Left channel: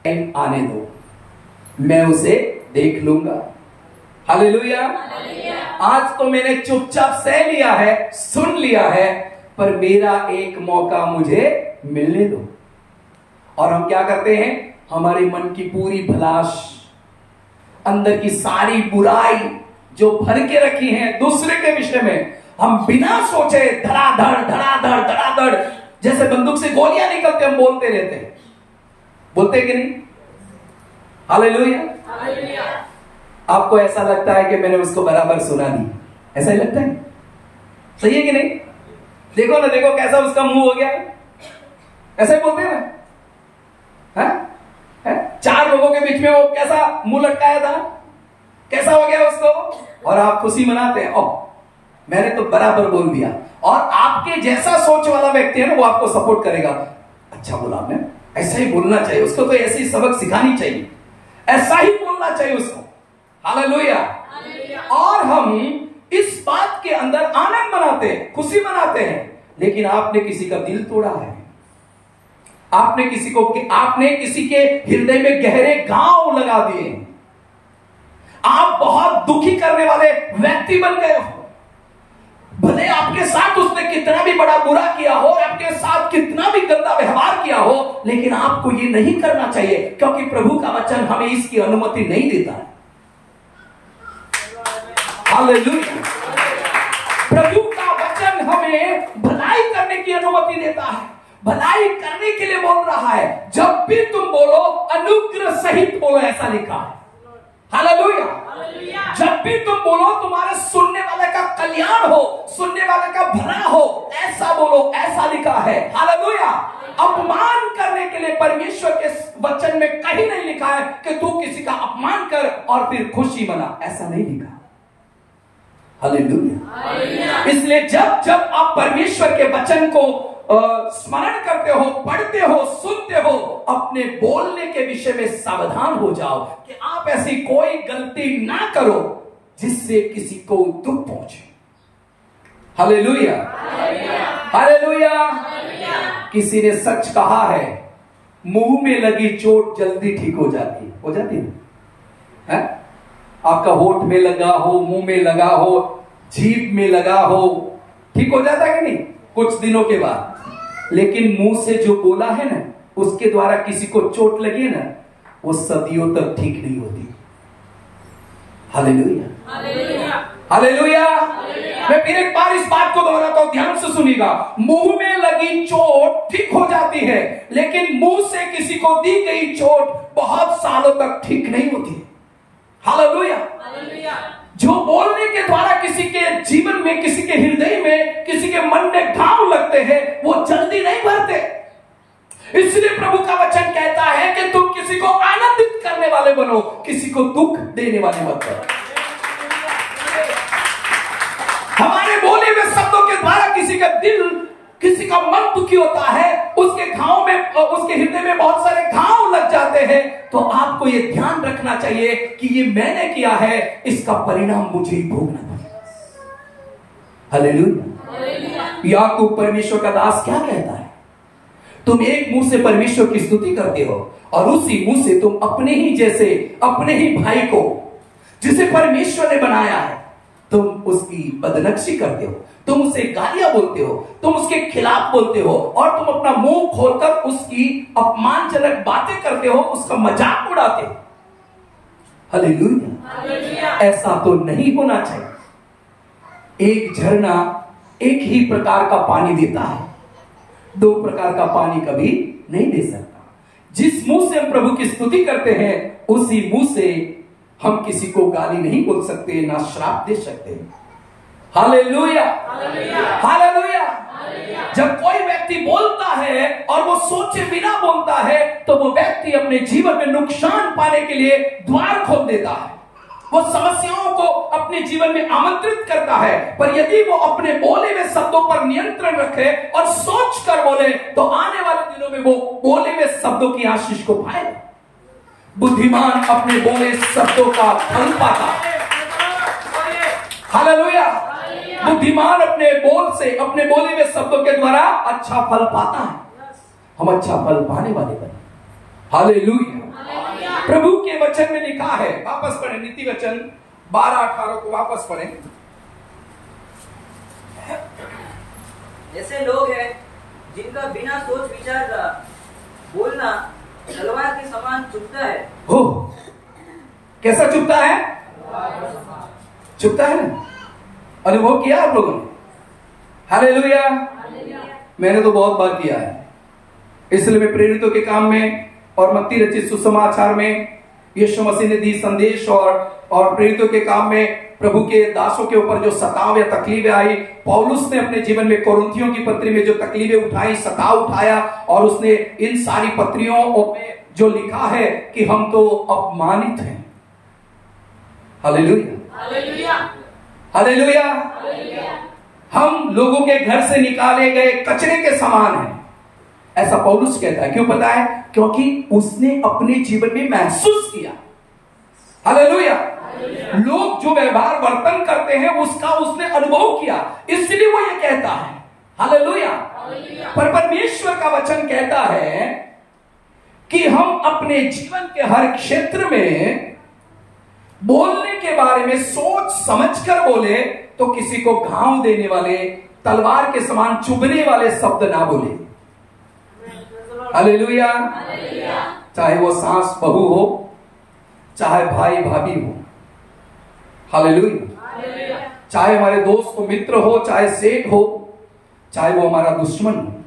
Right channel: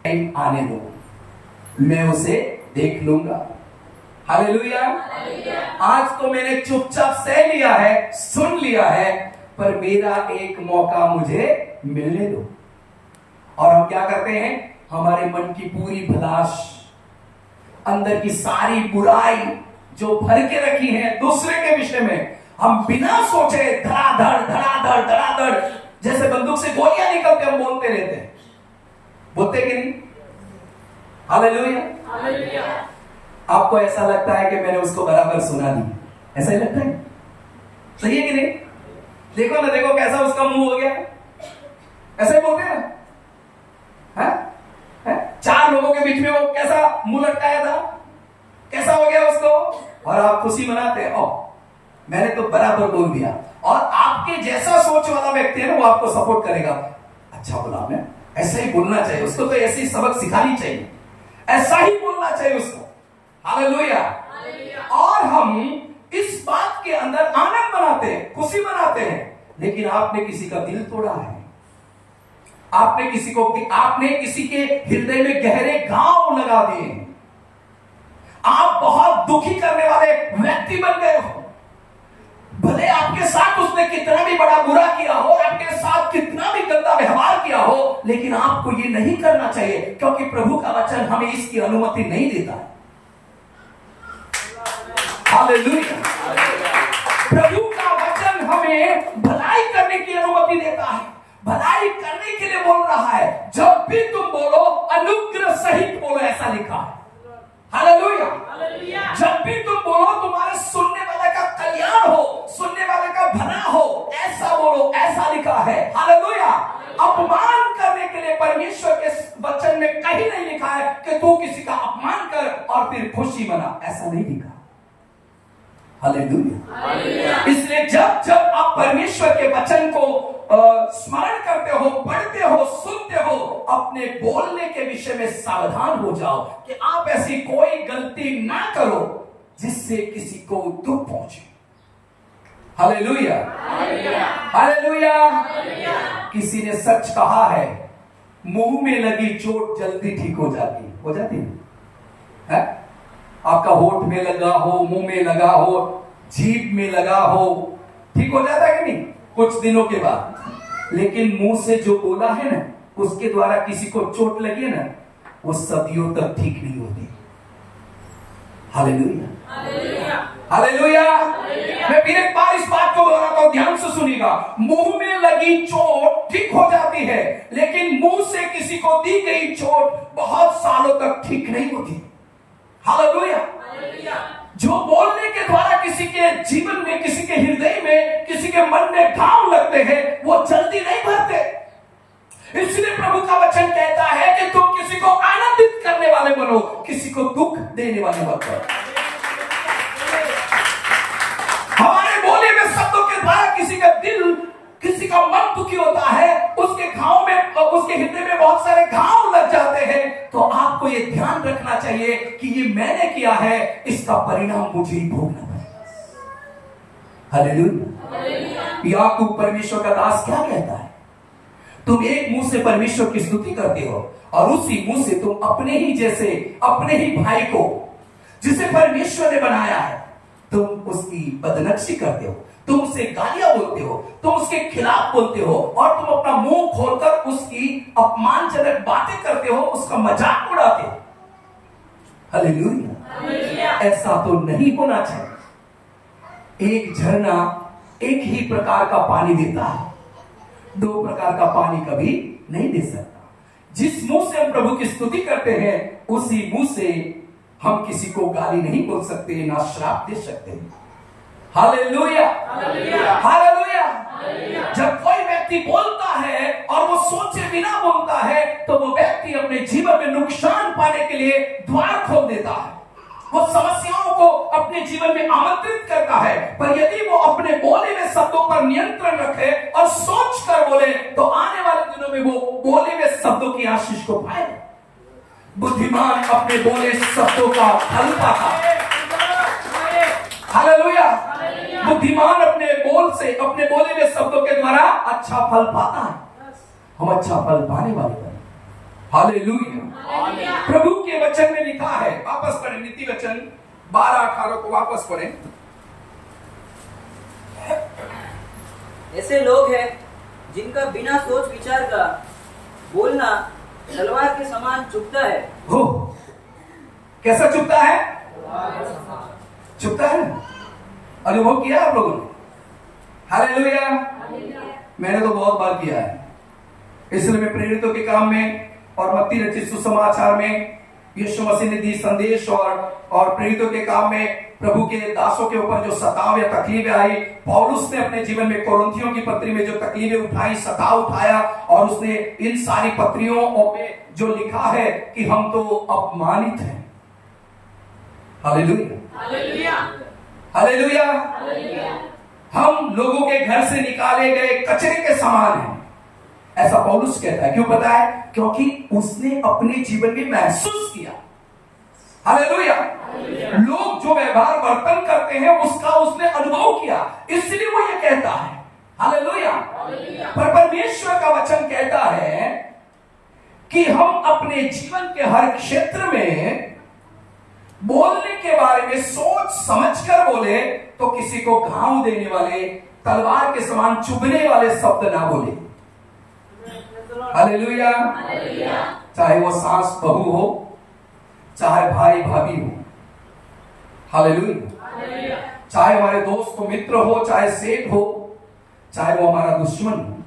आने दो, मैं उसे देख लूंगा। हालेलुया। आज तो मैंने चुपचाप सह लिया है, सुन लिया है, पर मेरा एक मौका मुझे मिलने दो। और हम क्या करते हैं, हमारे मन की पूरी भलाश, अंदर की सारी बुराई जो भर के रखी है दूसरे के विषय में, हम बिना सोचे धड़ाधड़ धड़ाधड़ धड़ाधड़ जैसे बंदूक से गोलियां निकलते हम बोलते रहते हैं। बोलते कि नहीं? हालेलुया। आपको ऐसा लगता है कि मैंने उसको बराबर सुना दी, ऐसा ही लगता है? सही है कि नहीं? देखो ना, देखो कैसा उसका मुंह हो गया, ऐसा ही बोलते हैं। चार लोगों के बीच में वो कैसा मुंह लटकाया था, कैसा हो गया उसको, और आप खुशी मनाते हैं, ओ मैंने तो बराबर बोल दिया। और आपके जैसा सोच वाला व्यक्ति है ना, वो आपको सपोर्ट करेगा, अच्छा बोला आपने, ऐसा ही बोलना चाहिए उसको, तो ऐसी सबक सिखानी चाहिए, ऐसा ही बोलना चाहिए उसको। हालेलुया। और हम इस बात के अंदर आनंद मनाते हैं, खुशी मनाते हैं, लेकिन आपने किसी का दिल तोड़ा है, आपने किसी के हृदय में गहरे घाव लगा दिए, आप बहुत दुखी करने वाले व्यक्ति बन गए हो। भले आपके साथ उसने कितना भी बड़ा बुरा किया हो, आपके साथ कितना भी गंदा व्यवहार किया हो, लेकिन आपको ये नहीं करना चाहिए, क्योंकि प्रभु का वचन हमें इसकी अनुमति नहीं देता है। हालेलुया। प्रभु का वचन हमें भलाई करने की अनुमति देता है, भलाई करने के लिए बोल रहा है। जब भी तुम बोलो अनुग्रह सहित बोलो, ऐसा लिखा है। हालेलुया। जब भी तुम बोलो तुम्हारे सुनने वाले का कल्याण हो, सुनने वाले का भला हो, ऐसा बोलो, ऐसा लिखा है। हालेलुया। अपमान करने के लिए परमेश्वर के वचन में कहीं नहीं लिखा है कि तू किसी का अपमान कर और फिर खुशी मना, ऐसा नहीं लिखा। हालेलुया। इसलिए जब जब आप परमेश्वर के वचन को स्मरण करते हो, पढ़ते हो, सुनते हो, अपने बोलने के विषय में सावधान हो जाओ कि आप ऐसी कोई गलती ना करो जिससे किसी को दुख पहुंचे। हालेलुया। हालेलुया। किसी ने सच कहा है, मुंह में लगी चोट जल्दी ठीक हो जाती है। हो जाती है? आपका होठ में लगा हो, मुंह में लगा हो, जीभ में लगा हो, ठीक हो जाता है कि नहीं कुछ दिनों के बाद। लेकिन मुंह से जो बोला है ना, उसके द्वारा किसी को चोट लगे ना, वो सदियों तक ठीक नहीं होती। हालेलुया। हालेलुया। मैं फिर एक बार इस बात को दोहराता हूं, ध्यान से सुनिएगा। मुंह में लगी चोट ठीक हो जाती है, लेकिन मुंह से किसी को दी गई चोट बहुत सालों तक ठीक नहीं होती। हालेलुया। जो बोलने के द्वारा किसी के जीवन में, किसी के हृदय में, किसी के मन में घाव लगते हैं, वो जल्दी नहीं भरते। इसलिए प्रभु का वचन कहता है कि तुम किसी को आनंदित करने वाले बनो, किसी को दुख देने वाले मत बनो। हमारे बोले हुए शब्दों के द्वारा किसी का दिल, किसी का मन दुखी होता है, उसके घाव में, उसके हृदय में बहुत सारे घाव लग जाते हैं। तो आपको ये ध्यान रखना चाहिए कि ये मैंने किया है, इसका परिणाम मुझे ही भोगना पड़ेगा। हालेलुया। याकूब परमेश्वर का दास क्या कहता है? तुम एक मुंह से परमेश्वर की स्तुति करते हो और उसी मुंह से तुम अपने ही जैसे, अपने ही भाई को जिसे परमेश्वर ने बनाया है, तुम उसकी बदनक्शी करते हो, तुम उसे गालियां बोलते हो, तुम उसके खिलाफ बोलते हो, और तुम अपना मुंह खोलकर उसकी अपमानजनक बातें करते हो, उसका मजाक उड़ाते हो। हालेलुया। ऐसा तो नहीं होना चाहिए। एक झरना एक ही प्रकार का पानी देता है, दो प्रकार का पानी कभी नहीं दे सकता। जिस मुंह से हम प्रभु की स्तुति करते हैं, उसी मुंह से हम किसी को गाली नहीं बोल सकते, ना श्राप दे सकते। हालेलुया। हालेलुया। जब कोई व्यक्ति बोलता है और वो सोचे बिना बोलता है, तो वो व्यक्ति अपने जीवन में नुकसान पाने के लिए द्वार खोल देता है। वो समस्याओं को अपने जीवन में आमंत्रित करता है। पर यदि वो अपने बोले हुए शब्दों पर नियंत्रण रखे और सोच कर बोले, तो आने वाले दिनों में वो बोले हुए शब्दों की आशीष को पाएगा। बुद्धिमान अपने बोले शब्दों का फल पाता है। हालेलुया। बुद्धिमान अपने बोल से, अपने बोले हुए शब्दों के द्वारा अच्छा फल पाता है। हम अच्छा फल पाने वाले बने। हालेलुया। प्रभु के वचन में लिखा है, वापस पढ़े नीति वचन 12:18 को वापस पढ़े। ऐसे लोग हैं जिनका बिना सोच विचार का बोलना तलवार के समान चुभता है। हो, कैसा चुभता है? चुभता है ना? अनुभव किया आप लोगों ने? हालेलुया। मैंने तो बहुत बार किया है। इसलिए मैं प्रेरितों के काम में और मत्ती रचित सुसमाचार में यीशु मसीह ने दी संदेश और प्रेरितों के काम में प्रभु के दासों के ऊपर जो सताव या तकलीफें आई, पौलुस ने अपने जीवन में कोरिन्थियों की पत्री में जो तकलीफें उठाई, सताव उठाया, और उसने इन सारी पत्रियों में जो लिखा है कि हम तो अपमानित हैं। Hallelujah, hallelujah. हम लोगों के घर से निकाले गए कचरे के समान हैं, ऐसा पौलुस कहता है। क्यों पता है? क्योंकि उसने अपने जीवन में महसूस किया। हालेलुया। लोग जो व्यवहार वर्तन करते हैं उसका उसने अनुभव किया, इसलिए वो ये कहता है। हालेलुया। पर परमेश्वर का वचन कहता है कि हम अपने जीवन के हर क्षेत्र में बोलने के बारे में सोच समझकर बोले, तो किसी को घाव देने वाले, तलवार के समान चुभने वाले शब्द ना बोले। हालेलुया। चाहे वो सास बहू हो, चाहे भाई भाभी हो। हालेलुया। चाहे हमारे दोस्त को मित्र हो, चाहे सेठ हो, चाहे वो हमारा दुश्मन हो।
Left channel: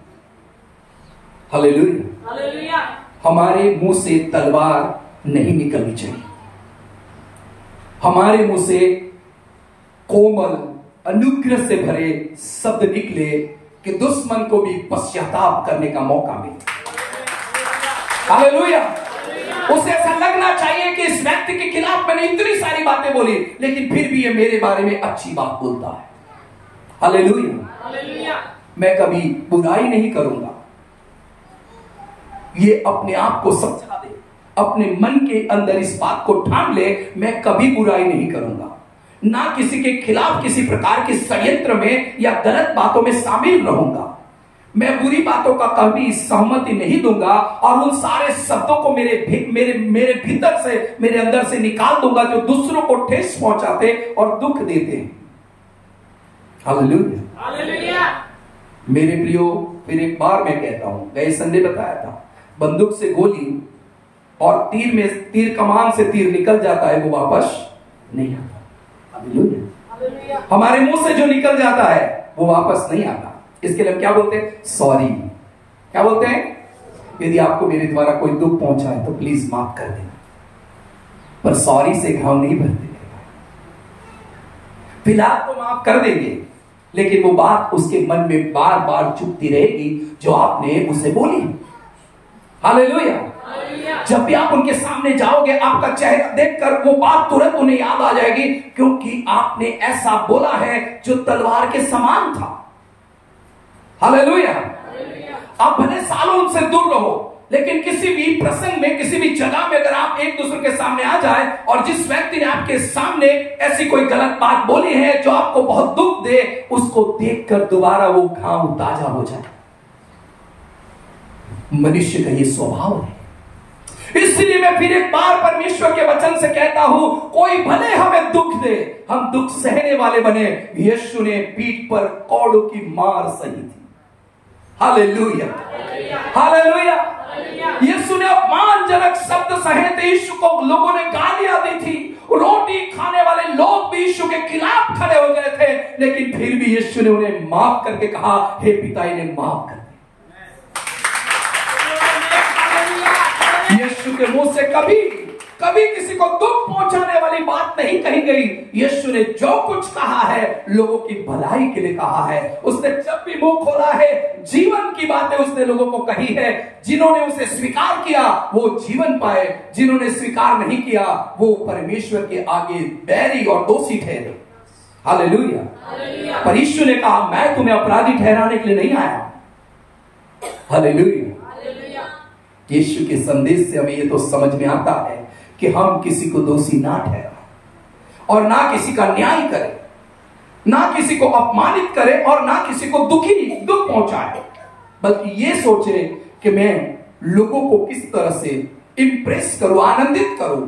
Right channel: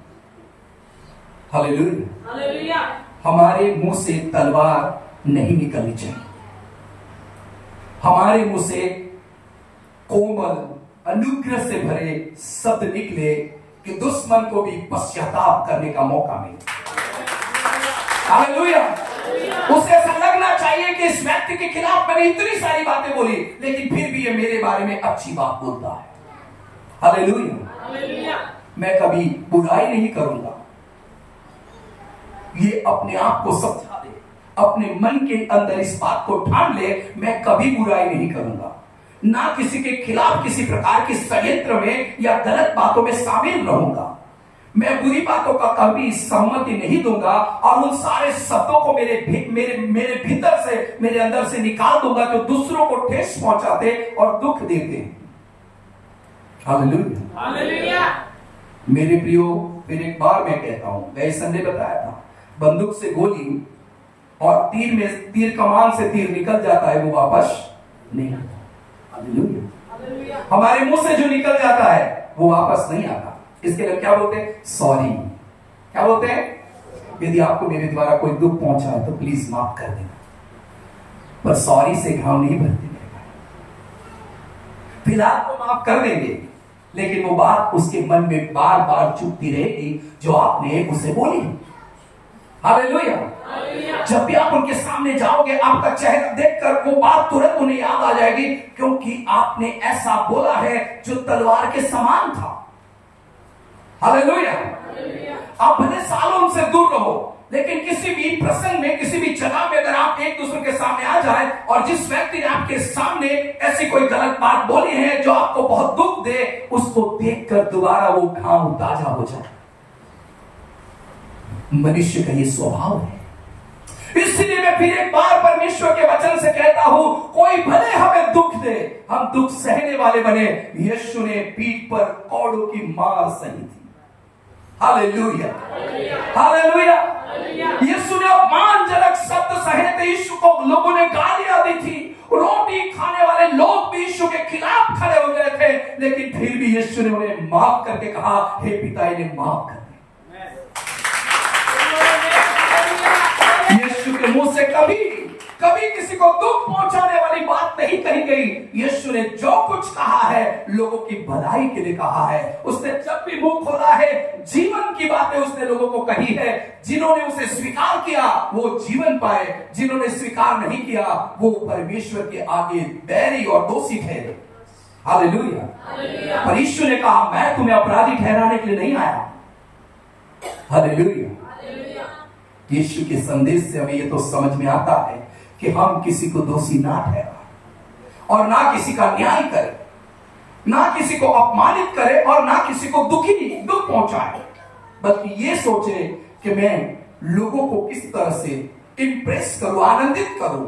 हालेलुया। हमारे मुंह से तलवार नहीं निकलनी चाहिए। हमारे मुंह से कोमल अनुग्रह से भरे शब्द निकले कि दुश्मन को भी पश्चाताप करने का मौका मिले। हालेलुया। उसे ऐसा लगना चाहिए कि इस व्यक्ति के खिलाफ मैंने इतनी सारी बातें बोली, लेकिन फिर भी ये मेरे बारे में अच्छी बात बोलता है। हालेलुया। मैं कभी बुराई नहीं करूंगा। ये अपने आप को समझा दे, अपने मन के अंदर इस बात को ठान ले, मैं कभी बुराई नहीं करूंगा। ना किसी के खिलाफ किसी प्रकार के षड्यंत्र में या गलत बातों में शामिल रहूंगा। मैं बुरी बातों का कभी सहमति नहीं दूंगा, और उन सारे शब्दों को मेरे भीतर से, मेरे अंदर से निकाल दूंगा जो दूसरों को ठेस पहुंचाते और दुख देते हैं। हालेलुया। मेरे प्रियो, फिर एक बार मैं कहता हूं, गए संडे बताया था, बंदूक से गोली और तीर कमान से तीर निकल जाता है, वो वापस नहीं आता। हालेलुया। हमारे मुंह से जो निकल जाता है वो वापस नहीं आता। इसके लिए क्या बोलते हैं? सॉरी। क्या बोलते हैं? यदि आपको मेरे द्वारा कोई दुख पहुंचा है तो प्लीज माफ कर देना, पर सॉरी से घाव नहीं भरते। फिलहाल तो माफ कर देंगे, लेकिन वो बात उसके मन में बार बार चुभती रहेगी जो आपने उसे बोली। हालेलुया। जब भी आप उनके सामने जाओगे, आपका चेहरा देखकर वो बात तुरंत उन्हें याद आ जाएगी, क्योंकि आपने ऐसा बोला है जो तलवार के समान था। हालेलुया। आप भले सालों उनसे दूर रहो, लेकिन किसी भी प्रसंग में, किसी भी जगह में अगर आप एक दूसरे के सामने आ जाए और जिस व्यक्ति ने आपके सामने ऐसी कोई गलत बात बोली है जो आपको बहुत दुख दे, उसको देखकर दोबारा वो घाव ताजा हो जाए। मनुष्य का ये स्वभाव है। इसलिए मैं फिर एक बार परमेश्वर के वचन से कहता हूं, कोई भले हमें दुख दे, हम दुख सहने वाले बने। यीशु ने पीठ पर कौड़ों की मार सही थी। हालेलुया। हालेलुया। यीशु ने अपमानजनक शब्द सहे थे, यीशु को लोगों ने गालियां दी थी, रोटी खाने वाले लोग भी यीशु के खिलाफ खड़े हो गए थे, लेकिन फिर भी यीशु ने उन्हें माफ करके कहा, हे पिता, इन्हें माफ कर दे। यीशु के मुंह से कभी किसी को दुख पहुंचाने वाली बात नहीं कही गई। यीशु ने जो कुछ कहा है लोगों की भलाई के लिए कहा है। उसने जब भी मुंह खोला है, जीवन की बातें उसने लोगों को कही है। जिन्होंने उसे स्वीकार किया वो जीवन पाए, जिन्होंने स्वीकार नहीं किया वो परमेश्वर के आगे बैरी और दोषी ठहरे। हालेलुया। पर यीशु ने कहा, मैं तुम्हें अपराधी ठहराने के लिए नहीं आया। हालेलुया। यीशु के संदेश से हमें ये तो समझ में आता है कि हम किसी को दोषी ना ठहराएं और ना किसी का न्याय करें, ना किसी को अपमानित करें और ना किसी को दुख पहुंचाए, बल्कि ये सोचे कि मैं लोगों को किस तरह से इंप्रेस करूं, आनंदित करूं,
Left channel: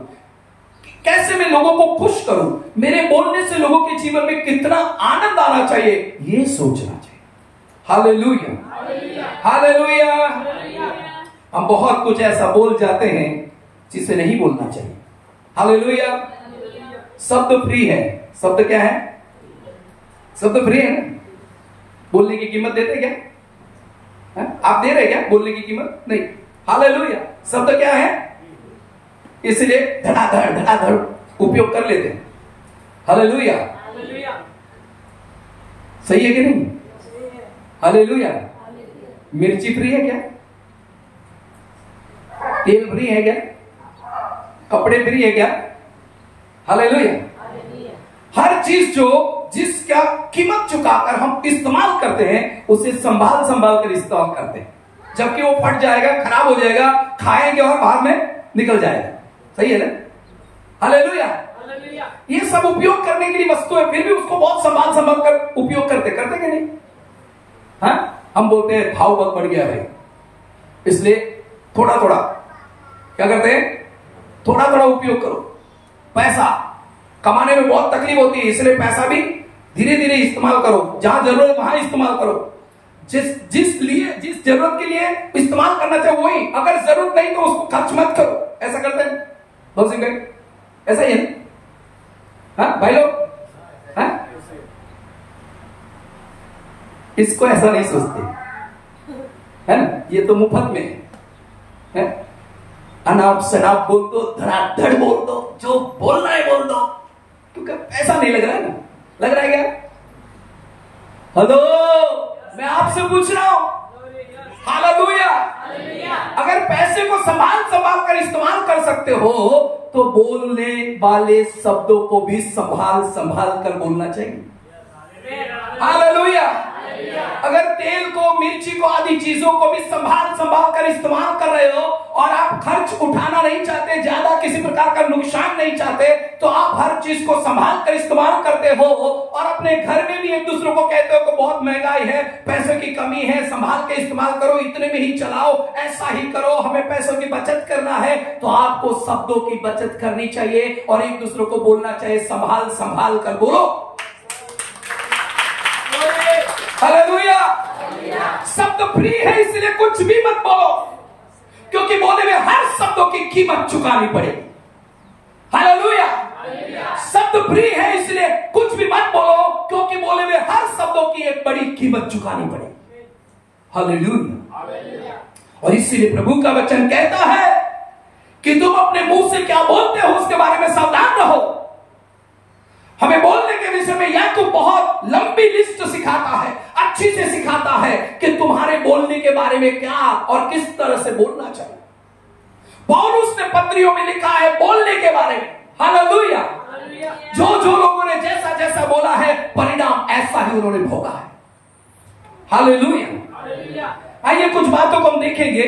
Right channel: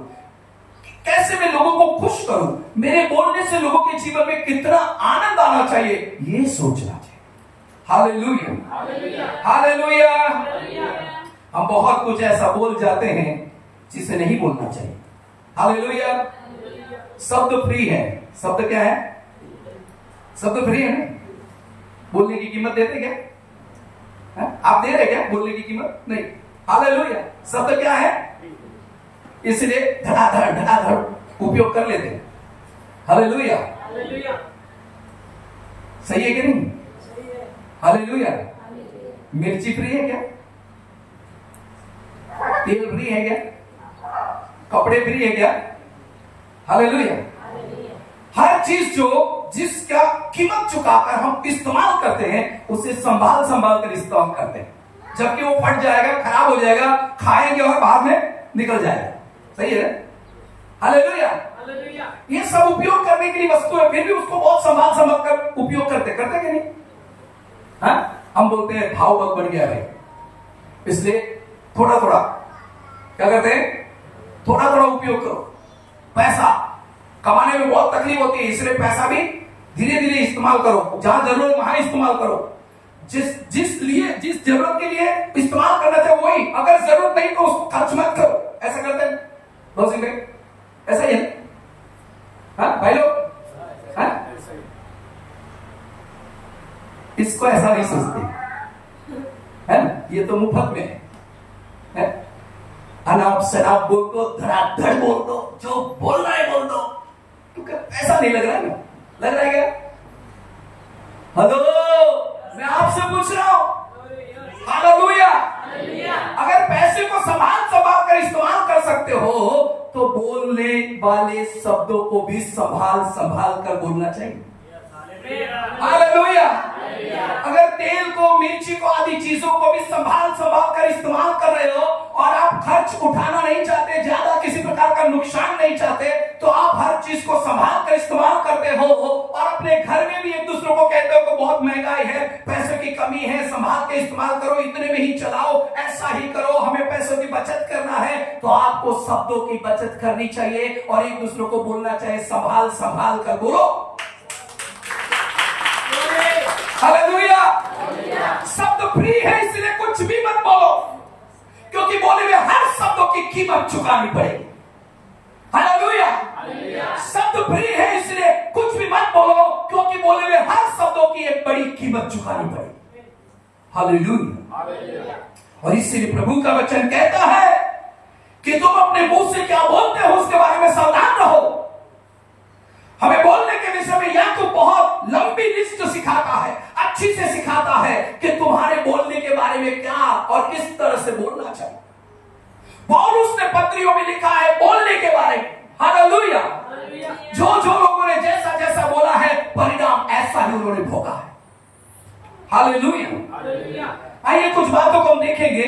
कैसे मैं लोगों को खुश करूं, मेरे बोलने से लोगों के जीवन में कितना आनंद आना चाहिए, ये सोचना चाहिए। Hallelujah, hallelujah. हम बहुत कुछ ऐसा बोल जाते हैं जिसे नहीं बोलना चाहिए। हालेलुया। शब्द फ्री है। शब्द क्या है? शब्द फ्री है ना। बोलने की कीमत देते क्या? आप दे रहे क्या बोलने की कीमत? नहीं। हालेलुया। शब्द क्या है? इसलिए धड़ाधड़ उपयोग कर लेते हैं। हालेलुया। सही है कि नहीं? हालेलुया। मिर्ची फ्री है क्या? तेल फ्री है क्या? कपड़े फ्री है क्या? हालेलुया। हर चीज जिसका कीमत चुकाकर हम इस्तेमाल करते हैं उसे संभाल कर इस्तेमाल करते हैं, जबकि वो फट जाएगा, खराब हो जाएगा, खाएंगे और बाहर में निकल जाएगा। सही है ना? हालेलुया। ये सब उपयोग करने के लिए वस्तु है, फिर भी उसको बहुत संभाल कर उपयोग करते कि नहीं? हाँ, हम बोलते हैं भाव बहुत बढ़ गया है, इसलिए थोड़ा थोड़ा क्या करते हैं? थोड़ा थोड़ा उपयोग करो। पैसा कमाने में बहुत तकलीफ होती है, इसलिए पैसा भी धीरे धीरे इस्तेमाल करो, जहां जरूरत है वहां इस्तेमाल करो। जिस जरूरत के लिए इस्तेमाल करना चाहिए वही, अगर जरूरत नहीं तो उसको खर्च मत करो। ऐसा करते हैं भाई? ऐसा ही है ना? हाँ भाई लोग, हाँ? इसको ऐसा नहीं सोचते है ना, ये तो मुफ्त में है। अनाप शराब बोल दो, धड़ाधड़ बोल दो, जो बोलना है बोल दो, क्योंकि पैसा नहीं लग रहा है ना। लग रहा है क्या? हेलो, मैं आपसे पूछ रहा हूं। हालेलुया। अगर पैसे को संभाल कर इस्तेमाल कर सकते हो तो बोलने वाले शब्दों को भी संभाल कर बोलना चाहिए। हालेलुया। अगर तेल को, मिर्ची को, आदि चीजों को भी संभाल कर इस्तेमाल कर रहे हो और आप खर्च उठाना नहीं चाहते, ज्यादा किसी प्रकार का नुकसान नहीं चाहते, तो आप हर चीज को संभाल कर इस्तेमाल करते हो और अपने घर में भी एक दूसरे को कहते हो कि बहुत महंगाई है, पैसों की कमी है, संभाल के इस्तेमाल करो, इतने में ही चलाओ, ऐसा ही करो, हमें पैसों की बचत करना है। तो आपको शब्दों की बचत करनी चाहिए और एक दूसरे को बोलना चाहिए, संभाल कर बोलो। हालेलुया। शब्द फ्री है, इसलिए कुछ भी मत बोलो, क्योंकि बोले हुए हर शब्दों की कीमत चुकानी पड़ेगी। हालेलुया। शब्द फ्री है, इसलिए कुछ भी मत बोलो, क्योंकि बोले हुए हर शब्दों की एक बड़ी कीमत चुकानी पड़ेगी। हालेलुया। और इसीलिए प्रभु का वचन कहता है कि तुम अपने मुंह से क्या बोलते हो उसके बारे में सावधान रहो। हमें बोलने के विषय में याकूब बहुत लंबी लिस्ट सिखाता है, अच्छी से सिखाता है कि तुम्हारे बोलने के बारे में क्या और किस तरह से बोलना चाहिए। पौलुस ने पत्रियों में लिखा है बोलने के बारे में। हालेलुया। जो लोगों ने जैसा बोला है, परिणाम ऐसा ही उन्होंने भोगा है। हालेलुया। आइए कुछ बातों को हम देखेंगे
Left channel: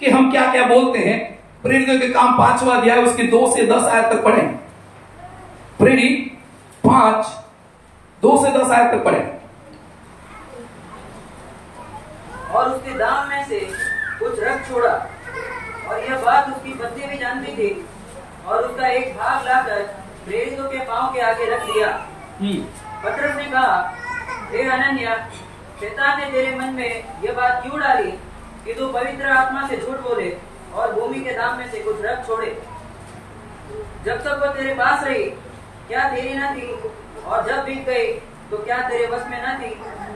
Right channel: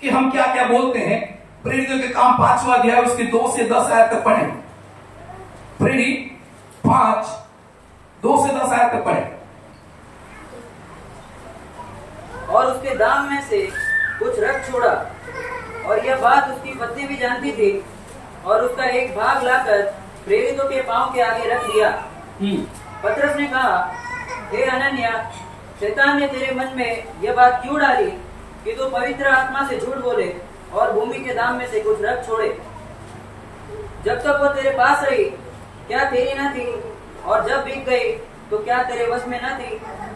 कि हम क्या क्या बोलते हैं। प्रेरितों के काम 5वां अध्याय उसके 2 से 10 आयत तक पढ़ें। प्रेरित 5 2 से 10 आयत तक पढ़े। और उसके दाम में से कुछ रख छोड़ा, और यह बात उसकी पत्नी भी जानती थी, और उसका एक भाग लाकर प्रेरितों के पांव के आगे रख दिया। पतरस ने कहा, हे हनन्या, शैतान ने तेरे मन में यह बात क्यों डाली कि तू पवित्र आत्मा से झूठ बोले और भूमि के दाम में से कुछ रख छोड़े? जब तक वो तेरे पास रही क्या तेरी न थी, और जब बिक गई तो क्या तेरे वश में न थी?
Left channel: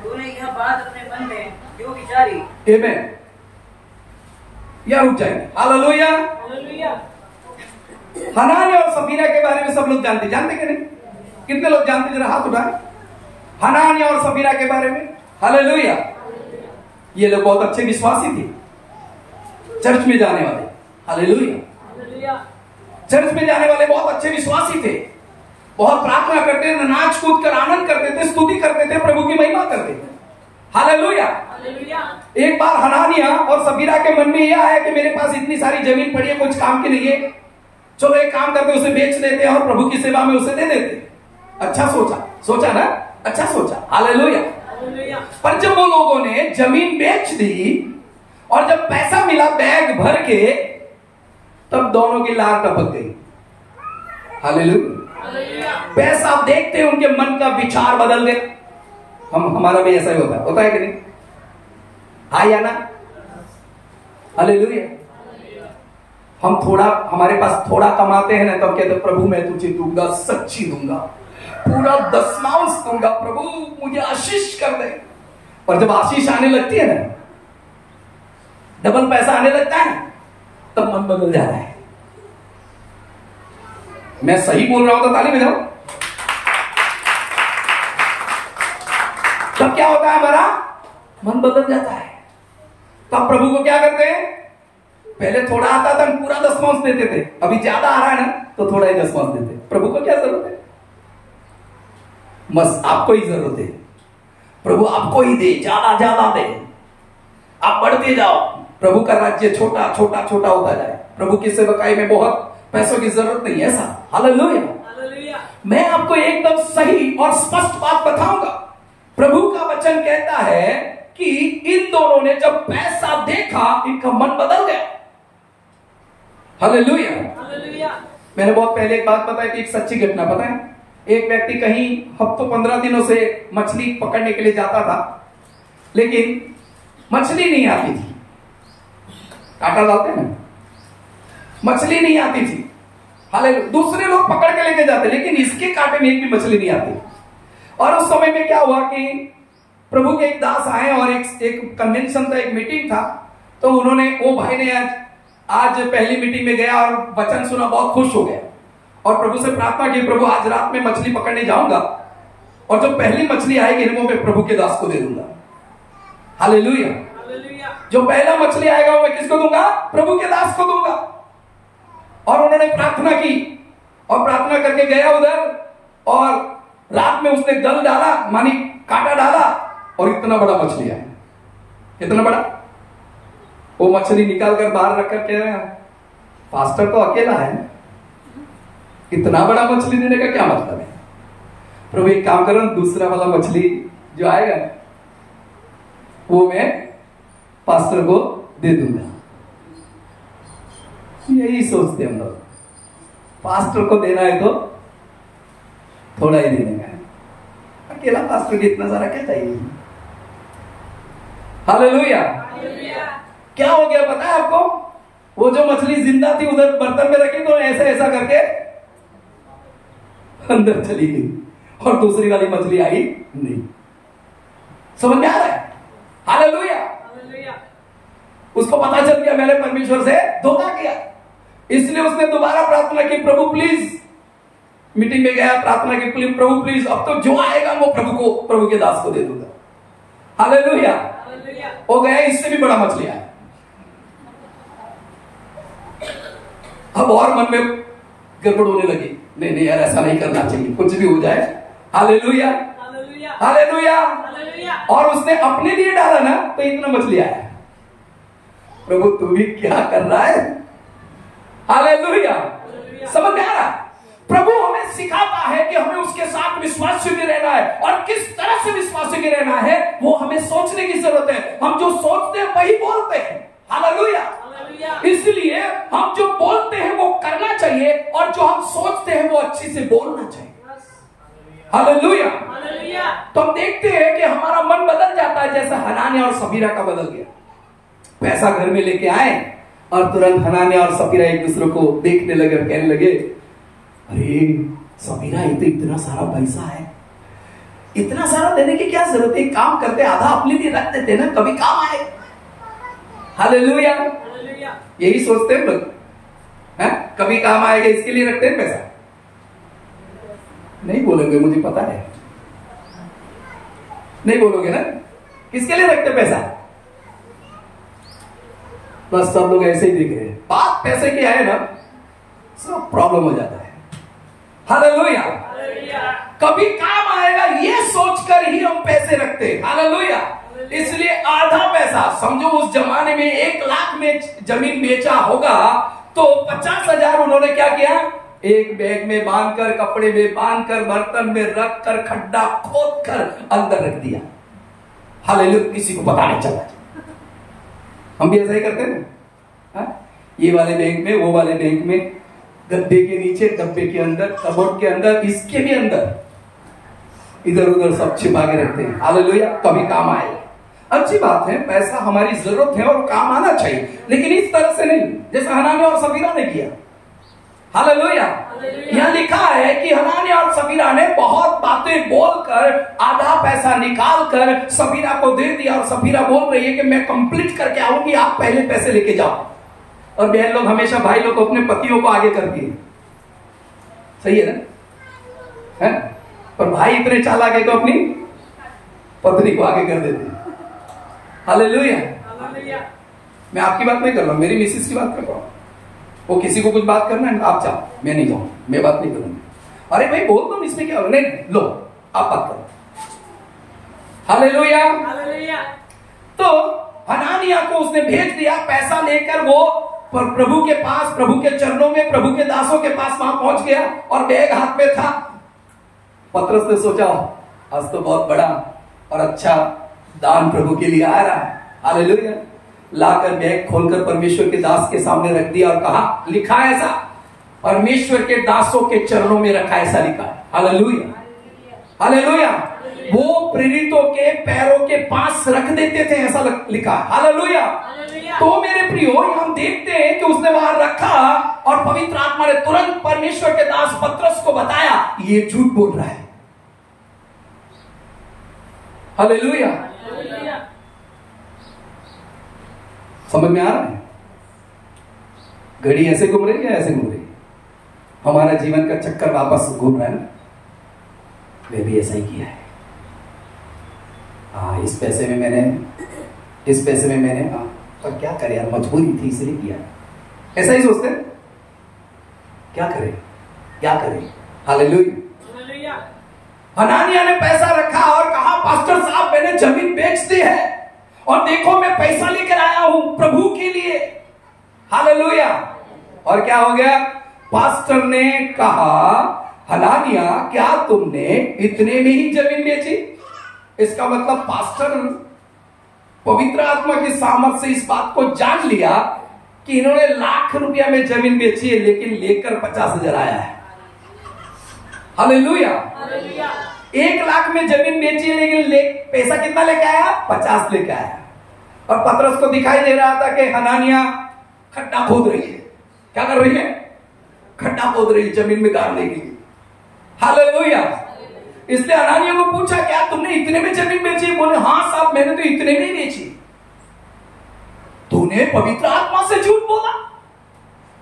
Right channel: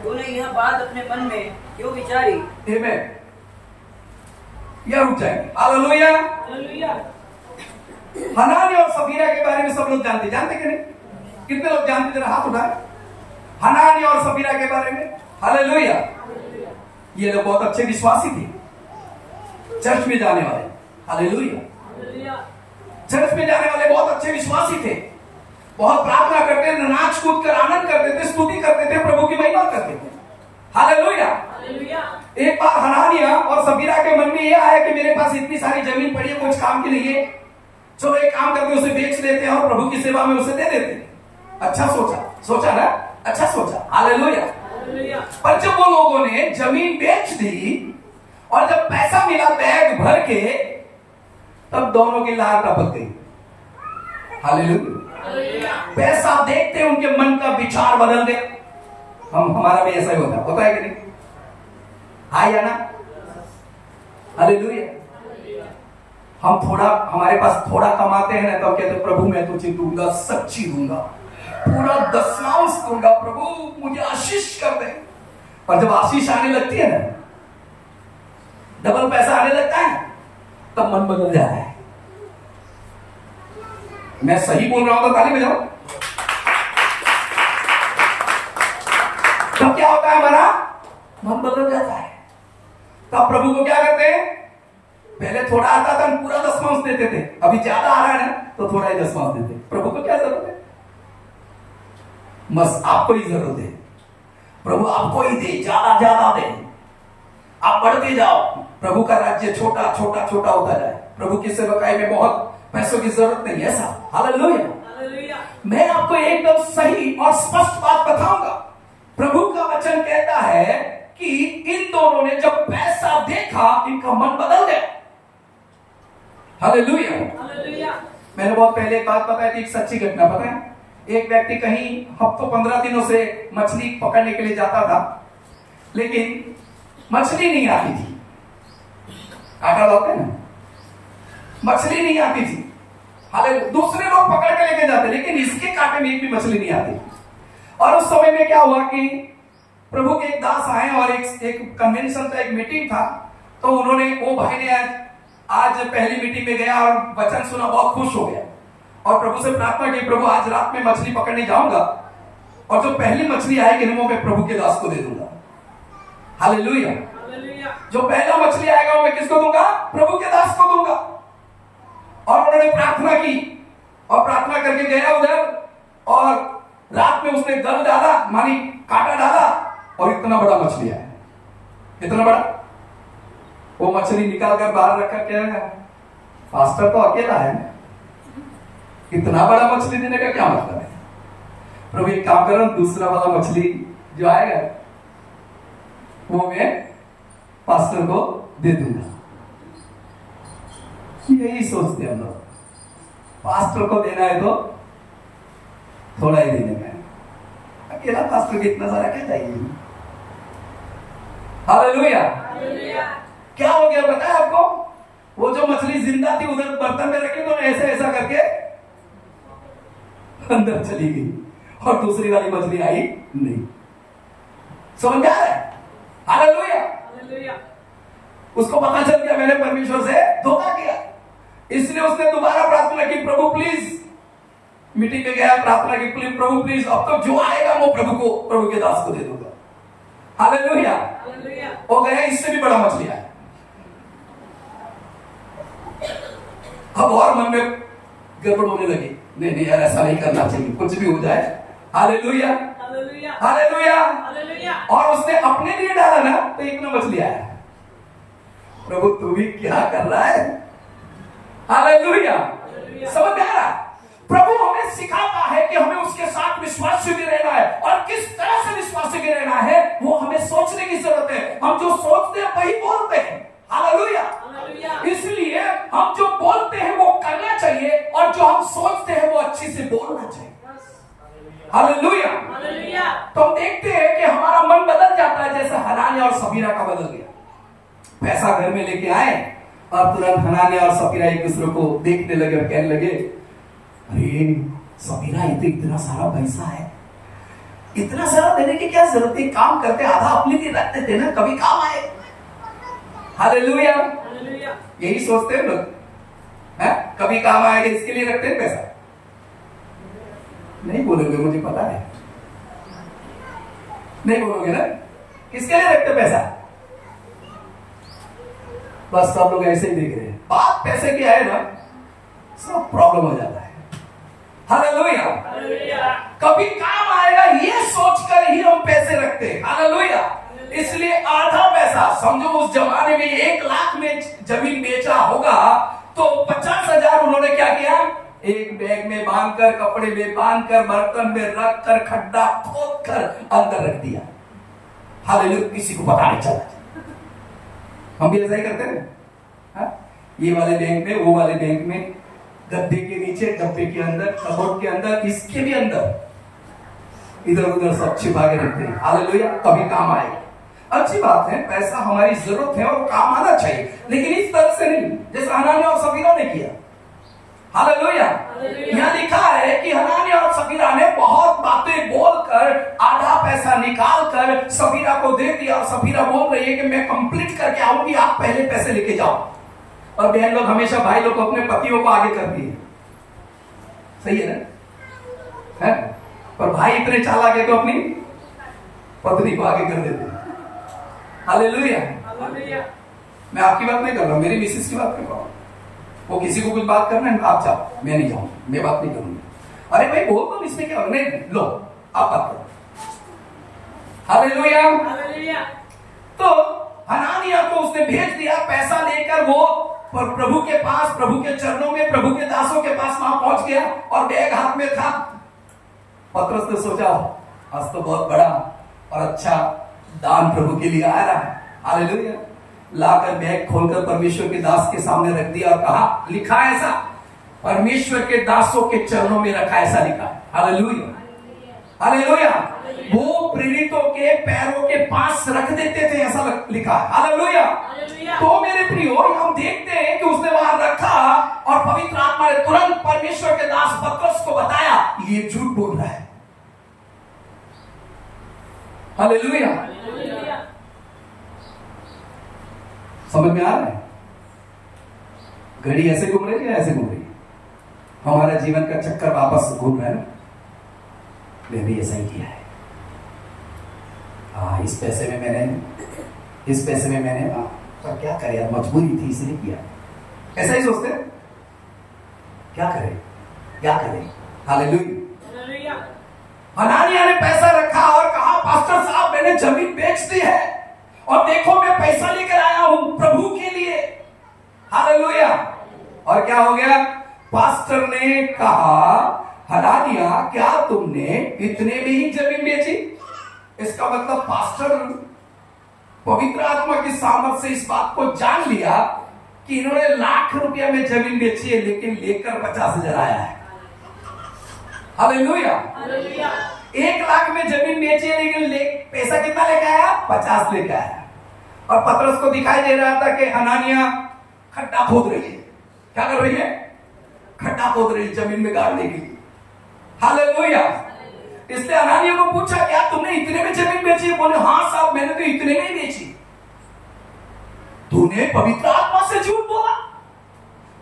तूने यह बात अपने मन में क्यों विचारी? आमीन। यह रुक जाएंगे। हालेलुया। हनानिया और सफीरा के बारे में सब लोग जानते कि नहीं? कितने लोग जानते? जरा हाथ उठाएं। हनानिया और सफीरा के बारे में। हालेलुया। ये लोग बहुत अच्छे विश्वासी थे, चर्च में जाने वाले। हालेलुया। चर्च में जाने वाले बहुत अच्छे विश्वासी थे, बहुत प्रार्थना करते थे, नाच कूद कर आनंद करते थे, स्तुति करते थे, प्रभु की महिमा करते थे। हालेलुया। एक बार हनानिया और सफीरा के मन में यह आया कि मेरे पास इतनी सारी जमीन पड़ी है, कुछ काम की नहीं है, चलो एक काम करके उसे बेच देते हैं और प्रभु की सेवा में उसे दे देते। अच्छा सोचा ना? अच्छा सोचा। हालेलुया। पर जब वो लोगों ने जमीन बेच दी और जब पैसा मिला बैग भर के, तब दोनों की लार टपक गई। हालेलुया। पैसा देखते उनके मन का विचार बदल गया। हमारा भी ऐसा ही होता है कि नहीं? हाँ या ना? हालेलुया। हम थोड़ा, हमारे पास थोड़ा कमाते हैं ना, तो कहते प्रभु मैं तुझे दूंगा, सच्ची दूंगा, पूरा दशमांश दूंगा, प्रभु मुझे आशीष कर दे। और जब आशीष आने लगती है ना, डबल पैसा आने लगता है, तब मन बदल जाता है। मैं सही बोल रहा हूं तो ताली बजाओ। तब क्या होता है? हमारा मन बदल जाता है। तब प्रभु को क्या करते हैं? पहले थोड़ा आता था, हम पूरा दशमांश देते थे। अभी ज्यादा आ रहा है ना, तो थोड़ा ही दशमांश देते। प्रभु को क्या जरूरत है? बस आपको ही जरूरत है। प्रभु आपको ही दे, ज्यादा ज्यादा दे, आप बढ़ते जाओ। प्रभु का राज्य छोटा छोटा छोटा होता जाए। प्रभु की सेवकाई में बहुत पैसों की जरूरत नहीं है ऐसा। हालेलुया। मैं आपको एकदम सही और स्पष्ट बात बताऊंगा। प्रभु का वचन कहता है कि इन दोनों ने जब पैसा देखा, इनका मन बदल गया। हालेलुया। मैंने बहुत पहले एक बात बताया कि एक सच्ची घटना, पता है? एक व्यक्ति कहीं हफ्तों 15 दिनों से मछली पकड़ने के लिए जाता था, लेकिन मछली नहीं आती थी। काटा लाते हैं, मछली नहीं आती थी। हालेलुया। दूसरे लोग पकड़ के लेके जाते, लेकिन इसके कांटे में एक भी मछली नहीं आती। और उस समय में क्या हुआ कि प्रभु के एक दास आए और एक कन्वेंशन था, एक मीटिंग था। तो उन्होंने, वो भाई ने आज पहली मीटिंग में गया और वचन सुना, बहुत खुश हो गया और प्रभु से प्रार्थना की, प्रभु आज रात में मछली पकड़ने जाऊंगा और जो पहली मछली आएगी वो मैं प्रभु के दास को दे दूंगा। हालेलुया। जो पहला मछली आएगा वो मैं किसको दूंगा? प्रभु के दास को दूंगा। और उन्होंने प्रार्थना की और प्रार्थना करके गया उधर, और रात में उसने दल डाला, मानी कांटा डाला, और इतना बड़ा मछली आया। कितना बड़ा? वो मछली निकाल कर बाहर रखकर कह रहा है, पास्टर तो अकेला है, इतना बड़ा मछली देने का क्या मतलब है? प्रभु एक काम करो, दूसरा वाला मछली जो आएगा वो मैं पास्टर को दे दूंगा। यही सोचते हम लोग, पास्टर को देना है तो थोड़ा ही देने का, अकेला पास्टर को इतना सारा क्या चाहिए? हालेलुया। क्या हो गया पता है आपको? वो जो मछली जिंदा थी उधर बर्तन में रखी, तो ऐसा करके अंदर चली गई और दूसरी वाली मछली आई नहीं। समझ में आ रहा है? हालेलुया। उसको पता चल गया मैंने परमेश्वर से धोखा किया, इसलिए उसने दोबारा प्रार्थना की, प्रभु प्लीज। मीटिंग में गया, प्रार्थना की, प्लीज प्रभु प्लीज, अब तो जो आएगा वो प्रभु के दास को दे दूंगा। हालेलुया। हो गया, इससे भी बड़ा मछली आया। अब और मन में गड़बड़ होने लगी, नहीं यार ऐसा नहीं करना चाहिए, कुछ भी हो जाए। हालेलुया। हालेलुया। और उसने अपने लिए डाला ना, तो इतना मछली आया। प्रभु तू भी क्या कर रहा है? हालेलुया। समझ में आ रहा? प्रभु हमें सिखाता है कि हमें उसके साथ विश्वास योग्य रहना है, और किस तरह से विश्वास योग्य रहना है वो हमें सोचने की जरूरत है। हम जो सोचते हैं वही बोलते हैं। हालेलुया। इसलिए हम जो बोलते हैं वो करना चाहिए, और जो हम सोचते हैं वो अच्छी से बोलना चाहिए। हालेलुया। तो हम देखते हैं कि हमारा मन बदल जाता है, जैसा हनानिया और सफीरा का बदल गया। पैसा घर में लेके आए और तुरंत हनानिया और सफीरा एक दूसरे को देखने लगे और कहने लगे, अरे सफीरा ये तो इतना सारा पैसा है, इतना सारा देने की क्या जरूरत है? काम करते आधा अपने लिए रख देते ना, कभी काम आए। हालेलुया। यही सोचते हैं लोग, कभी काम आएगा इसके लिए रखते हैं पैसा। नहीं बोलोगे, मुझे पता है, नहीं बोलोगे ना, किसके लिए रखते पैसा? बस सब लोग ऐसे ही देख रहे हैं, बात पैसे की आए ना सब प्रॉब्लम हो जाता है। हालेलुया। कभी काम आएगा ये सोचकर ही हम पैसे रखते हैं। हालेलुया। इसलिए आधा पैसा, समझो उस जमाने में 1 लाख में जमीन बेचा होगा, तो 50,000 उन्होंने क्या किया? एक बैग में बांधकर, कपड़े में बांधकर, बर्तन में रखकर, खड्डा खोदकर अंदर रख दिया। हालेलुया। किसी को पता नहीं चला। हम भी ऐसा ही करते हैं। ये वाले बैंक में, वो वाले बैंक में, गद्दे के नीचे, डब्बे के अंदर, कबोर्ड के अंदर, इसके भी अंदर, इधर उधर सब छिपा के रखते हैं। हालेलुया, कभी काम आए। अच्छी बात है, पैसा हमारी जरूरत है और काम आना चाहिए, लेकिन इस तरह से नहीं जैसे हनानिया और सफीरा ने किया। हालेलुया। यहाँ लिखा है कि हनानिया और सफीरा ने बहुत बातें बोलकर आधा पैसा निकाल कर सफीरा को दे दिया, और सफीरा बोल रही है कि मैं कंप्लीट करके आऊंगी, आप पहले पैसे लेके जाओ। और बहन लोग हमेशा भाई लोग को अपने पतियों को आगे करती है, सही है ना? है? पर भाई इतने चालाक है तो अपनी पत्नी को आगे कर देते हैं। हालेलुया। मैं आपकी बात नहीं कर रहा हूं, मेरी मिसेस की बात कर रहा हूं। वो किसी को कुछ बात करना है, आप जाओ, मैं नहीं जाऊंगा, मैं बात नहीं करूंगी। अरे भाई बोल दो, इसमें क्या? नहीं, लो आप बात करो। हालेलुया। तो हनानिया को उसने भेज दिया, पैसा लेकर वो प्रभु के पास, प्रभु के चरणों में, प्रभु के दासों के पास वहां पहुंच गया और बैग हाथ में था। पतरस ने सोचा आज तो बहुत बड़ा और अच्छा दान प्रभु के लिए आ रहा है। हालेलुया। लाकर बैग खोलकर परमेश्वर के दास के सामने रख दिया और कहा, लिखा है ऐसा, परमेश्वर के दासों के चरणों में रखा, ऐसा लिखा है। हालेलुया। हालेलुया। वो प्रेरितों के पैरों के पास रख देते थे, ऐसा लिखा है। हालेलुया। तो मेरे प्रियो, हम देखते हैं कि उसने वहां रखा और पवित्र आत्मा ने तुरंत परमेश्वर के दास पतरस को बताया, ये झूठ बोल रहा है। हालेलुया। समझ में आ रहा है? घड़ी ऐसे घूम रही है, ऐसे घूम रही है, हमारा जीवन का चक्कर वापस घूम रहा है ना। मैं भी ऐसा ही किया है। हाँ, इस पैसे में मैंने पर क्या करे यार, मजबूरी थी इसलिए किया। ऐसा ही सोचते हैं, क्या करें। हालेलुया। हनानिया ने पैसा रखा और कहा, पास्टर साहब मैंने जमीन बेच दी है और देखो मैं पैसा लेकर आया हूं प्रभु के लिए। हालेलुया। और क्या हो गया? पास्टर ने कहा, हनानिया क्या तुमने इतने में ही जमीन बेची? इसका मतलब पास्टर पवित्र आत्मा की सामर्थ से इस बात को जान लिया कि इन्होंने लाख रुपया में जमीन बेची है, लेकिन लेकर 50,000 आया है। हालेलुया। 1 लाख में जमीन बेची है, लेकिन पैसा कितना लेके आया? 50 लेके आया। और पतरस को दिखाई दे रहा था कि हनानिया खड्डा खोद रही है। क्या कर रही है? खड्डा खोद रही है जमीन में गाड़ने के लिए। हालेलुया। इसलिए हनानिया को पूछा, क्या तुमने इतने में जमीन बेची? बोले, हाँ साहब मैंने तो इतने में ही बेची। तूने पवित्र आत्मा से झूठ बोला।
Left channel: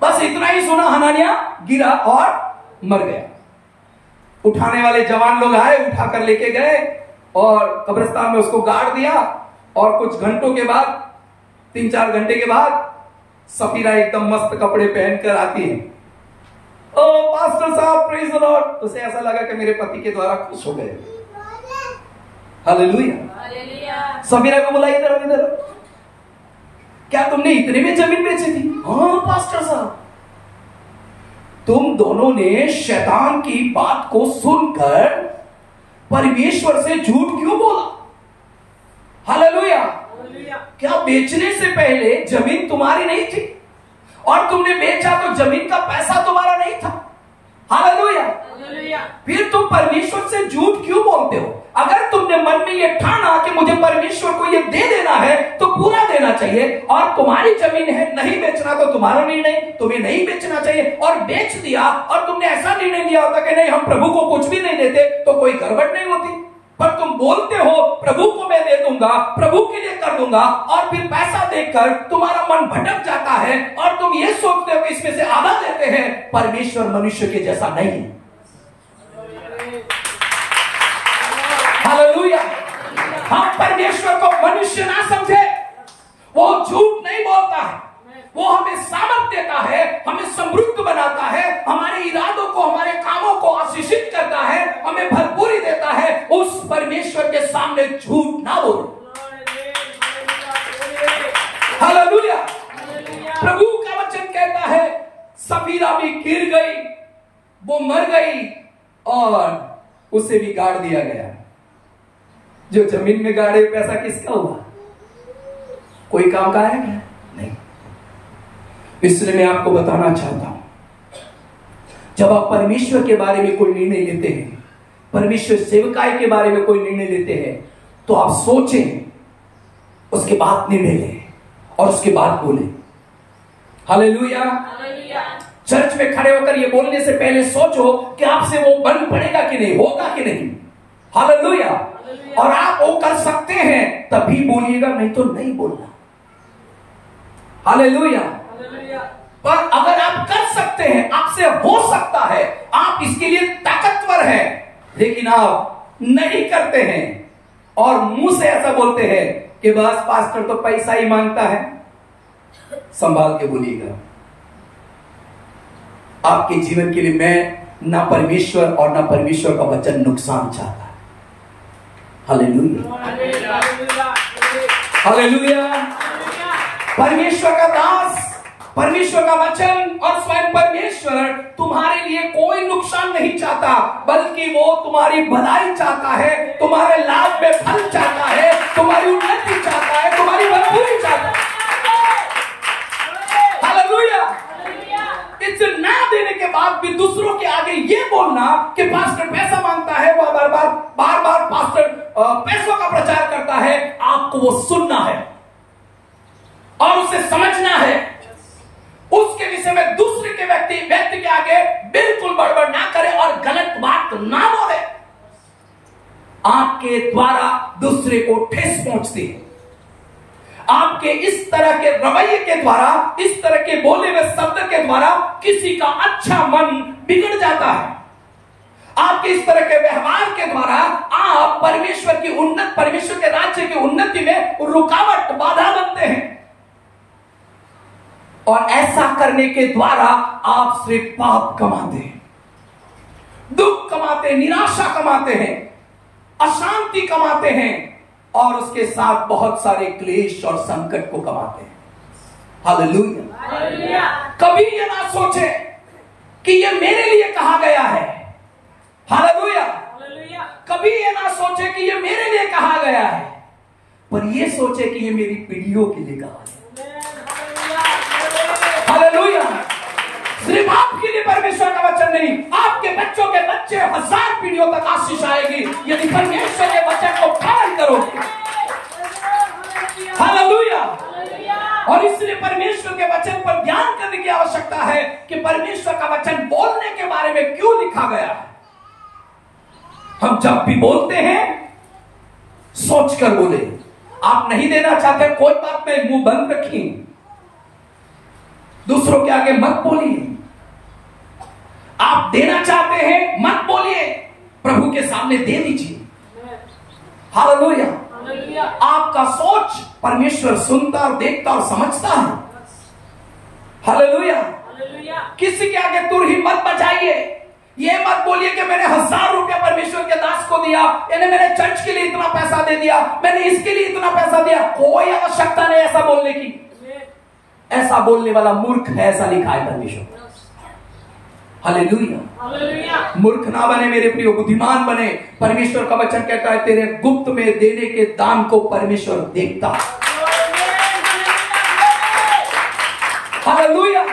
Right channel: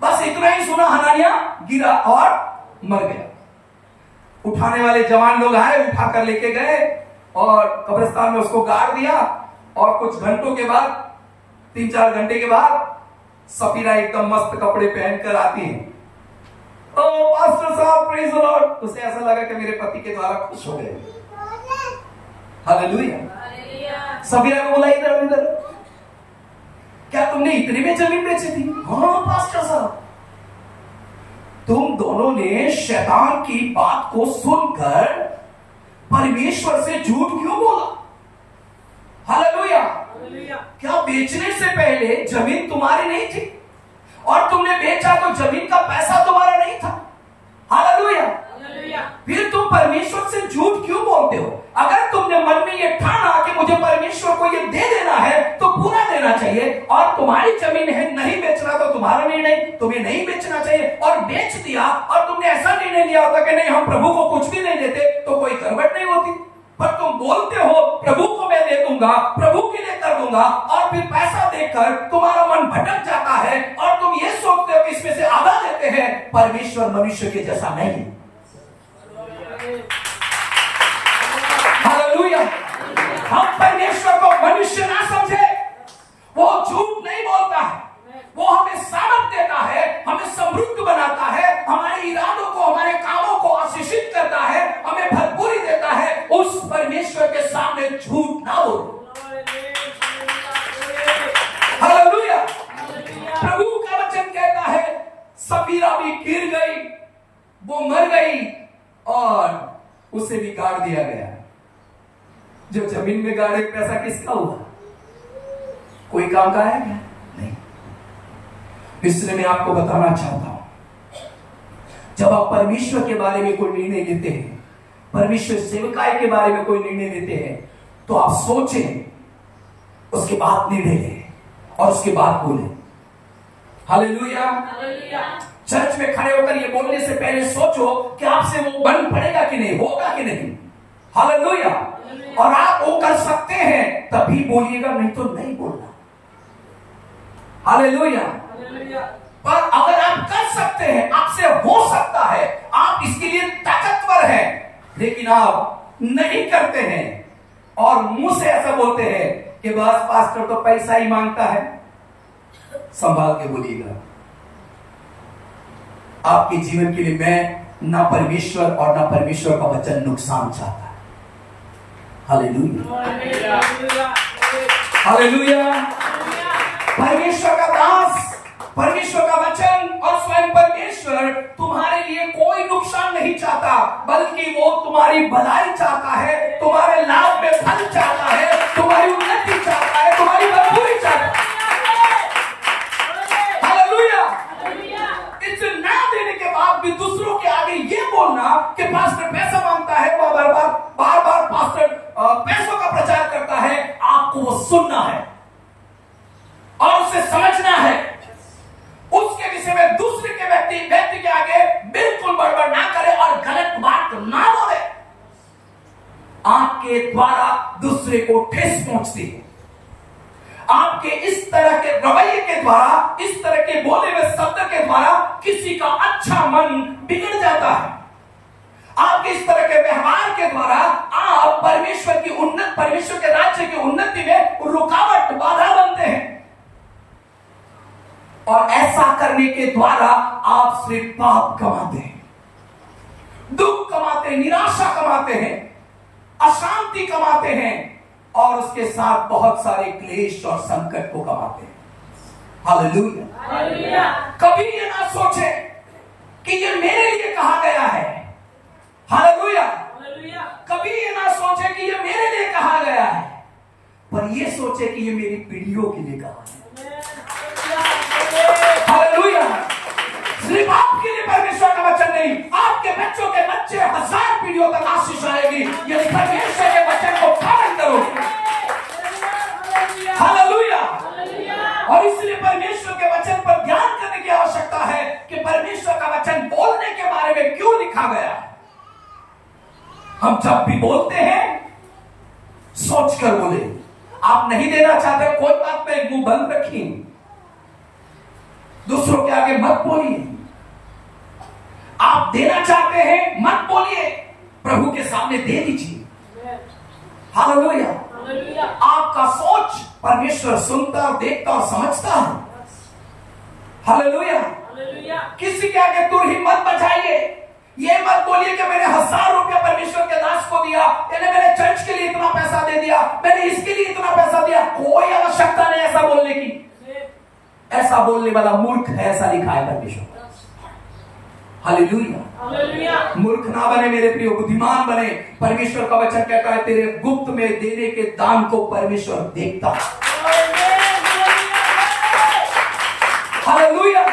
बस इतना ही सुना, हनानिया गिरा और मर गया। उठाने वाले जवान लोग आए, उठाकर लेके गए और कब्रिस्तान में उसको गाड़ दिया। और कुछ घंटों के बाद, 3-4 घंटे के बाद, सफीरा एकदम मस्त कपड़े पहनकर आती है। ओ पास्टर साहब, प्रेज द लॉर्ड। उसे ऐसा लगा कि मेरे पति के द्वारा खुश हो गए। हालेलुया। सफीरा को बोला, इधर, क्या तुमने इतने में जमीन बेची थी? हाँ पास्टर साहब। तुम दोनों ने शैतान की बात को सुनकर परमेश्वर से झूठ क्यों बोला? हालेलुया। क्या बेचने से पहले जमीन तुम्हारी नहीं थी और तुमने बेचा तो जमीन का पैसा तुम्हारा नहीं था? हालेलुया। फिर तुम परमेश्वर से झूठ क्यों बोलते हो? अगर तुमने मन में ये ठाना कि मुझे परमेश्वर को ये दे देना है तो पूरा देना चाहिए, और तुम्हारी जमीन है, नहीं बेचना तो तुम्हारा निर्णय, तुम्हें नहीं बेचना चाहिए, और बेच दिया और तुमने ऐसा निर्णय लिया होता कि नहीं हम प्रभु को कुछ भी नहीं देते, तो कोई गड़बड़ नहीं होती। पर तुम बोलते हो प्रभु को मैं दे दूंगा, प्रभु के लिए कर दूंगा, और फिर पैसा देकर तुम्हारा मन भटक जाता है और तुम ये सोचते हो कि इसमें से आधा देते हैं। परमेश्वर मनुष्य के जैसा नहीं। हालेलुया। हम परमेश्वर को मनुष्य ना समझे। वो झूठ नहीं बोलता है, वो हमें सामर्थ देता है, हमें समृद्ध बनाता है, हमारे इरादों को, हमारे कामों को आशीषित करता है, हमें भरपूरी देता है। उस परमेश्वर के सामने झूठ ना बोलो। हालेलुया। प्रभु का वचन कहता है, सफीरा भी गिर गई, वो मर गई और उसे भी गाड़ दिया गया। जो जमीन में गाड़े पैसा किसका हुआ? कोई काम का है क्या? नहीं। इसलिए मैं आपको बताना चाहता हूं, जब आप परमेश्वर के बारे में कोई निर्णय लेते हैं, परमेश्वर सेवकाई के बारे में कोई निर्णय लेते हैं, तो आप सोचें, उसके बाद निर्णय लें और उसके बाद बोलें। हालेलुया। चर्च में खड़े होकर ये बोलने से पहले सोचो कि आपसे वो बन पड़ेगा कि नहीं, होगा कि नहीं। हालेलुया। और आप वो कर सकते हैं तभी बोलिएगा, नहीं तो नहीं बोलना। हालेलुया। पर अगर आप कर सकते हैं, आपसे हो सकता है, आप इसके लिए ताकतवर हैं, लेकिन आप नहीं करते हैं और मुंह से ऐसा बोलते हैं कि बस पास्टर तो पैसा ही मांगता है, संभाल के बोलिएगा। आपके जीवन के लिए मैं ना परमेश्वर और ना परमेश्वर का वचन नुकसान चाहता है। हालेलुया। हालेलुया। परमेश्वर का दास, परमेश्वर का वचन और स्वयं परमेश्वर तुम्हारे लिए कोई नुकसान नहीं चाहता, बल्कि वो तुम्हारी भलाई चाहता है, तुम्हारे लाभ में फल चाहता है, तुम्हारी उन्नति चाहता है, तुम्हारी भलाई चाहता है। हालेलुया। इसे ना देने के बाद भी दूसरों के आगे ये बोलना कि पास्टर पैसा मांगता है, वो बार बार पास्टर पैसों का प्रचार करता है, आपको वो सुनना है और उसे समझना है। उसके विषय में दूसरे के व्यक्ति के आगे बिल्कुल बड़बड़ ना करे और गलत बात ना बोले। आपके द्वारा दूसरे को ठेस पहुंचती है। आपके इस तरह के रवैये के द्वारा, इस तरह के बोले हुए शब्द के द्वारा किसी का अच्छा मन बिगड़ जाता है। आपके इस तरह के व्यवहार के द्वारा आप परमेश्वर के राज्य की उन्नति में रुकावट, बाधा बनते हैं। और ऐसा करने के द्वारा आप सिर्फ पाप कमाते हैं, दुख कमाते हैं, निराशा कमाते हैं, अशांति कमाते हैं और उसके साथ बहुत सारे क्लेश और संकट को कमाते हैं। हालेलुया। कभी ये ना सोचे कि ये मेरे लिए कहा गया है। हालेलुया। कभी ये ना सोचे कि ये मेरे लिए कहा गया है, पर ये सोचे कि ये मेरी पीढ़ियों के लिए कहा है। हालेलुया। सिर्फ आपके लिए परमेश्वर का वचन नहीं, आपके बच्चों के बच्चे 1000 पीढ़ियों तक आशीष आएगी यदि परमेश्वर के वचन को पालन करोगे। हालेलुया। और इसलिए परमेश्वर के वचन पर ध्यान करने की आवश्यकता है कि परमेश्वर का वचन बोलने के बारे में क्यों लिखा गया है। हम जब भी बोलते हैं सोच कर बोले। आप नहीं देना चाहते, कोई बात नहीं, मुंह बंद रखिए, दूसरों के आगे मत बोलिए। आप देना चाहते हैं मत बोलिए, प्रभु के सामने दे दीजिए। हालेलुया। आपका सोच परमेश्वर सुनता और देखता और समझता है। हालेलुया। किसी के आगे तुर ही मत बचाइए। ये मत बोलिए कि मैंने 1000 रुपया परमेश्वर के दास को दिया, यानी मैंने चर्च के लिए इतना पैसा दे दिया, मैंने इसके लिए इतना पैसा दिया। कोई आवश्यकता नहीं ऐसा बोलने की। ऐसा बोलने वाला मूर्ख है, ऐसा लिखा है परमेश्वर। हालेलुया। मूर्ख ना बने मेरे प्रिय, बुद्धिमान बने। परमेश्वर का वचन कहता है तेरे गुप्त में देने के दान को परमेश्वर देखता है। हालेलुया।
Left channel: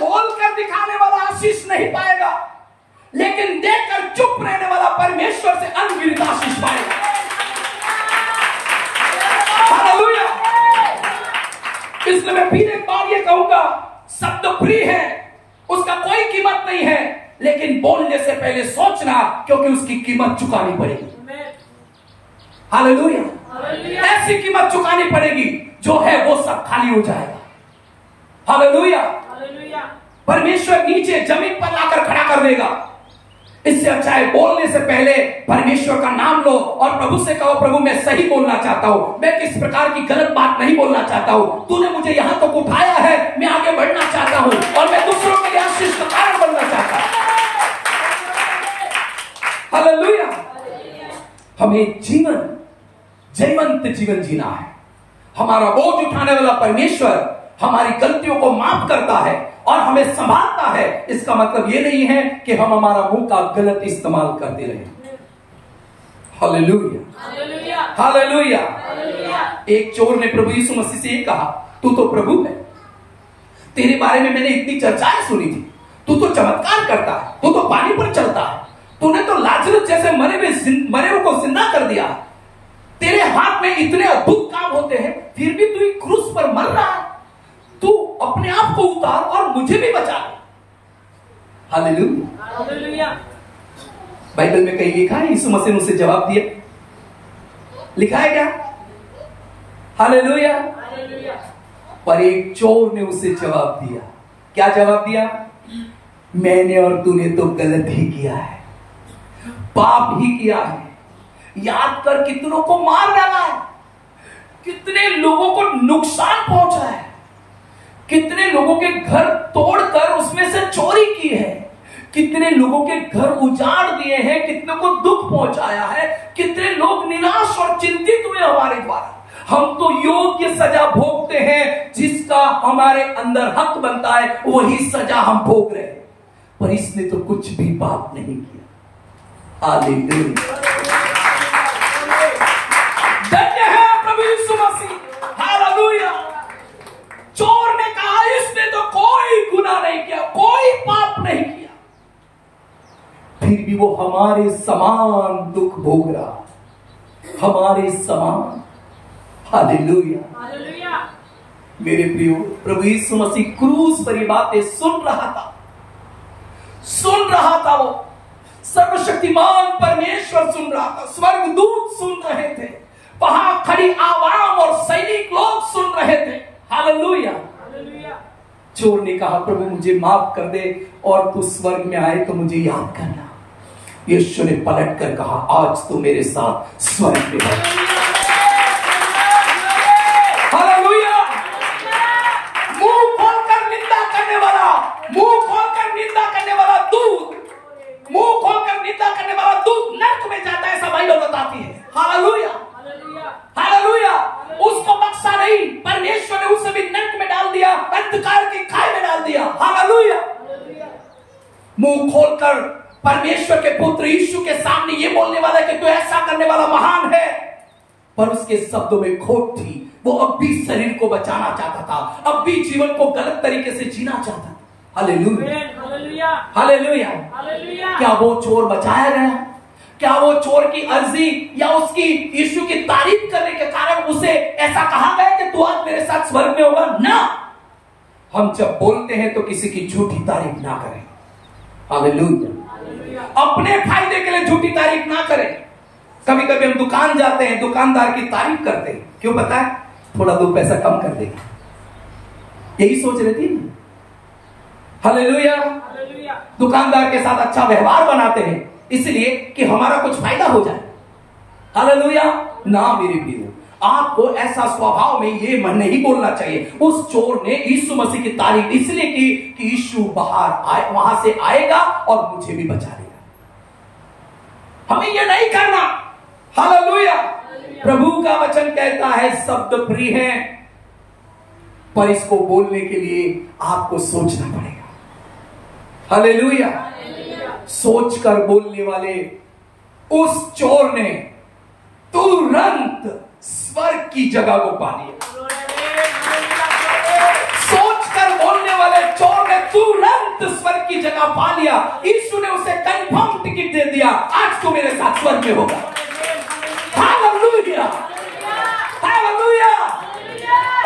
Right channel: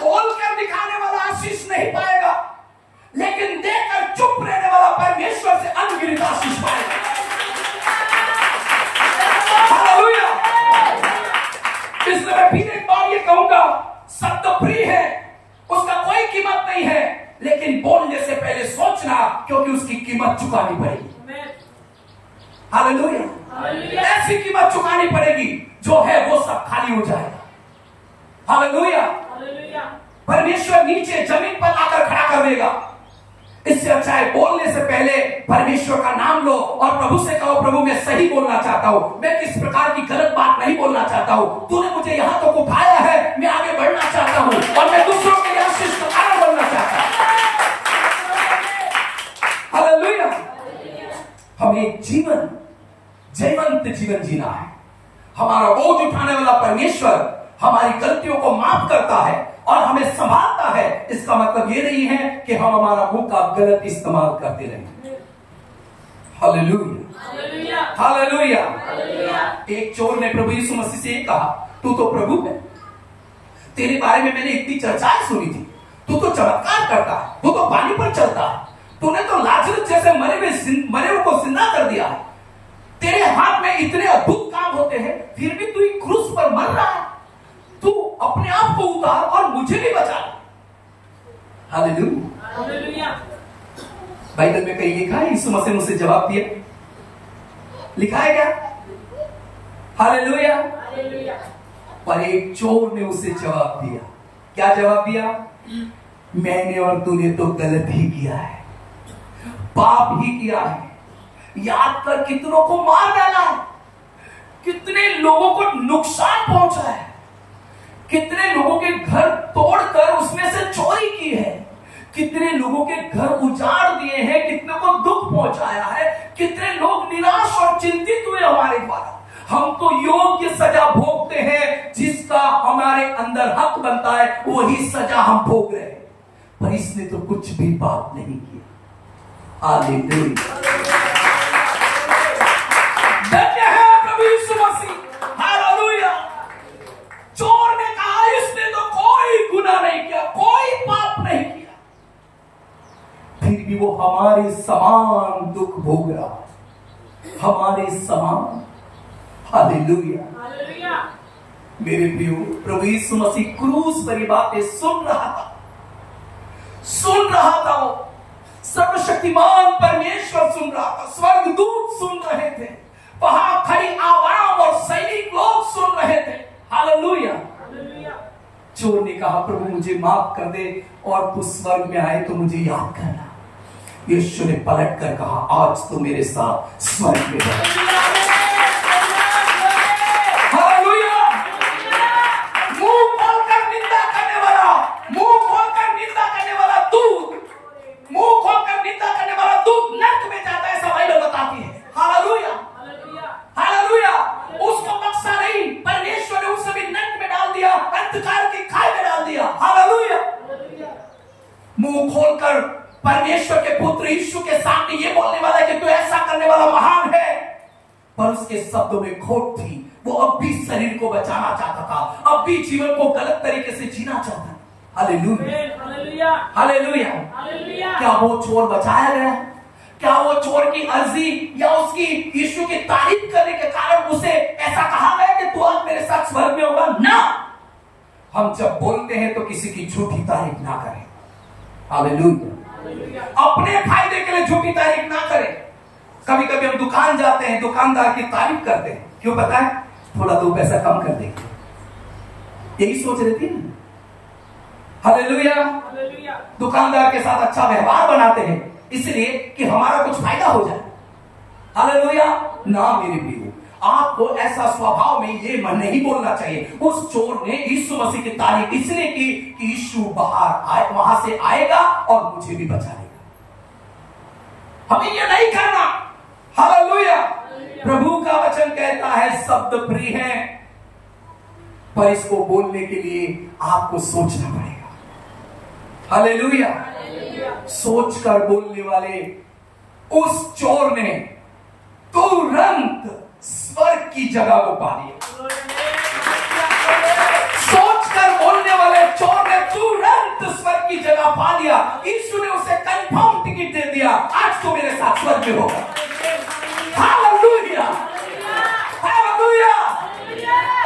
बोलकर दिखाने वाला आशीष नहीं पाएगा, लेकिन देखकर चुप रहने वाला परमेश्वर से अनगिनत आशीष पाएगा। हालेलुया। इसलिए मैं फिर एक बार ये कहूंगा, शब्द फ्री है, उसका कोई कीमत नहीं है, लेकिन बोलने से पहले सोचना, क्योंकि उसकी कीमत चुकानी पड़ेगी। हालेलुया। ऐसी कीमत चुकानी पड़ेगी जो है वो सब खाली हो जाएगा। हालेलुया। परमेश्वर नीचे जमीन पर लाकर खड़ा कर देगा। इससे अच्छा है बोलने से पहले परमेश्वर का नाम लो और प्रभु से कहो, प्रभु मैं सही बोलना चाहता हूं, मैं किस प्रकार की गलत बात नहीं बोलना चाहता हूं। तूने मुझे यहां तक उठाया है, मैं आगे बढ़ना चाहता हूं और मैं दूसरों के लिए आशीष का कारण बनना चाहता हूं। हालेलुया। हमें जीवंत जीवन जीना है। हमारा बोझ उठाने वाला परमेश्वर हमारी गलतियों को माफ करता है और हमें संभालता है। इसका मतलब ये नहीं है कि हम हमारा मुंह का गलत इस्तेमाल करते रहे। हालेलुया। हालेलुया। एक चोर ने प्रभु यीशु मसीह से कहा, तू तो प्रभु है, तेरे बारे में मैंने इतनी चर्चाएं सुनी थी, तू तो चमत्कार करता है, तू तो पानी पर चलता है, तूने तो लाजरस जैसे मरे को जिंदा कर दिया, तेरे हाथ में इतने अद्भुत काम होते हैं, फिर भी तू क्रूस पर मर रहा है, तू अपने आप को उतार और मुझे भी बचा ले। हालेलुया। बाइबल में कहीं लिखा है यीशु मसीह ने उसे जवाब दिया? लिखा है क्या? हालेलुया। पर एक चोर ने उसे जवाब दिया। क्या जवाब दिया? मैंने और तूने तो गलत ही किया है, पाप ही किया है, याद कर कितनों को मार डाला है, कितने लोगों को नुकसान पहुंचा है, कितने लोगों के घर तोड़कर उसमें से चोरी की है, कितने लोगों के घर उजाड़ दिए हैं, कितने को दुख पहुंचाया है, कितने लोग निराश और चिंतित हुए हमारे द्वारा। हम तो योग्य सजा भोगते हैं, जिसका हमारे अंदर हक बनता है वही सजा हम भोग रहे हैं, पर इसने तो कुछ भी पाप नहीं किया। हालेलुया। धन्य है प्रभु यीशु मसीह। हालेलुया। चोर ने कहा इसने तो कोई गुनाह नहीं किया, कोई पाप नहीं किया, फिर भी वो हमारे समान दुख भोग रहा, हमारे समान। हालेलुया। मेरे प्रियो, प्रभु यीशु मसीह क्रूस पर ये बातें सुन रहा था, वो सर्वशक्तिमान परमेश्वर सुन रहा था, स्वर्गदूत सुन रहे थे, वहां खड़ी आवाम और सैनिक लोग सुन रहे थे। हालेलुया। चोर ने कहा प्रभु मुझे माफ कर दे, और तू स्वर्ग में आए तो मुझे याद करना। यीशु ने पलट कर कहा आज तू मेरे साथ स्वर्ग में है। हालेलुया। मुंह खोलकर निंदा करने वाला, मुंह खोलकर निंदा करने वाला दूत, मुंह खोलकर निंदा करने वाला दूत नरक में जाता है, ऐसा बाइबल बताती है। हालेलुया। हालेलुया। उसको बख्शा नहीं, परमेश्वर ने उसे भी नरक में डाल दिया, अंधकार की खाई में डाल दिया। हालेलुया। मुंह खोलकर परमेश्वर के पुत्र यीशु के सामने ये बोलने वाला कि तू ऐसा करने वाला महान है, पर उसके शब्दों में खोट थी। वो अब भी शरीर को बचाना चाहता था, अब भी जीवन को गलत तरीके से जीना चाहता था। हालेलुया। हालेलुया। क्या वो चोर बचाया गया? क्या वो चोर की अर्जी या उसकी यीशु की तारीफ करने के कारण उसे ऐसा कहा गया कि तू आज मेरे साथ स्वर्ग में होगा? ना। हम जब बोलते हैं तो किसी की झूठी तारीफ ना करें। हालेलुया। अपने फायदे के लिए झूठी तारीफ ना करें। कभी कभी हम दुकान जाते हैं, दुकानदार की तारीफ करते हैं, क्यों पता है? थोड़ा दो पैसा कम कर देगा, यही सोच रही थी। हालेलुया। दुकानदार के साथ अच्छा व्यवहार बनाते हैं इसलिए कि हमारा कुछ फायदा हो जाए। हालेलुया। ना मेरे प्रियो, आपको ऐसा स्वभाव में ये मन नहीं बोलना चाहिए। उस चोर ने यीशु मसीह की तारीफ इसलिए की कि यीशु वहां से आएगा और मुझे भी बचा लेगा। हमें ये नहीं करना। हालेलुया। प्रभु का वचन कहता है शब्द प्रिय है, पर इसको बोलने के लिए आपको सोचना पड़ेगा। हालेलुया। सोचकर बोलने वाले उस चोर ने तुरंत स्वर्ग की जगह को पा लिया। सोचकर बोलने वाले चोर ने तुरंत स्वर्ग की जगह पा लिया। यीशु ने उसे कंफर्म टिकट दे दिया, आज तो मेरे साथ स्वर्ग में होगा। हालेलुया। हालेलुया।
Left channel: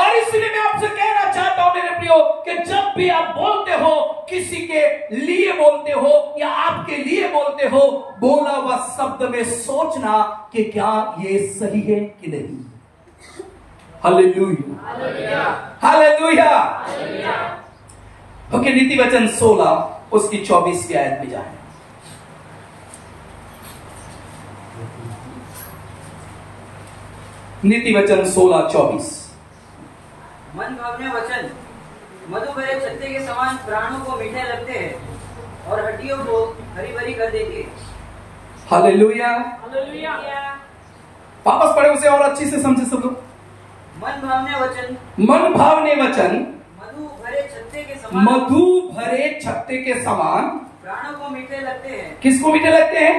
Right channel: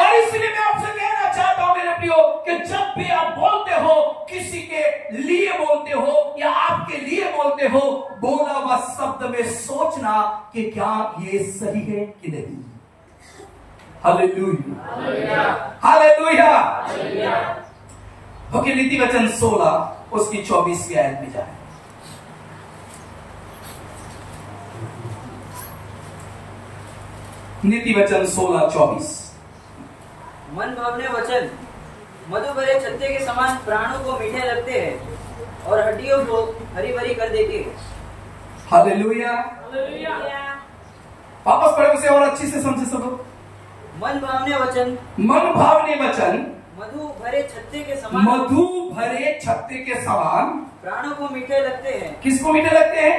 और इसलिए मैं आपसे कहना चाहता हूं मेरे प्रियो कि जब भी आप बोलते हो, किसी के लिए बोलते हो या आपके लिए बोलते हो, बोला हुआ शब्द में सोचना कि क्या ये सही है कि नहीं। हालेलुया। हालेलुया। ओके, नीति वचन 16 उसकी 24 की आयत में जाए। नीति वचन 16:24। मन भावने वचन मधु भरे छत्ते के समान प्राणों को मीठे लगते हैं और हड्डियों को हरी भरी कर देती है। हालेलुया। वापस पढ़े उसे और अच्छी से समझे सब लोग। मन भावने वचन, मन भावने वचन मधु भरे छत्ते के समान, मधु भरे छत्ते के समान प्राणों को मीठे लगते हैं। किसको मीठे लगते हैं?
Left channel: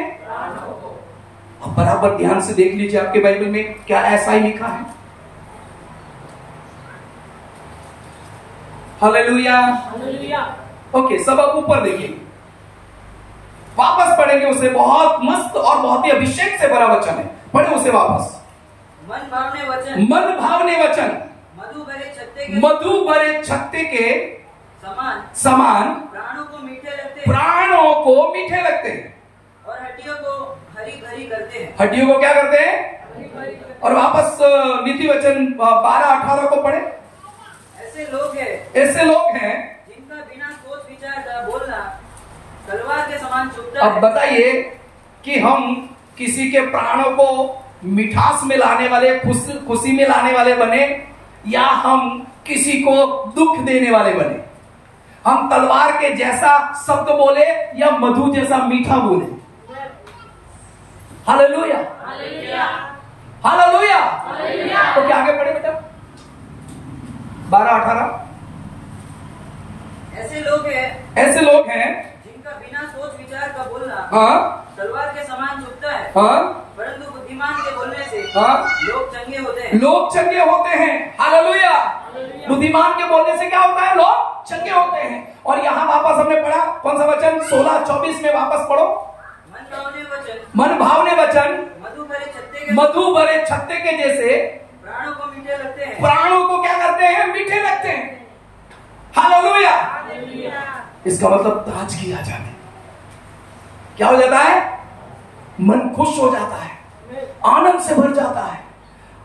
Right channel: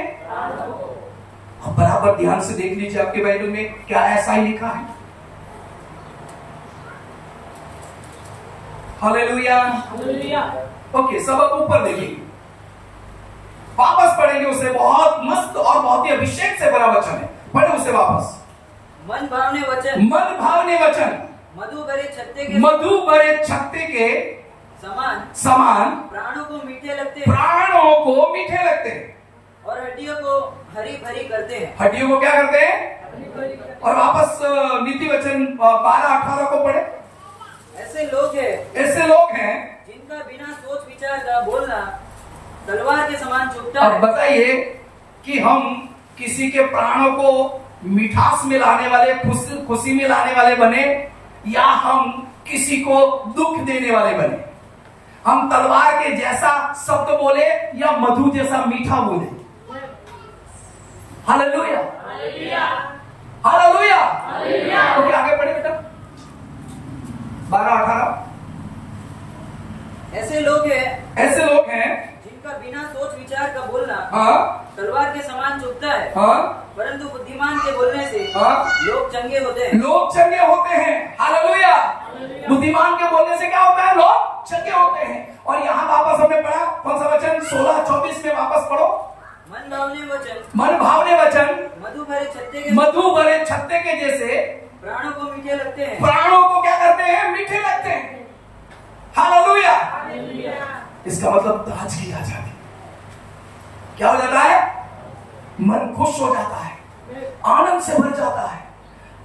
बराबर ध्यान से देख लीजिए आपके बाइबल में क्या ऐसा ही लिखा है। हालेलुया। ओके, सब अब ऊपर देखिए, वापस पढ़ेंगे उसे। बहुत मस्त और बहुत ही अभिषेक से भरा वचन है, पढ़े उसे वापस। मन भावने वचन, मन भावने वचन, मधु भरे छत्ते के समान प्राणों को मीठे लगते हैं और हड्डियों को हरी भरी करते हैं। हड्डियों को क्या करते हैं? और वापस नीति वचन 12-18 को पढ़े। ऐसे लोग हैं जिनका बिना सोच विचार का बोलना तलवार के समान चुभता है। अब बताइए कि हम किसी के प्राणों को मिठास में लाने वाले, खुशी में लाने वाले बने, या हम किसी को दुख देने वाले बने? हम तलवार के जैसा शब्द बोले या मधु जैसा मीठा बोले? Hallelujah, hallelujah. तो क्या आगे पढ़े बेटा? 12-18। ऐसे लोग हैं जिनका बिना सोच विचार का बोलना तलवार के समान चुभता है, परंतु बुद्धिमान के बोलने से लोग चंगे होते हैं। हालेलुया। बुद्धिमान के बोलने से क्या होता है? लोग चंगे होते हैं। और यहाँ वापस हमने पढ़ा कौन सा वचन? 16-24 में वापस पढ़ो। मन भावने वचन मधु भरे छत्ते के जैसे प्राणों को मीठे लगते हैं। प्राणों को क्या करते हैं? मीठे लगते हैं। हालेलुया। इसका मतलब ताजगी आ जाती, क्या हो जाता है? मन खुश हो जाता है, आनंद से भर जाता है।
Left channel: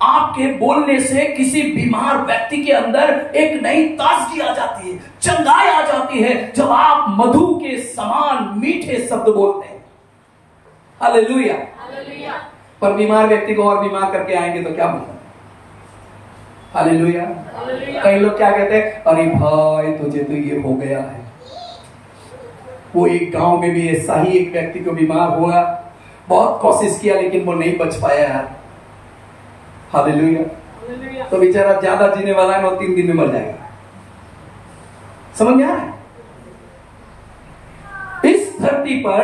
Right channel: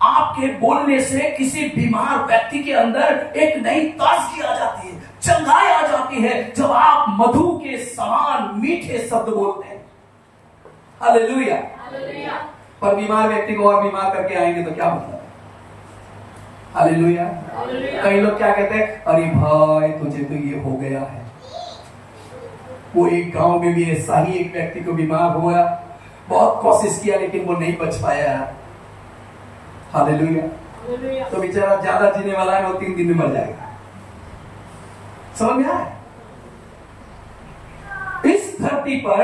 आपके बोलने से किसी बीमार व्यक्ति के अंदर एक नई ताजगी आ जाती है, चंगाई आ जाती है, जब आप मधु के समान मीठे शब्द बोलते हैं। हालेलुया। पर बीमार व्यक्ति को और बीमार करके आएंगे तो क्या मतलब? हालेलुया। कई लोग क्या कहते हैं? अरे भाई तुझे तो ये हो गया है। वो एक गांव में भी ऐसा ही एक व्यक्ति को बीमार हुआ, बहुत कोशिश किया लेकिन वो नहीं बच पाया यार। हालेलुया। तो बेचारा ज्यादा जीने वाला है, वो 3 दिन में मर जाएगा। समझ में आ रहा है? इस धरती पर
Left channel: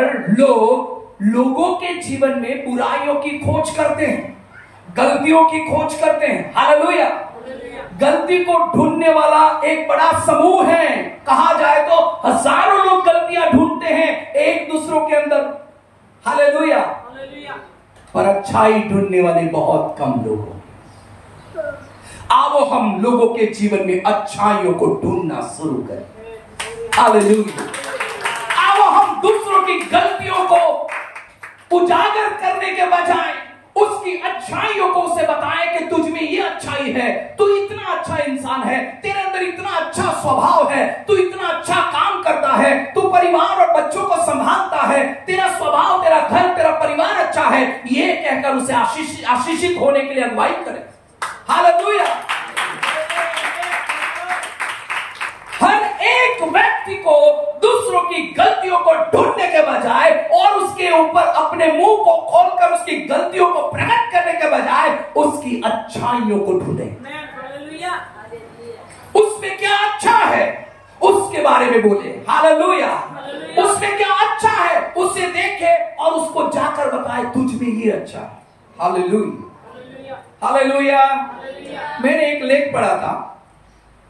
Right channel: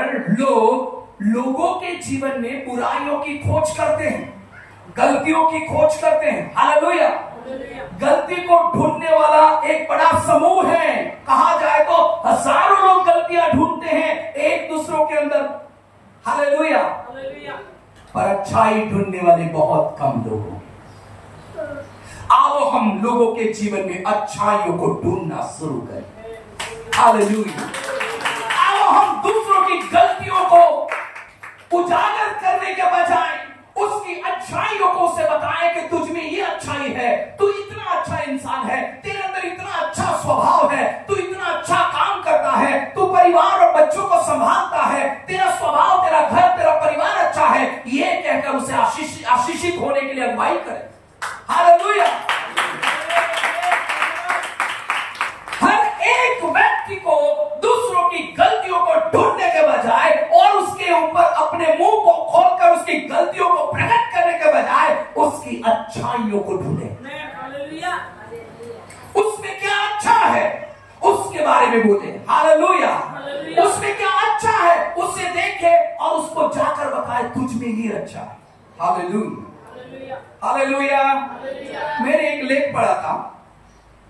लोगों के जीवन में बुराइयों की खोज करते हैं, गलतियों की खोज करते हैं। हालेलुया। गलती को ढूंढने वाला एक बड़ा समूह है। कहा जाए तो हजारों लोग गलतियां ढूंढते हैं एक दूसरों के अंदर। हालेलुया। पर अच्छाई ढूंढने वाले बहुत कम लोग हैं। आओ हम लोगों के जीवन में अच्छाइयों को ढूंढना शुरू करें। हालेलुया। आओ हम दूसरों की गलतियों को उजागर करने के बजाय उसकी अच्छाइयों को उसे बताएं कि तुझ में ये अच्छाई है, तू इतना अच्छा इंसान है, तेरे अंदर इतना अच्छा स्वभाव है, तू इतना अच्छा काम करता है, तू परिवार और बच्चों को संभालता है, तेरा स्वभाव, तेरा घर, तेरा परिवार अच्छा है। ये कहकर उसे आशीषित होने के लिए अगुवाई करें। हालेलुया। हर एक व्यक्ति को दूसरों की गलतियों को ढूंढने के बजाय और उसके ऊपर अपने मुंह को खोलकर उसकी गलतियों को प्रकट करने के बजाय उसकी अच्छाइयों को ढूंढे। उसमें क्या अच्छा है उसके बारे में बोले। हालेलुया। उसमें क्या अच्छा है उसे देखे और उसको जाकर बताए तुझ में ही अच्छा है। हालेलुया। हालेलुया। मैंने एक लेख पढ़ा था,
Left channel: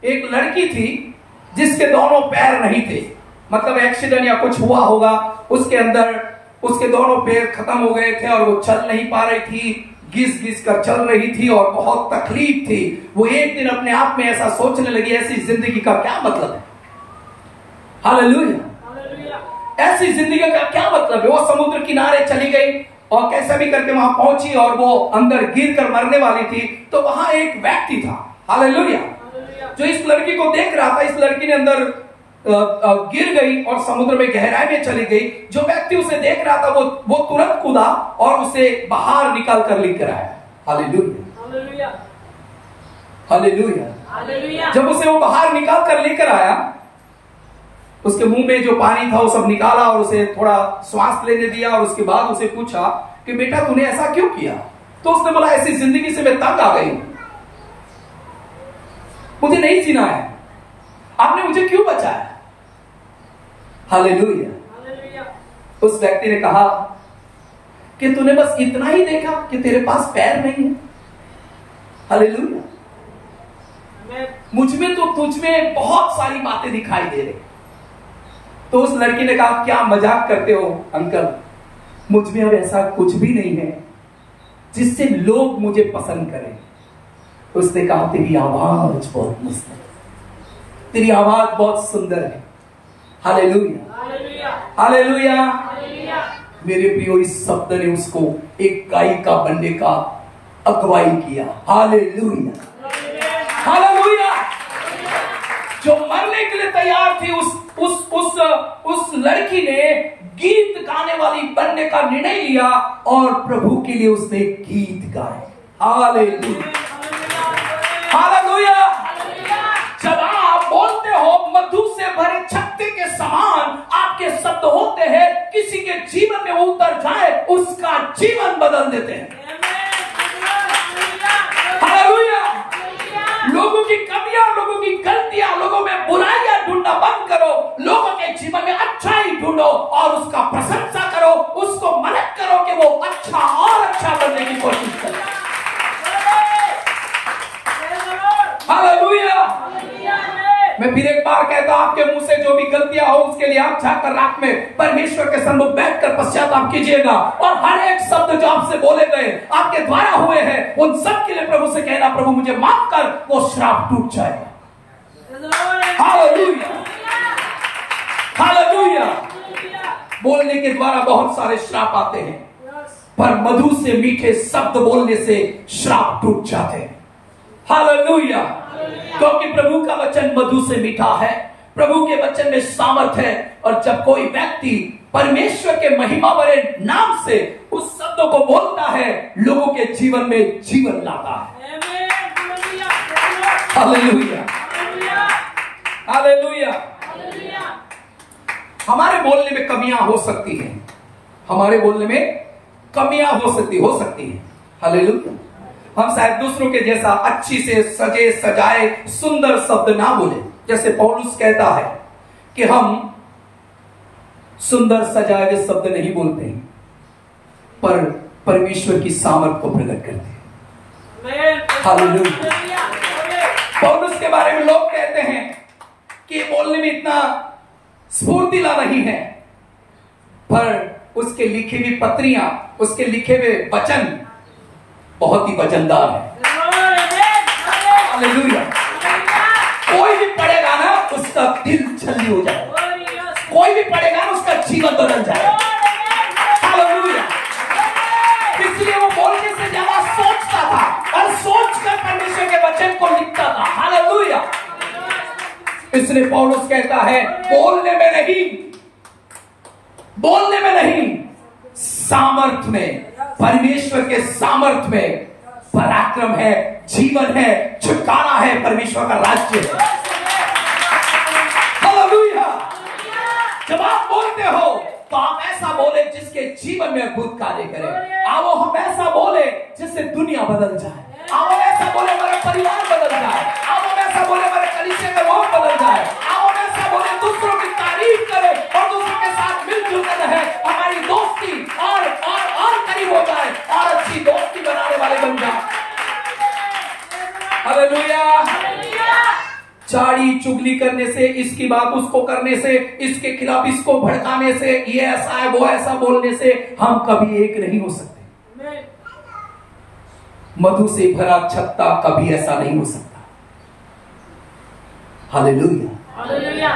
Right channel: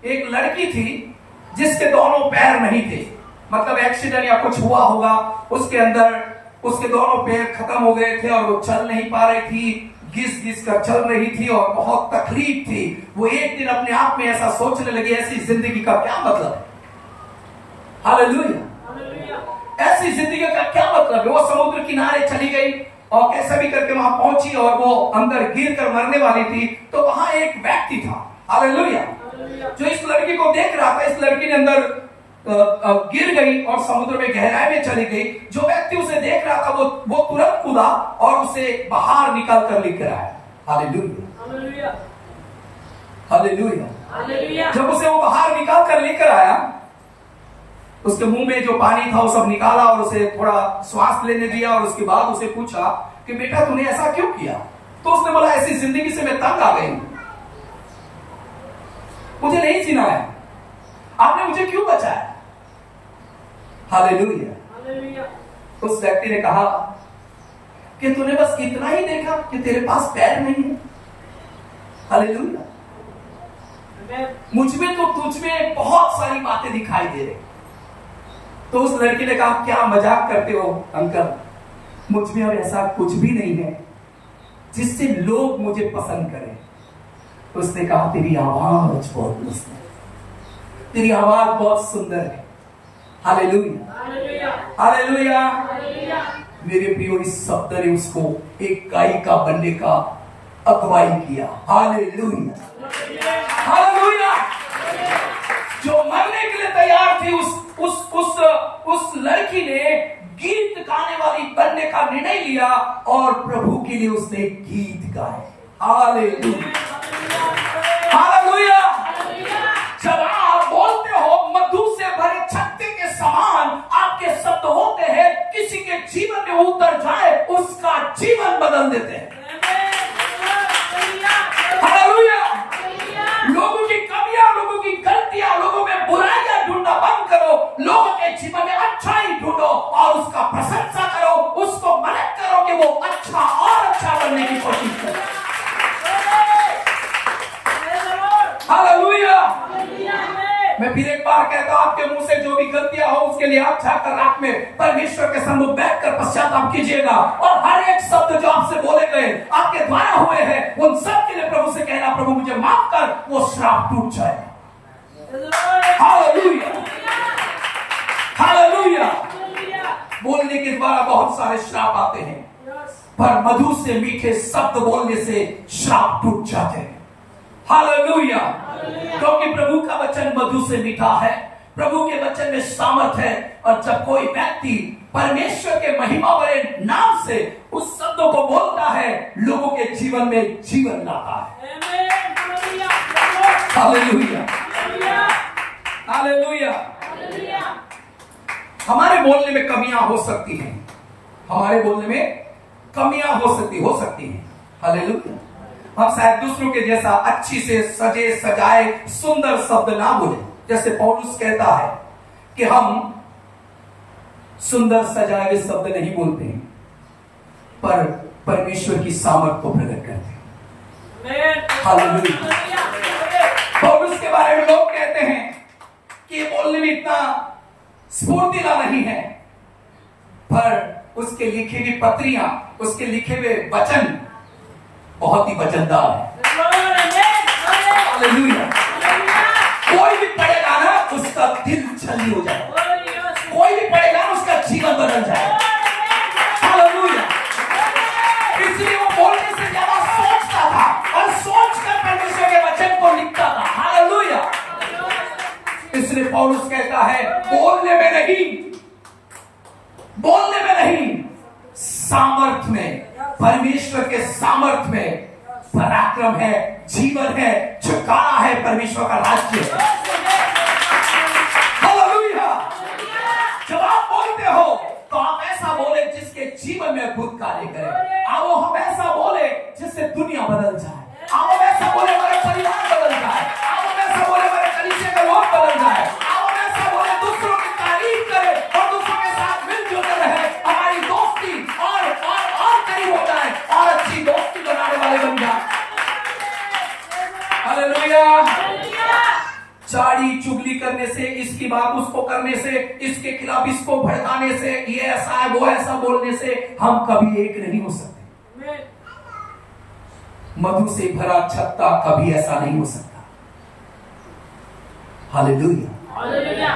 एक लड़की थी जिसके दोनों पैर नहीं थे, मतलब एक्सीडेंट या कुछ हुआ होगा, उसके अंदर उसके दोनों पैर खत्म हो गए थे और वो चल नहीं पा रही थी, घिस घिस कर चल रही थी और बहुत तकलीफ थी। वो एक दिन अपने आप में ऐसा सोचने लगी, ऐसी जिंदगी का क्या मतलब है। हालेलुया। ऐसी जिंदगी का क्या मतलब है। वो समुद्र किनारे चली गई और कैसा भी करके वहां पहुंची और वो अंदर गिर कर मरने वाली थी। तो वहां एक व्यक्ति था, हालेलुया, जो इस लड़की को देख रहा था। इस लड़की ने अंदर गिर गई और समुद्र में गहराई में चली गई। जो व्यक्ति उसे देख रहा था वो तुरंत कूदा और उसे बाहर निकाल कर लेकर आया। हालेलुया। हालेलुया। जब उसे वो बाहर निकाल कर लेकर आया, उसके मुंह में जो पानी था वो सब निकाला और उसे थोड़ा श्वास लेने दिया और उसके बाद उसे पूछा कि बेटा तूने ऐसा क्यों किया। तो उसने बोला ऐसी जिंदगी से मैं तंग आ गई, मुझे नहीं जीना है, आपने मुझे क्यों बचाया। हालेलुया। उस व्यक्ति ने कहा कि तूने बस इतना ही देखा कि तेरे पास पैर नहीं है। हालेलुया। मुझमें तो तुझमें बहुत सारी बातें दिखाई दे रही। तो उस लड़की ने कहा, क्या मजाक करते हो अंकल, मुझमें अब ऐसा कुछ भी नहीं है जिससे लोग मुझे पसंद करें। तो उसने कहा, तेरी आवाज बहुत मस्त है, तेरी आवाज बहुत सुंदर है। Hallelujah, hallelujah. मेरे प्रियो, इस शब्द ने उसको एक गायिका बनने का अगुवाई किया। Hallelujah, hallelujah. जो मरने के लिए तैयार थी, उस लड़की ने गीत गाने वाली बनने का निर्णय लिया और प्रभु के लिए उसने गीत गाए। Hallelujah, hallelujah. जब आप बोलते हो, मधु से भरे छत्ते के समान आपके शब्द होते हैं, किसी के जीवन में उतर जाए उसका जीवन बदल देते हैं। हालेलुया। लोगों की कमियां, लोगों की गलतियां, लोगों में बुराइयां ढूंढना बंद करो, लोगों के जीवन में अच्छाई ढूंढो और उसका प्रशंसा करो, उसको मदद करो कि वो अच्छा और अच्छा बनने की कोशिश करे। हालेलुया। मैं फिर एक बार कहता हूं, आपके मुंह से जो भी गलतियां हो उसके लिए आप जाकर रात में परमेश्वर के सम्मुख बैठकर पश्चाताप कीजिएगा और हर एक शब्द जो आपसे बोले गए, आपके द्वारा हुए हैं, उन सब के लिए प्रभु से कहना, प्रभु मुझे माफ कर, वो श्राप टूट जाएगा। Hallelujah, hallelujah. बोलने के द्वारा बहुत सारे श्राप आते हैं, पर मधु से मीठे शब्द बोलने से श्राप टूट जाते हैं। हालेलुया। क्योंकि प्रभु का वचन मधु से मीठा है, प्रभु के वचन में सामर्थ है, और जब कोई व्यक्ति परमेश्वर के महिमा भरे नाम से उस शब्दों को बोलता है, लोगों के जीवन में जीवन लाता है। Hallelujah, hallelujah. हमारे बोलने में कमियां हो सकती हैं, हमारे बोलने में कमियां हो सकती हैं। हालेलुया। हम शायद दूसरों के जैसा अच्छी से सजे सजाए सुंदर शब्द ना बोले, जैसे पौलुस कहता है कि हम सुंदर सजाए हुए शब्द नहीं बोलते हैं, पर परमेश्वर की सामर्थ को प्रकट करते हैं। हालेलुया। पौलुस के बारे में लोग कहते हैं कि बोलने में इतना स्फूर्तिला नहीं है, पर उसके लिखे हुई पत्रियां, उसके लिखे हुए वचन बहुत ही वजनदार है। हालेलुया। कोई भी पढ़ेगा ना, उसका दिल छल्ली हो जाएगा, कोई भी पढ़ेगा ना, उसका जीवन बदल जाएगा। हालेलुया। इसलिए वो बोलने से ज्यादा सोचता था और सोचकर परमेश्वर के वचन को लिखता था। हालेलुया। इसलिए पौलुस कहता है, बोलने में नहीं, सामर्थ में, परमेश्वर के सामर्थ में पराक्रम है, जीवन है, छुटकारा है, परमेश्वर का राज्य है। हालेलुया। जब आप बोलते हो तो आप ऐसा बोले जिसके जीवन में अद्भुत कार्य करे। आओ हम ऐसा बोले जिससे दुनिया बदल जाए। आओ ऐसा बोले हमारा परिवार बदल जाए। आओ ऐसा बोले हमारे कलीसिया का लोग बदल जाए। आओ ऐसा बोले दूसरों की तारीफ करे और दूसरों के साथ मिलजुल रहे, हमारी दोस्ती और करीब हो जाए और अच्छी दोस्ती बनाने वाले बन जाए। हालेलुया। चाड़ी चुगली करने से, इसकी बात उसको करने से, इसके खिलाफ इसको भड़काने से, ये ऐसा है वो ऐसा बोलने से हम कभी एक नहीं हो सकते। मधु से भरा छत्ता कभी ऐसा नहीं हो सकता। हालेलुया।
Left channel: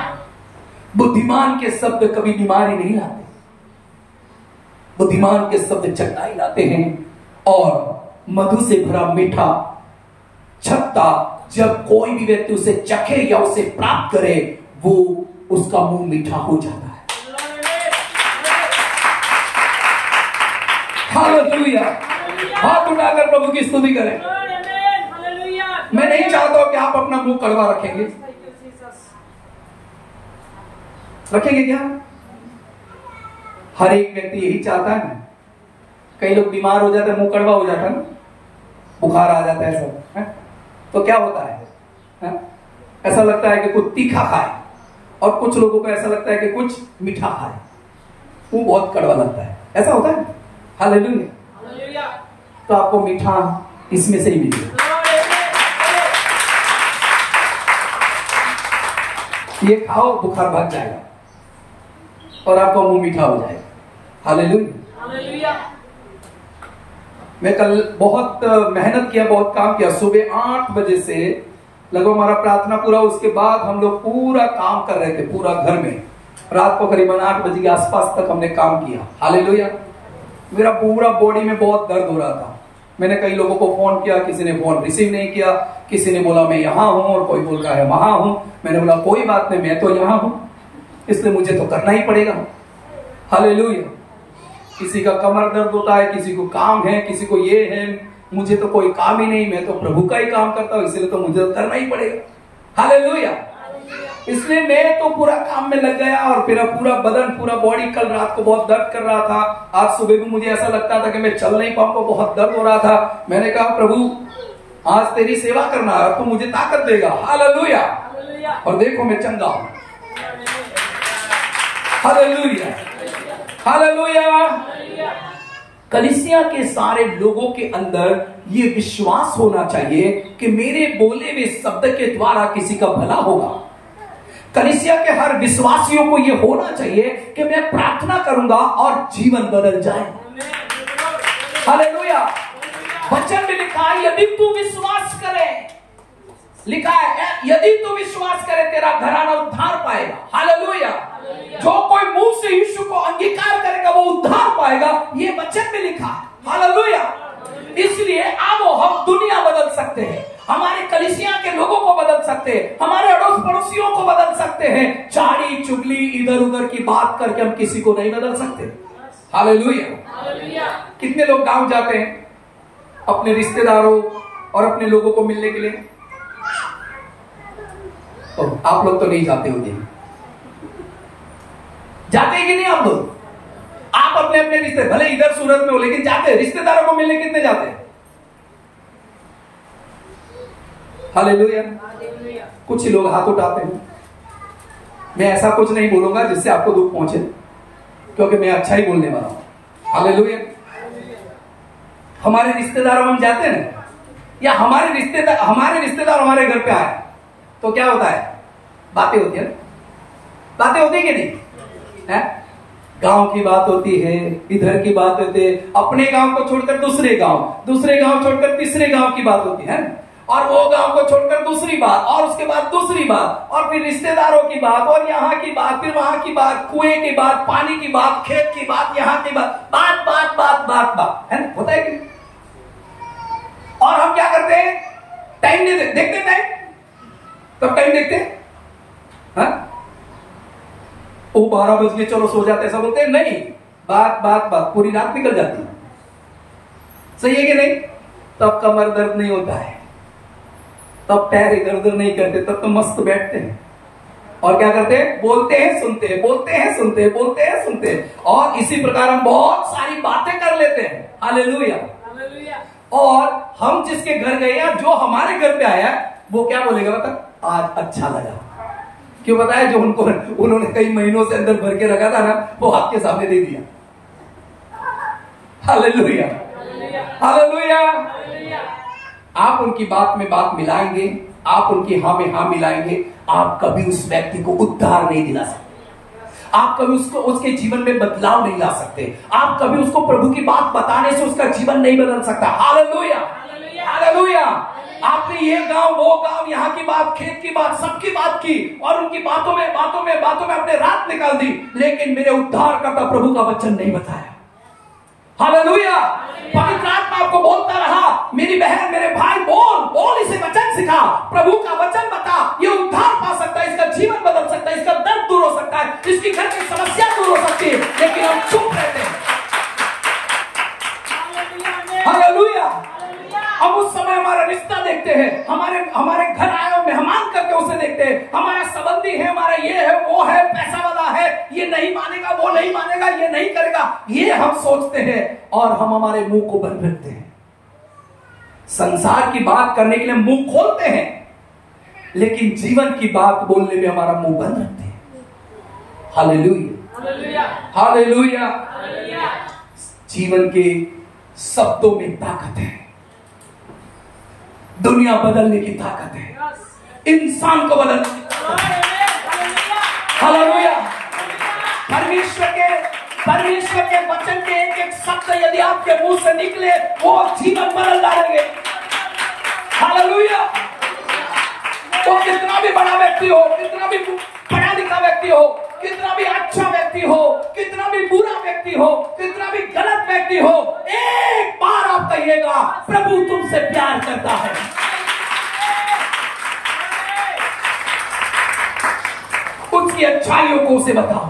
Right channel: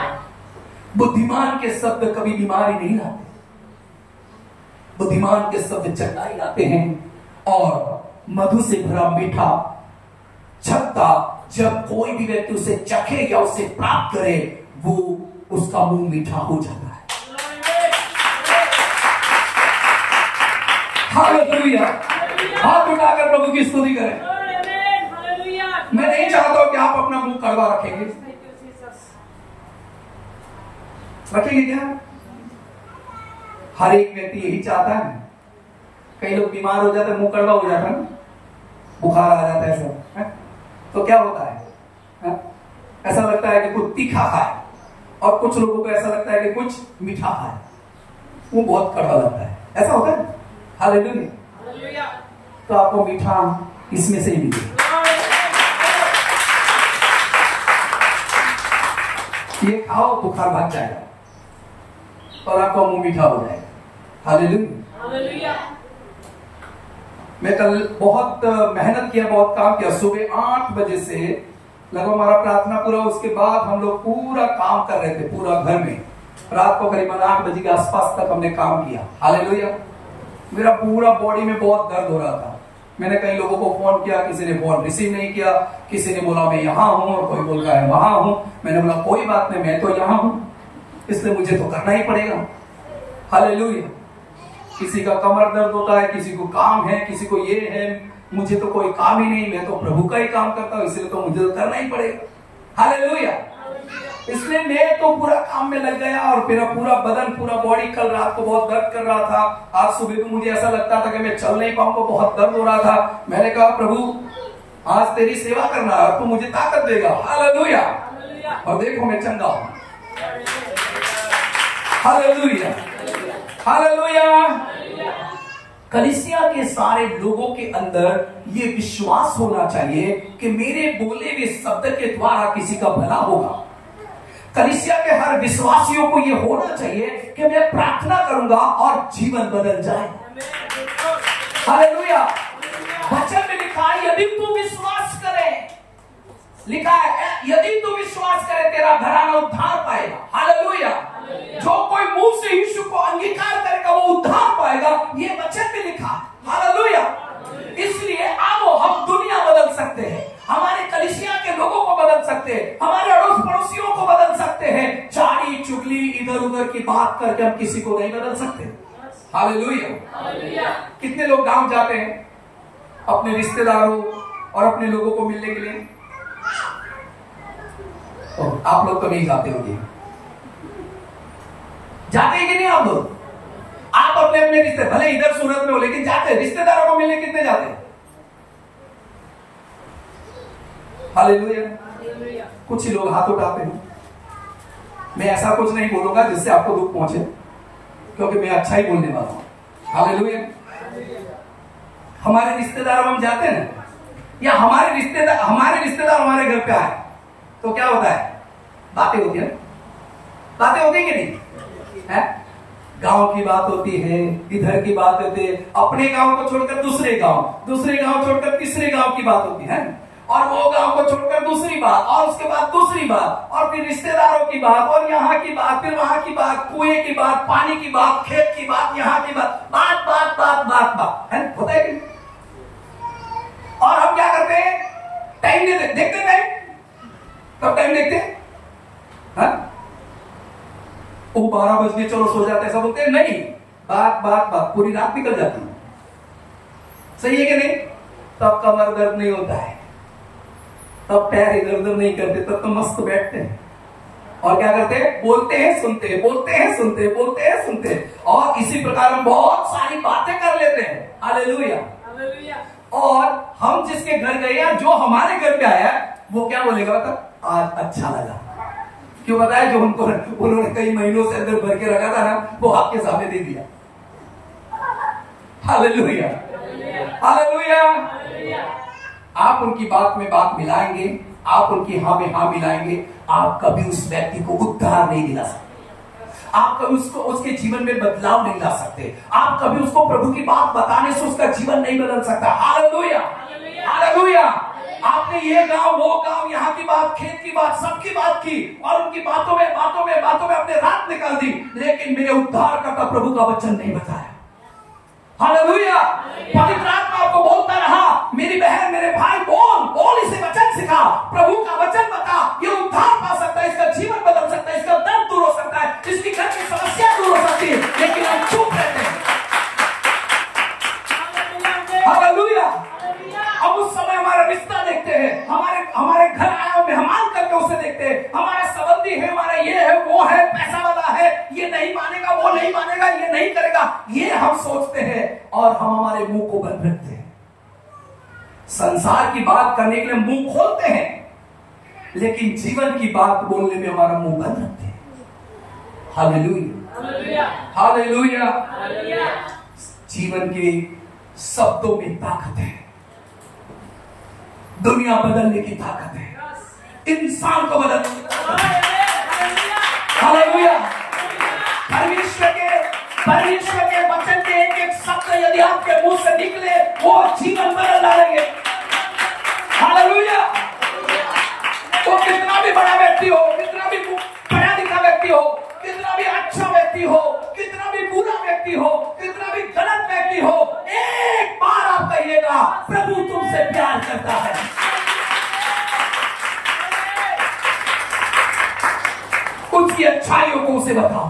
बुद्धिमान के शब्द कभी बीमारी नहीं लाते, बुद्धिमान के शब्द चंगाई लाते हैं। और मधु से भरा मीठा छत्ता, जब कोई भी व्यक्ति उसे चखे या उसे प्राप्त करे, वो उसका मुंह मीठा हो जाता है। हालेलुया। हाथ उठाकर प्रभु की स्तुति करें। मैं नहीं चाहता हूं कि आप अपना मुंह कड़वा रखेंगे। रखेंगे क्या? हर एक व्यक्ति यही चाहता है। कई लोग बीमार हो जाते हैं, मुंह कड़वा हो जाता है ना, बुखार आ जाता है सब है? तो क्या होता है? ऐसा लगता है कि कुछ तीखा खाए, और कुछ लोगों को ऐसा लगता है कि कुछ मीठा खाए, मुंह बहुत कड़वा लगता है। ऐसा होता है। हालेलुया। तो आपको मीठा इसमें से ही मिलेगा। ये खाओ, बुखार भाग जाएगा और आपका मुंह मीठा हो जाएगा। हालेलुया। मैं कल बहुत मेहनत किया, बहुत काम किया। सुबह 8 बजे से लगभग हमारा प्रार्थना पूरा, उसके बाद हम लोग पूरा काम कर रहे थे पूरा घर में। रात को करीबन 8 बजे के आसपास तक हमने काम किया। हालेलुया। मेरा पूरा बॉडी में बहुत दर्द हो रहा था। मैंने कई लोगों को फोन किया, किसी ने फोन रिसीव नहीं किया, किसी ने बोला मैं यहाँ हूं और कोई बोल रहा है वहां हूं। मैंने बोला कोई बात नहीं, मैं तो यहाँ हूं, इसलिए मुझे तो करना ही पड़ेगा। हालेलुया। किसी का कमर दर्द होता है, किसी को काम है, किसी को ये है, मुझे तो कोई काम ही नहीं, मैं तो प्रभु का ही काम करता हूं, इसलिए तो मुझे तो करना ही पड़ेगा। हालेलुया। इसलिए मैं तो पूरा काम में लग गया और मेरा पूरा बदन, पूरा बॉडी कल रात को बहुत दर्द कर रहा था। आज सुबह भी मुझे ऐसा लगता था कि मैं चल नहीं पाऊंगा, बहुत दर्द हो रहा था। मैंने कहा प्रभु आज तेरी सेवा करना है, तू मुझे ताकत देगा। हालेलुया। और देखो मैं चंगा हूं। हालेलुया। हालेलुया। कलीसिया के सारे लोगों के अंदर ये विश्वास होना चाहिए कि मेरे बोले हुए शब्द के द्वारा किसी का भला होगा। कलीसिया के हर विश्वासियों को यह होना चाहिए कि मैं प्रार्थना करूंगा और जीवन बदल जाए। हालेलुया। वचन में लिखा है यदि तू विश्वास करे, लिखा है यदि तू विश्वास करे तेरा घराना उद्धार पाएगा। हालेलुया। जो कोई मुंह से यीशु को अंगीकार करेगा वो उद्धार पाएगा, ये वचन में लिखा है। हालेलुया। इसलिए आओ हम दुनिया बदल सकते हैं, हमारे कलीसिया के लोगों को बदल सकते हैं, हमारे अड़ोस पड़ोसियों को बदल सकते हैं। चाड़ी चुगली इधर उधर की बात करके हम किसी को नहीं बदल सकते। हालेलुया। कितने लोग गांव जाते हैं अपने रिश्तेदारों और अपने लोगों को मिलने के लिए? आप लोग तो नहीं जाते होंगे, जाते हैं कि नहीं आप लोग? आप अपने अपने रिश्ते, भले इधर सूरत में हो, लेकिन जाते हैं रिश्तेदारों को मिलने। कितने जाते हैं? हालेलुया। कुछ ही लोग हाथ उठाते हैं। मैं ऐसा कुछ नहीं बोलूंगा जिससे आपको दुख पहुंचे, क्योंकि मैं अच्छा ही बोलने वाला हूं। हालेलुया। हमारे रिश्तेदारों में हम जाते हैं ना, या हमारे रिश्तेदार हमारे घर पे आए तो क्या होता है? बातें होती है। बातें होती है कि नहीं है? गांव की बात होती है, इधर की बात होती है, अपने गांव को छोड़कर दूसरे गांव छोड़कर तीसरे गांव की बात होती है, और वो गांव को छोड़कर दूसरी बात, और उसके बाद दूसरी बात, और फिर रिश्तेदारों की बात, और यहाँ की बात, फिर वहां की बात, कुएं की बात, पानी की बात, खेत की बात, यहाँ की बात, बात बात बात बात बात है, होता है कि? और हम क्या करते हैं? टाइम देखते टाइम, कब टाइम देखते हैं? 12 बज गए चलो सो जाते, ऐसा बोलते हैं? नहीं, बात बात बात पूरी रात निकल जाती है। सही है कि नहीं? तब कमर दर्द नहीं होता है, तब पैर इधर उधर नहीं करते, तब तो मस्त बैठते हैं। और क्या करते हैं? बोलते हैं सुनते हैं, बोलते हैं सुनते हैं, बोलते हैं सुनते हैं, और इसी प्रकार हम बहुत सारी बातें कर लेते हैं। हालेलुया। और हम जिसके घर गए या जो हमारे घर पे आया वो क्या बोलेगा? मतलब आज अच्छा लगा। क्यों बताया? जो उन्होंने कई महीनों से अंदर भर के रखा था ना, वो आपके सामने दे दिया। हालेलुया। हालेलुया। आप उनकी बात में बात मिलाएंगे, आप उनकी हाँ में हाँ मिलाएंगे, आप कभी उस व्यक्ति को उद्धार नहीं दिला सकते, आप कभी उसके जीवन में बदलाव नहीं ला सकते, आप कभी उसको प्रभु की बात बताने से उसका जीवन नहीं बदल सकता। हालेलुया। हालेलुया। आपने ये गांव वो गांव, यहाँ की बात, खेत की बात, सबकी बात की, और उनकी बातों में अपने रात निकाल दी, लेकिन मेरे उद्धार करता प्रभु का वचन नहीं बताया। हालेलुया। पवित्र आत्मा आपको बोलता रहा, मेरी बहन मेरे भाई, बोल इसे वचन सिखा, प्रभु का वचन बता, ये उद्धार पा सकता है, इसका जीवन बदल सकता है, इसका दर्द दूर हो सकता है, इसकी घर की समस्या दूर हो सकती है, लेकिन हम चुप रहते हैं। हालेलुया। हम उस समय हमारा रिश्ता देखते हैं, हमारे घर आया मेहमान करके उसे देखते हैं, हमारा संबंधी है, हमारा ये है वो है, पैसा वाला है, ये नहीं मानेगा, वो नहीं मानेगा, ये नहीं करेगा, ये हम सोचते हैं, और हम हमारे मुंह को बंद रखते हैं। संसार की बात करने के लिए मुंह खोलते हैं, लेकिन जीवन की बात बोलने में हमारा मुंह बंद रखते हैं। हालेलुया। हालेलुया। जीवन के शब्दों में ताकत है, दुनिया बदलने की ताकत है, इंसान को बदलने की ताकत है। हालेलुया। परमेश्वर के वचन के एक एक शब्द यदि आपके मुंह से निकले वो जीवन बदल डालेंगे। हालेलुया। वो कितना भी बड़ा व्यक्ति हो, कितना भी पढ़ा लिखा व्यक्ति हो, कितना भी अच्छा व्यक्ति हो, कितना भी बुरा व्यक्ति हो, कितना भी गलत व्यक्ति हो, एक बार आप कहिएगा प्रभु तुमसे प्यार करता है। उसकी अच्छाइयों को उसे बताओ,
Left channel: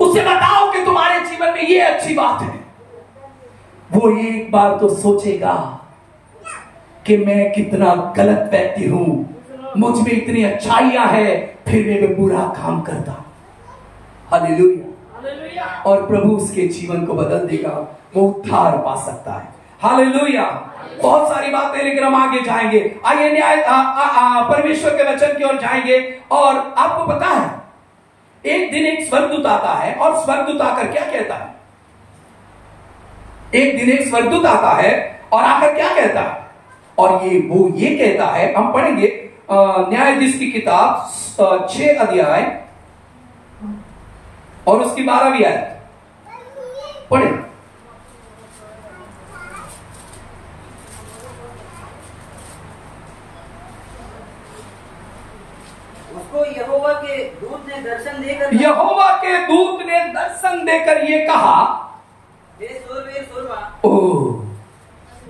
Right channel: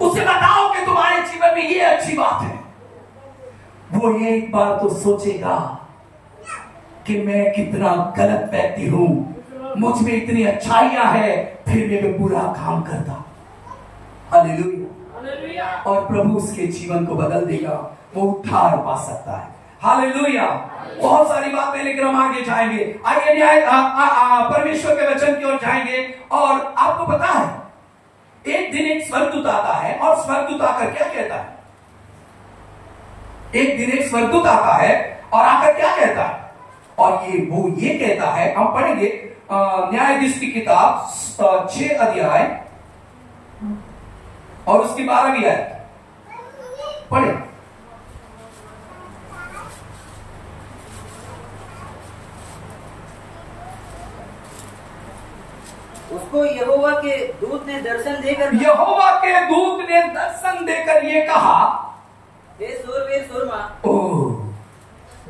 उसे बताओ कि तुम्हारे जीवन में ये अच्छी बात है। वो एक बार तो सोचेगा कि मैं कितना गलत व्यक्ति हूं, मुझ में इतनी अच्छाइयां हैं, फिर मैं बुरा काम करता। हालेलुया। और प्रभु उसके जीवन को बदल देगा, वो उद्धार पा सकता है। हालेलुया। बहुत सारी बातें, लेकिन हम आगे जाएंगे। आगे न्याय परमेश्वर के वचन की ओर जाएंगे। और आपको पता है एक दिन एक स्वर्गदूत आता है, और स्वर्गदूत आकर क्या कहता है? एक दिन एक स्वर्गदूत आता है और आकर क्या कहता है? और वो ये कहता है, हम पढ़ेंगे न्यायाधीश की किताब 6 अध्याय और उसकी 12वीं आयत पढ़े। उसको यहोवा के दूत ने दर्शन देकर ये कहा, हे सूरवीर सूरमा।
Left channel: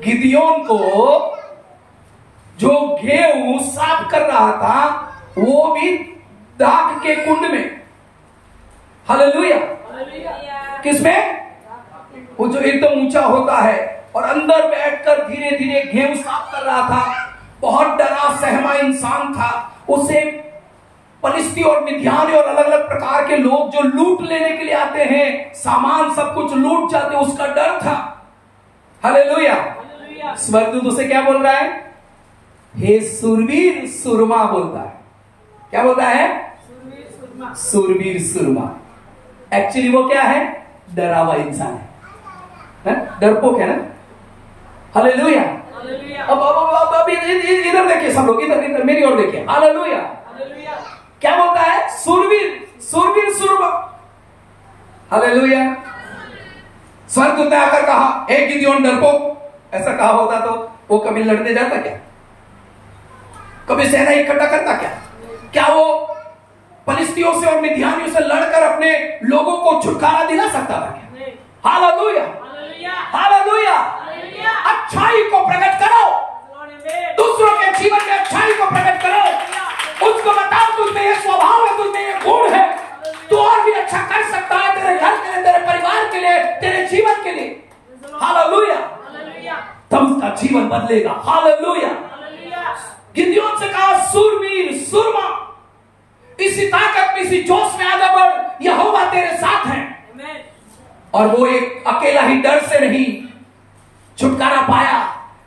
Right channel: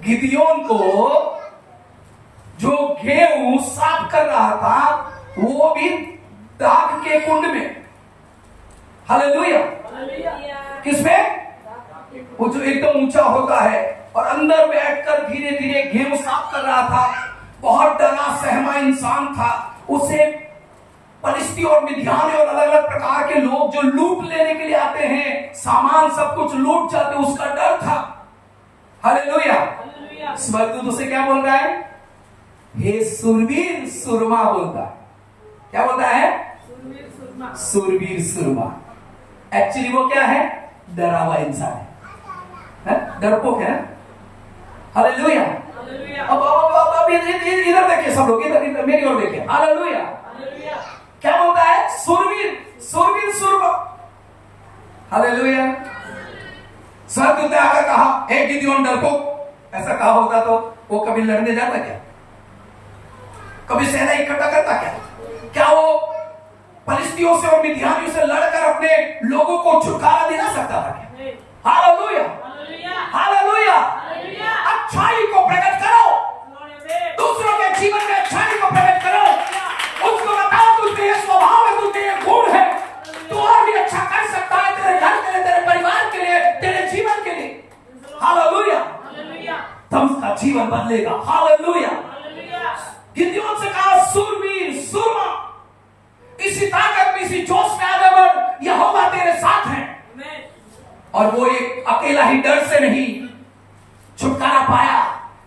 गिदियोन को जो गेहूं साफ कर रहा था, वो भी दाग के कुंड में। हालेलुया। किसमें? वो जो एकदम ऊंचा होता है, और अंदर बैठकर धीरे धीरे गेहूं साफ कर रहा था। बहुत डरा सहमा इंसान था। उसे फलिस्ती और मिद्यानी और अलग अलग प्रकार के लोग जो लूट लेने के लिए आते हैं, सामान सब कुछ लूट जाते, उसका डर था। हालेलुया। स्वर्गदूत उसे क्या बोल रहा है? हे सूरवीर सूरमा बोलता है। क्या बोलता है? सूरवीर सूरमा। एक्चुअली वो क्या है? डरा हुआ इंसान है, डरपोक है ना। हालेलुया। अब इधर देखिए सब लोग, इधर मेरी ओर देखिए। हालेलुया। क्या बोलता है? सूरवीर सूरमा। हालेलुया। स्वर्गदूत ने आकर कहा, हे गिदियोन डरपोक। ऐसा कहा होता तो वो कभी लड़ने जाता क्या? कभी सेना इकट्ठा करता क्या? क्या वो फलिस्तियों से और मिद्यानियों से लड़कर अपने लोगों को छुटकारा दिला सकता था क्या? हालेलुया। हालेलुया। अच्छाई को प्रकट करो, दूसरों के जीवन में अच्छाई को प्रकट करो। उसको बताओ तुझे ये स्वभाव है, तुझे ये गुण है, तू और भी अच्छा कर सकता है, तेरे घर के लिए, तेरे परिवार के लिए, तेरे जीवन के लिए। हालेलुया। तब उसका जीवन बदलेगा। हालेलुया। गिदियोन से कहा, सूरवीर सूरमा, इसी ताकत में, इसी जोश में आगे बढ़, यहोवा तेरे साथ है। और वो एक अकेला ही डर से नहीं छुटकारा पाया,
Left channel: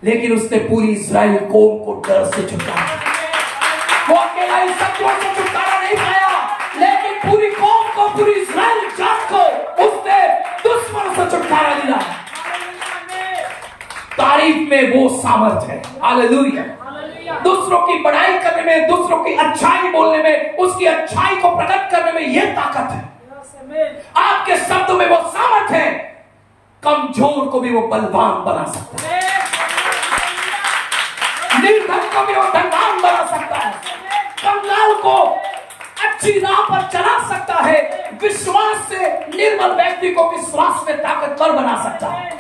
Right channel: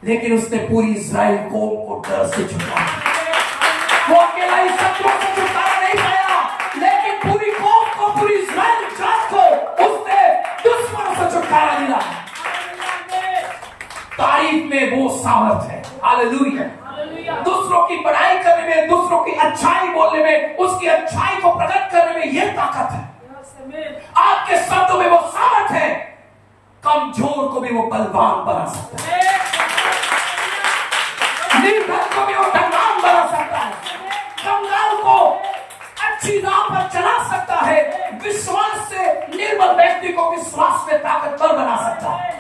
लेकिन उसने पूरी इस्राएल कौम को डर से छुटकारा। वो अकेला ही शत्रुओं से छुटकारा नहीं पाया, लेकिन पूरी कौम को, पूरी इस्राएल जात को उसने दुश्मनों से छुटकारा दिला। तारीफ में वो सामर्थ्य है। हालेलुया। दूसरों की बड़ाई करने में, दूसरों की अच्छाई बोलने में, उसकी अच्छाई को प्रकट करने में यह ताकत है। आपके शब्दों में वो सामर्थ्य है। कमजोर को भी वो बलवान बना सकता है, निर्धन को भी वो धनवान बना सकता है, कंगाल को अच्छी राह पर चला सकता है, विश्वास से निर्बल व्यक्ति को विश्वास में ताकतवर बना सकता है।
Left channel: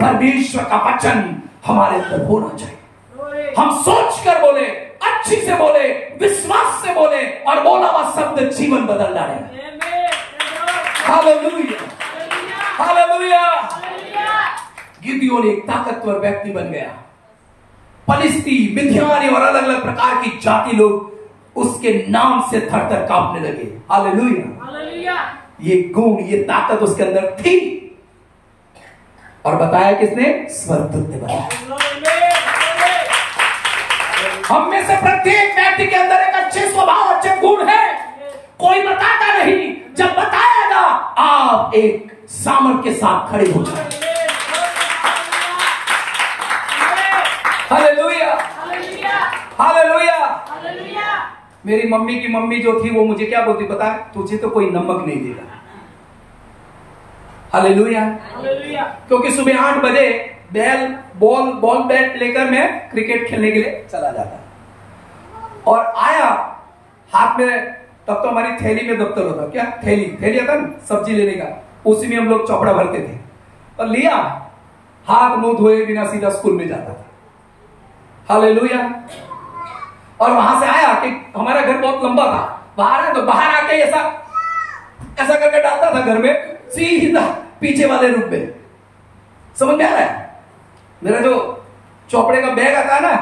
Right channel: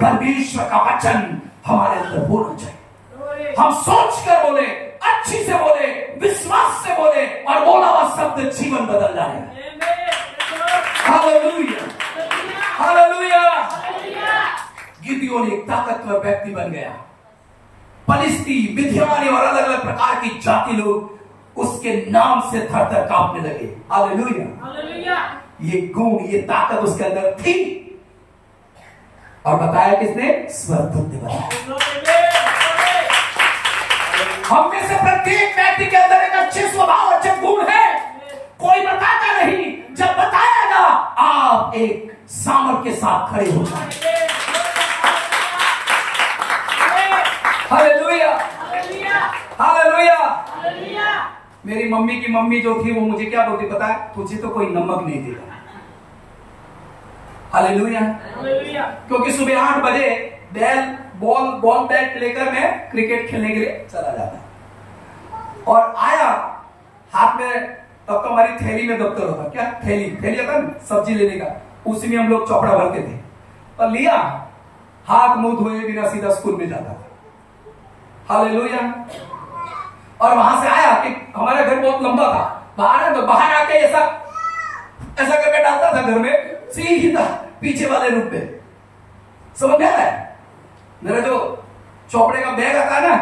परमेश्वर का वचन हमारे अंदर होना चाहिए। हम सोच कर बोले, अच्छी से बोले, विश्वास से बोले, और बोला हुआ शब्द जीवन बदल डाले। हालेलुया। हालेलुया। गिदियोन एक ताकतवर व्यक्ति बन गया। फलिस्ती, मिद्यानी और अलग अलग प्रकार की जाति लोग उसके नाम से थर थर कांपने लगे। हालेलुया। ये गुण, ये ताकत उसके अंदर थी। और बताया किसने? स्वर्गदूत ने बताया। हम में से प्रत्येक व्यक्ति के अंदर एक अच्छे स्वभाव, अच्छे गुण है। कोई बताता नहीं, जब बताएगा आप एक सामर्थ्य के साथ खड़े हो जाए। हालेलुया। हालेलुया। मेरी मम्मी की मम्मी जो थी वो मुझे क्या बोलती पता है, तुझे तो कोई नमक नहीं देगा। हालेलुया। क्योंकि सुबह 8 बजे बॉल बैट लेकर मैं क्रिकेट खेलने के लिए चला जाता और आया हाथ में, तब तो हमारी थैली में दफ्तर होता, क्या थैली आता ना सब्जी लेने का, उसी में हम लोग चौपड़ा भरते थे और लिया, हाथ मुंह धोए बिना सीधा स्कूल में जाता था। हालेलुया। और वहां से आया कि हमारा घर बहुत लंबा था, बाहर आके ऐसा करके डालता था घर में, सीधा पीछे वाले रूप में। समझ में आ रहा है? मेरा जो चौपड़े का बैग आता है ना,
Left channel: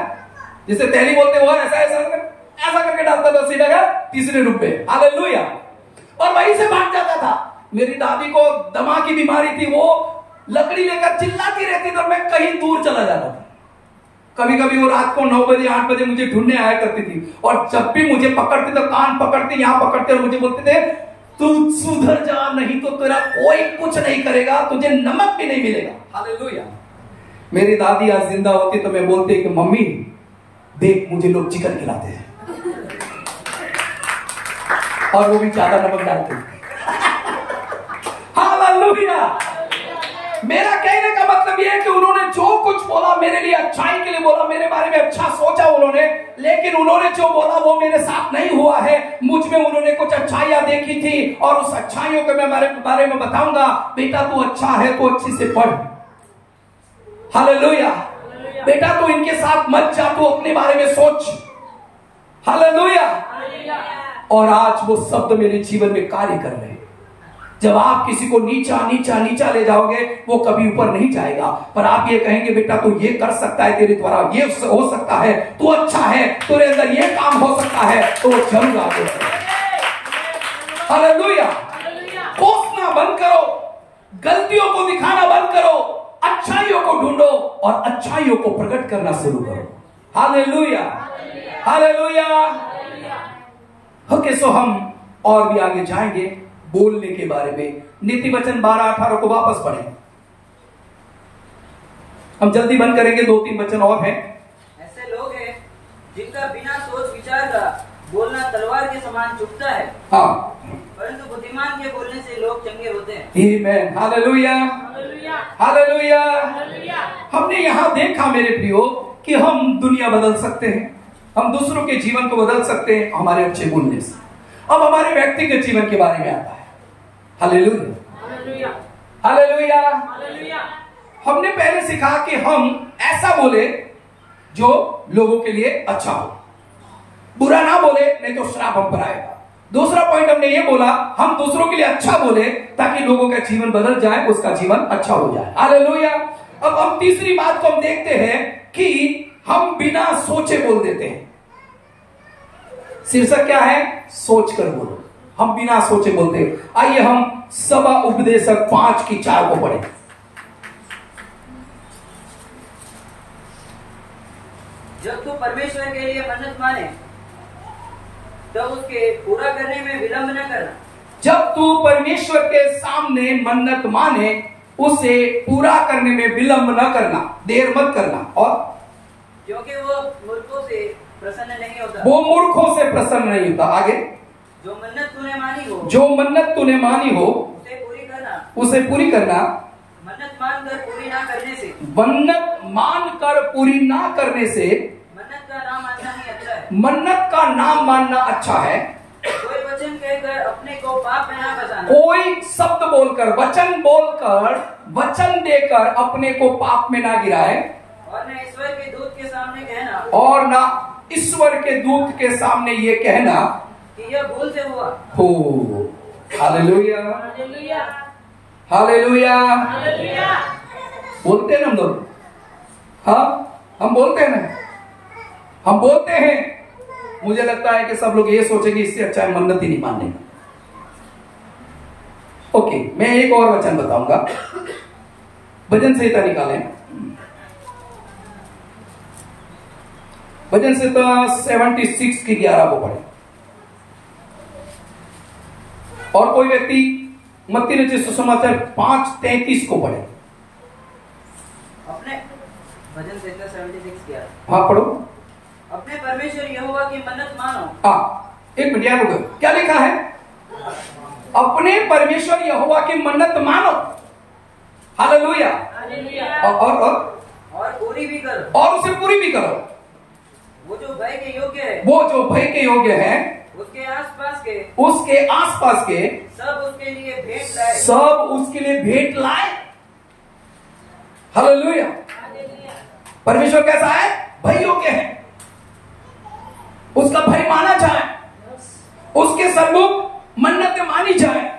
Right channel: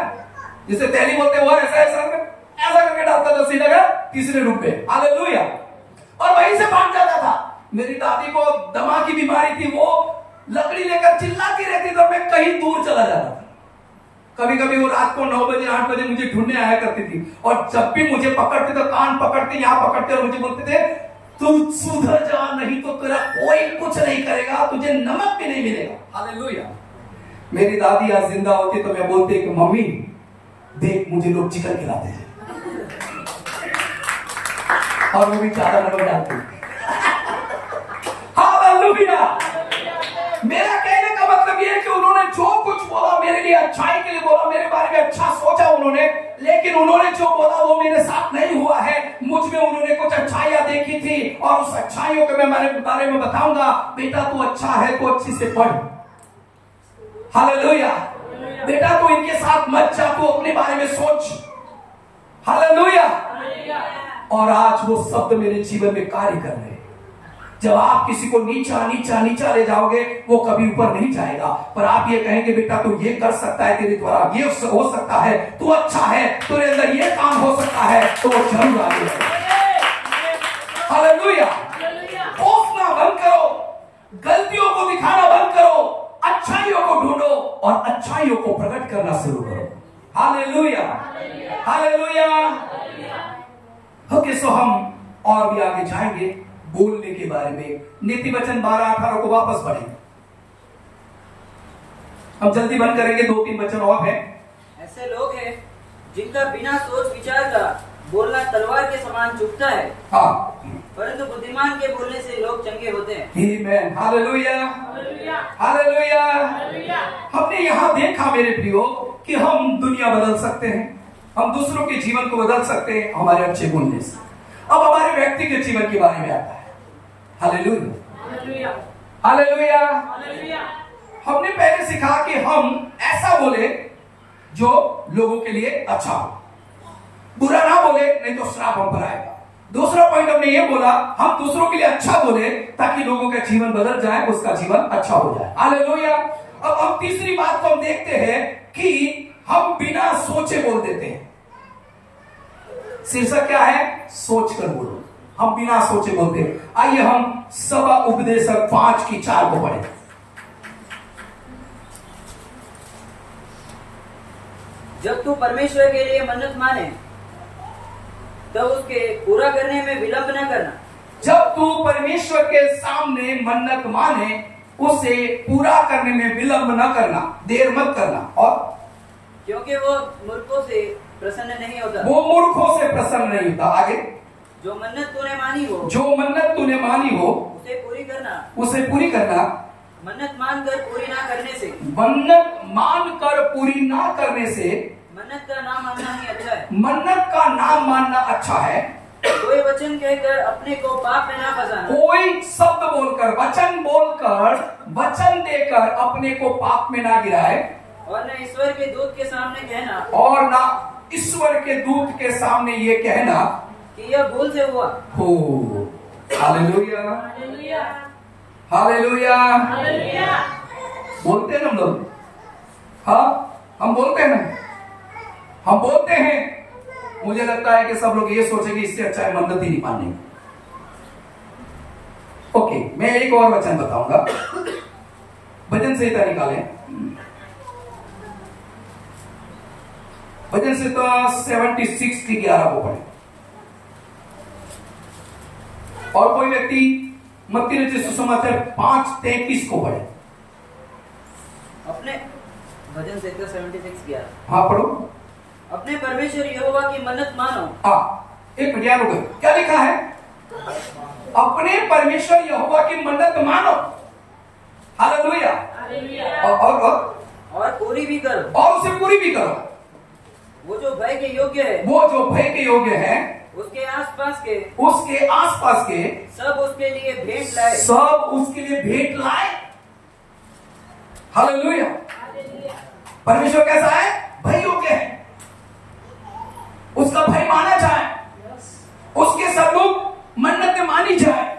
जिसे थैली बोलते हैं, वो ऐसा करके डालता था सीधा तीसरे रूप में। हालेलुया। और वहीं से भाग जाता था। मेरी दादी को दमा की बीमारी थी, वो लकड़ी लेकर चिल्लाती रहती थी और मैं कहीं दूर चला जाता था। कभी कभी वो रात को 9 बजे 8 बजे मुझे ढूंढने आया करती थी और जब भी मुझे पकड़ते तो कान पकड़ते, यहां पकड़ते और मुझे बोलते थे तू सुधर जा, नहीं तो तेरा कोई कुछ नहीं करेगा, तुझे नमक भी नहीं मिलेगा। हालेलुया। मेरी दादी आज जिंदा होती तो मैं बोलती कि मम्मी देख मुझे लोग चिकन खिलाते हैं और वो भी 4 नंबर डालते हैं। हालेलुया। मेरा कहने का मतलब यह है कि उन्होंने जो कुछ बोला मेरे लिए अच्छाई के लिए बोला, मेरे बारे में अच्छा सोचा उन्होंने, लेकिन उन्होंने जो बोला वो मेरे साथ नहीं हुआ है। मुझ में उन्होंने कुछ अच्छाइयां देखी थी और उस अच्छाइयों के मैं बारे में बताऊंगा। बेटा तू अच्छा है तो अच्छी से पढ़। हालेलुया। बेटा तू इनके साथ मत जा, तू अपने बारे में सोच। हालेलुया। और आज वो शब्द मेरे जीवन में कार्य कर रहे हैं। जब आप किसी को नीचा नीचा नीचा ले जाओगे वो कभी ऊपर नहीं जाएगा, पर आप ये कहेंगे बेटा तू ये कर सकता है, तेरे द्वारा ये हो सकता है, तू अच्छा है, तेरे अंदर ये काम हो सकता है, तो वो जरूर आगे बढ़ेगा। हालेलुया। कोसना बंद करो, गलतियों को दिखाना बंद करो, अच्छाइयों को ढूंढो और अच्छाइयों को प्रकट करना शुरू करो। हालेलुया। हालेलुया। ओके, सो हम और भी आगे जाएंगे बोलने के बारे में। नीति वचन 12-18 को वापस पढ़ें। हम जल्दी बंद करेंगे, 2-3 वचन और हैं। ऐसे लोग हैं जिनका बिना सोच विचार का बोलना तलवार के समान चुभता है, हाँ, परंतु बुद्धिमान के बोलने से लोग चंगे होते हैं। आमीन। हालेलुया। हालेलुया। हमने यहाँ देखा मेरे प्रियो कि हम दुनिया बदल सकते हैं, हम दूसरों के जीवन को बदल सकते हैं हमारे अच्छे बोलने से। अब हमारे व्यक्तिगत जीवन के बारे में आता है। हालेलुया। हालेलुया। हमने पहले सीखा कि हम ऐसा बोले जो लोगों के लिए अच्छा हो, बुरा ना बोले नहीं तो श्राप हम पर आएगा। दूसरा पॉइंट हमने ये बोला हम दूसरों के लिए अच्छा बोले ताकि लोगों का जीवन बदल जाए, उसका जीवन अच्छा हो जाए। हालेलुया। अब हम तीसरी बात को हम देखते हैं कि हम बिना सोचे बोल देते हैं। शीर्षक क्या है? सोच कर बोलो। हम बिना सोचे बोलते हैं। आइए हम सभा उपदेशक 5:4 को पढ़ें। जब तू परमेश्वर के लिए मन्नत माने तब उसके पूरा करने में विलंब न करना। जब तू परमेश्वर के सामने मन्नत माने उसे पूरा करने में विलंब न करना, देर मत करना। और क्योंकि वो मूर्खों से प्रसन्न नहीं होता। वो मूर्खों से प्रसन्न नहीं होता। आगे, जो मन्नत तूने मानी हो, जो मन्नत तूने मानी हो उसे पूरी करना, उसे पूरी करना। मन्नत मानकर पूरी ना करने से, मन्नत मानकर पूरी ना करने से, मन्नत का नाम मानना ही अच्छा है। मन्नत का नाम मानना अच्छा है। कोई वचन कहकर अपने को पाप में ना फंसाना। कोई शब्द बोलकर, वचन बोलकर, वचन देकर अपने को पाप में ना गिराए। और न ईश्वर के दूत के सामने कहना, और ना ईश्वर के दूत के सामने ये कहना कि यह भूल से हुआ हो। हालेलुया। हालेलुया। बोलते हैं हम लोग, हाँ हम बोलते हैं, हम बोलते हैं। मुझे लगता है कि सब लोग ये सोचेंगे इससे अच्छा है मन्नत ही नहीं मानने। ओके, मैं एक और वचन बताऊंगा। भजन संहिता निकालें। भजन संहिता 76 की 11 को पढ़े। और कोई व्यक्ति मत्ती रचित सुसमाचार 5:33 को पढ़े। अपने भजन संहिता 76 11। हाँ पढ़ो। अपने परमेश्वर यहोवा की मन्नत मानो। हाँ, एक मिनट याद होगा क्या लिखा है? अपने परमेश्वर यहोवा की मन्नत मानो। हालेलुया। और पूरी भी करो। और उसे पूरी भी करो। वो जो भय के योग्य है। वो जो भय के योग्य है। उसके आसपास के सब उसके लिए भेंट लाए। सब उसके लिए भेंट लाए। हालेलुया। परमेश्वर कैसा है? भय योग्य है। उसका भय माना जाए, उसके सम्मुख मन्नतें मानी जाए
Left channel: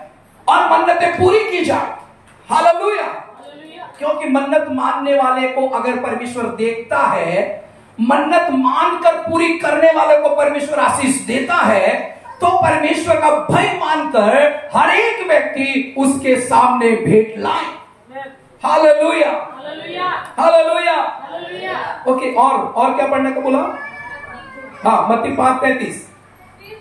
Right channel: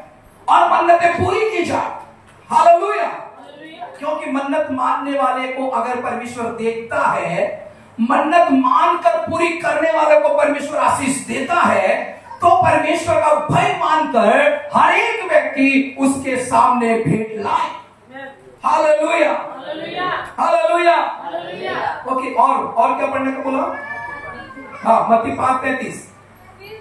और मन्नतें पूरी की जाए। हालेलुया। क्योंकि मन्नत मानने वाले को अगर परमेश्वर देखता है, मन्नत मानकर पूरी करने वाले को परमेश्वर आशीष देता है, तो परमेश्वर का भय मानकर हर एक व्यक्ति उसके सामने भेंट लाए। हालेलुया। हालेलुया। ओके, और क्या पढ़ने को बोला? हाँ, मत्ती 5:33। फिर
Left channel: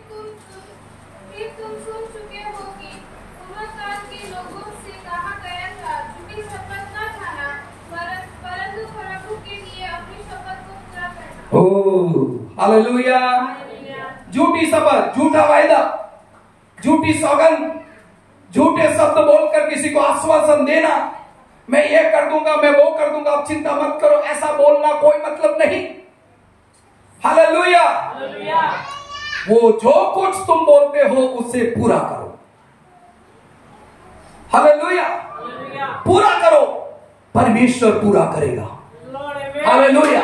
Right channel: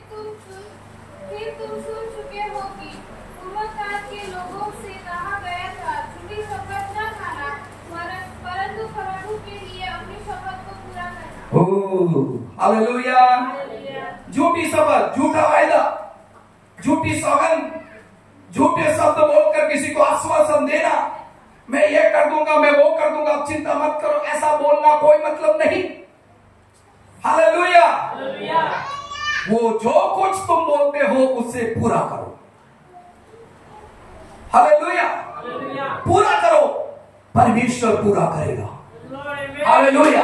तुम सुन चुके हो कि पूर्वकाल के लोगों से कहा गया था, झूठी शपथ न खाना, परंतु प्रभु के लिए अपनी शपथ को पूरा करना। ओह, हालेलुया। झूठी शपथ, झूठा वायदा, झूठी सौगंध, झूठे शब्द बोलकर किसी को आश्वासन देना, मैं ये कर दूंगा, मैं वो कर दूंगा, अब चिंता मत करो, ऐसा बोलना कोई मतलब नहीं। हालेलुया। वो जो कुछ तुम बोलते हो उसे पूरा करो। हालेलुया। पूरा करो, परमेश्वर पूरा करेगा। हालेलुया।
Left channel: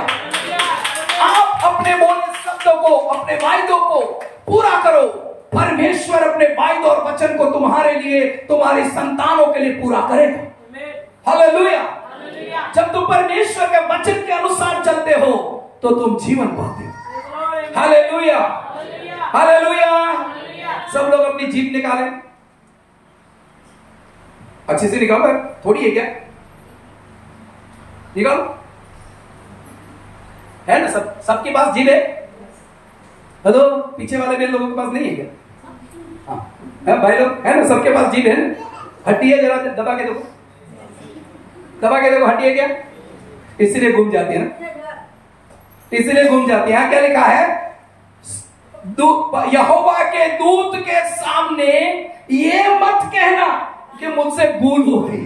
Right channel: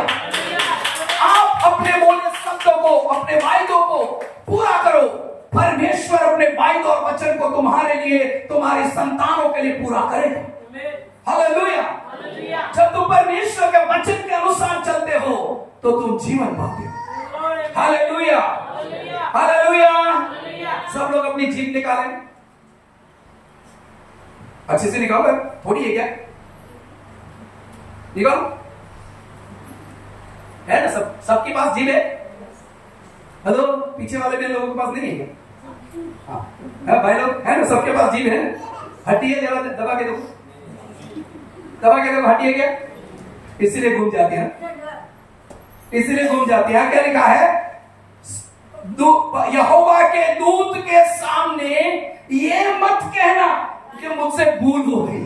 आप अपने बोले शब्दों को, अपने वायदों को पूरा करो, परमेश्वर अपने वायदों और वचन को तुम्हारे लिए, तुम्हारी संतानों के लिए पूरा करेगा। हालेलुया। जब तुम परमेश्वर के वचन के अनुसार चलते हो तो तुम जीवन पाते हो। हालेलुया। हालेलुया। सब लोग अपनी जीभ निकालें, अच्छे से निकालो, थोड़ी है क्या? निकालो, है ना? सबके पास जीभ है? हेलो, पीछे वाले भी लोगों के पास नहीं है क्या? हाँ भाई लोग, है ना? सबके पास जीभ है। हड्डी है, जरा दबा के देखो, दबा के देखो, हड्डी है क्या? इसीलिए घूम जाती है ना, इसलिए घूम जाती है। क्या लिखा है? यहोवा के दूत के सामने ये मत कहना कि मुझसे भूल हो गई।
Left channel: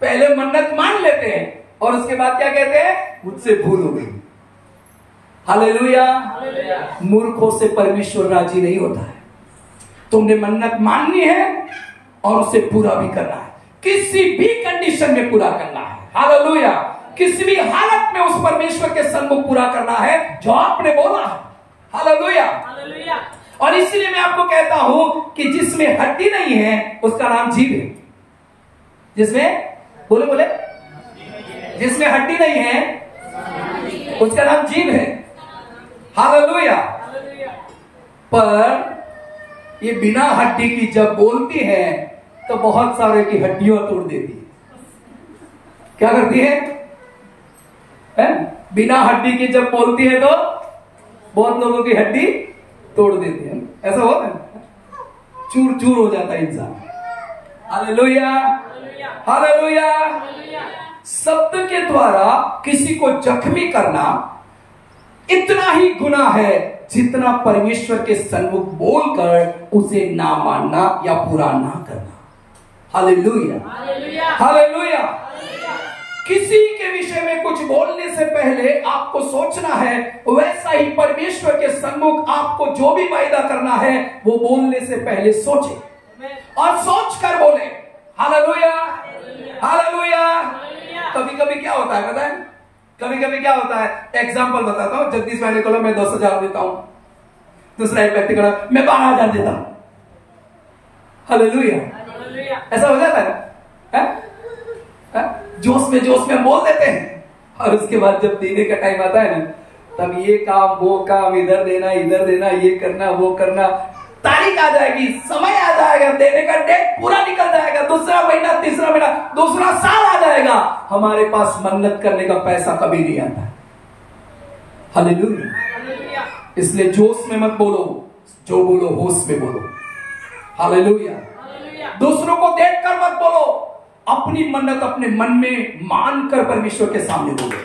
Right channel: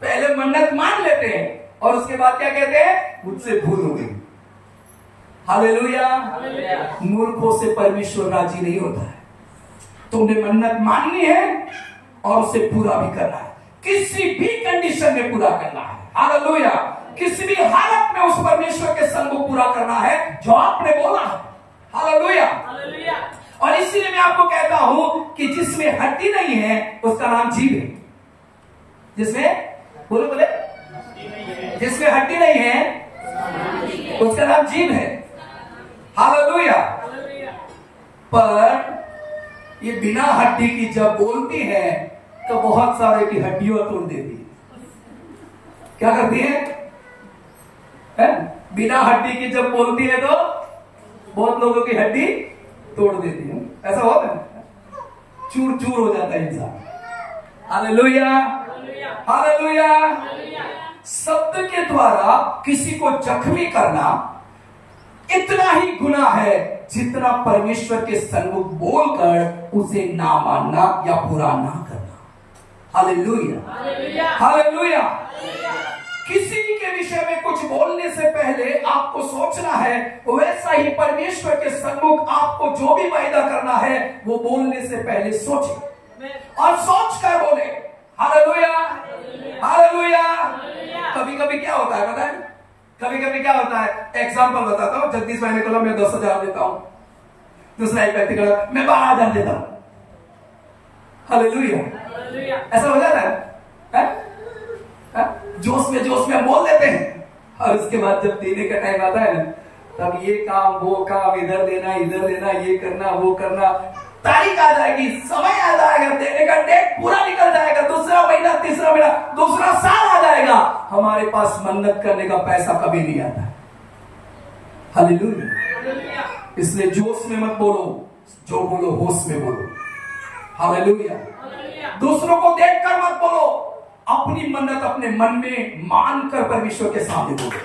पहले मन्नत मान लेते हैं और उसके बाद क्या कहते हैं? मुझसे भूल हो गई। हालेलुया। मूर्खों से परमेश्वर राजी नहीं होता है। तुमने मन्नत माननी है और उसे पूरा भी करना है, किसी भी कंडीशन में पूरा करना है। हालेलुया। किसी भी हालत में उस परमेश्वर के सम्मुख पूरा करना है जो आपने बोला है। हालेलुया। और इसलिए मैं आपको कहता हूं कि जिसमें हड्डी नहीं है उसका नाम जीभ है। जिसमें बोले बोले जिसमें हड्डी नहीं है उसका नाम जीभ है। हालेलुया। पर ये बिना हड्डी की जब बोलती है तो बहुत सारे की हड्डियों तोड़ देती है। क्या करती है? बिना हड्डी की जब बोलती है तो बहुत लोगों की हड्डी तोड़ देती है। ऐसा होता है, चूर चूर हो जाता है इंसान। हालेलुया। हालेलुया। शब्द के द्वारा किसी को जख्मी करना इतना ही गुनाह है जितना परमेश्वर के सन्मुख बोलकर उसे ना मानना या पूरा ना करना। हालेलुया। हालेलुया। किसी के विषय में कुछ बोलने से पहले आपको सोचना है, वैसा ही परमेश्वर के सन्मुख आपको जो भी वायदा करना है वो बोलने से पहले सोचे और सोच कर बोले। हालेलुया। हालेलुया। कभी कभी क्या होता है पता है? कभी कभी क्या होता है, एग्जाम्पल बताता हूं। जगदीश भाई ने बोला मैं 10,000 देता हूं, दूसरा एक व्यक्ति बोला मैं 12,000 देता हूं। हालेलुया। ऐसा हो जाता है? जोश में हम बोल देते हैं और उसके बाद जब देने का टाइम आता है ना, तब ये काम वो काम, इधर देना, ये करना, वो करना, तारीख आ जाएगी, समय आ जाएगा, देने का डेट पूरा निकल जाएगा, दूसरा महीना, तीसरा महीना, दूसरा साल आ जाएगा, हमारे पास मन्नत करने का पैसा कभी नहीं आता। हालेलुया। इसलिए जोश में मत बोलो, जो बोलो होश में बोलो। हालेलुया। दूसरों को देखकर मत बोलो, अपनी मन्नत अपने मन में मानकर परमेश्वर के सामने बोलो।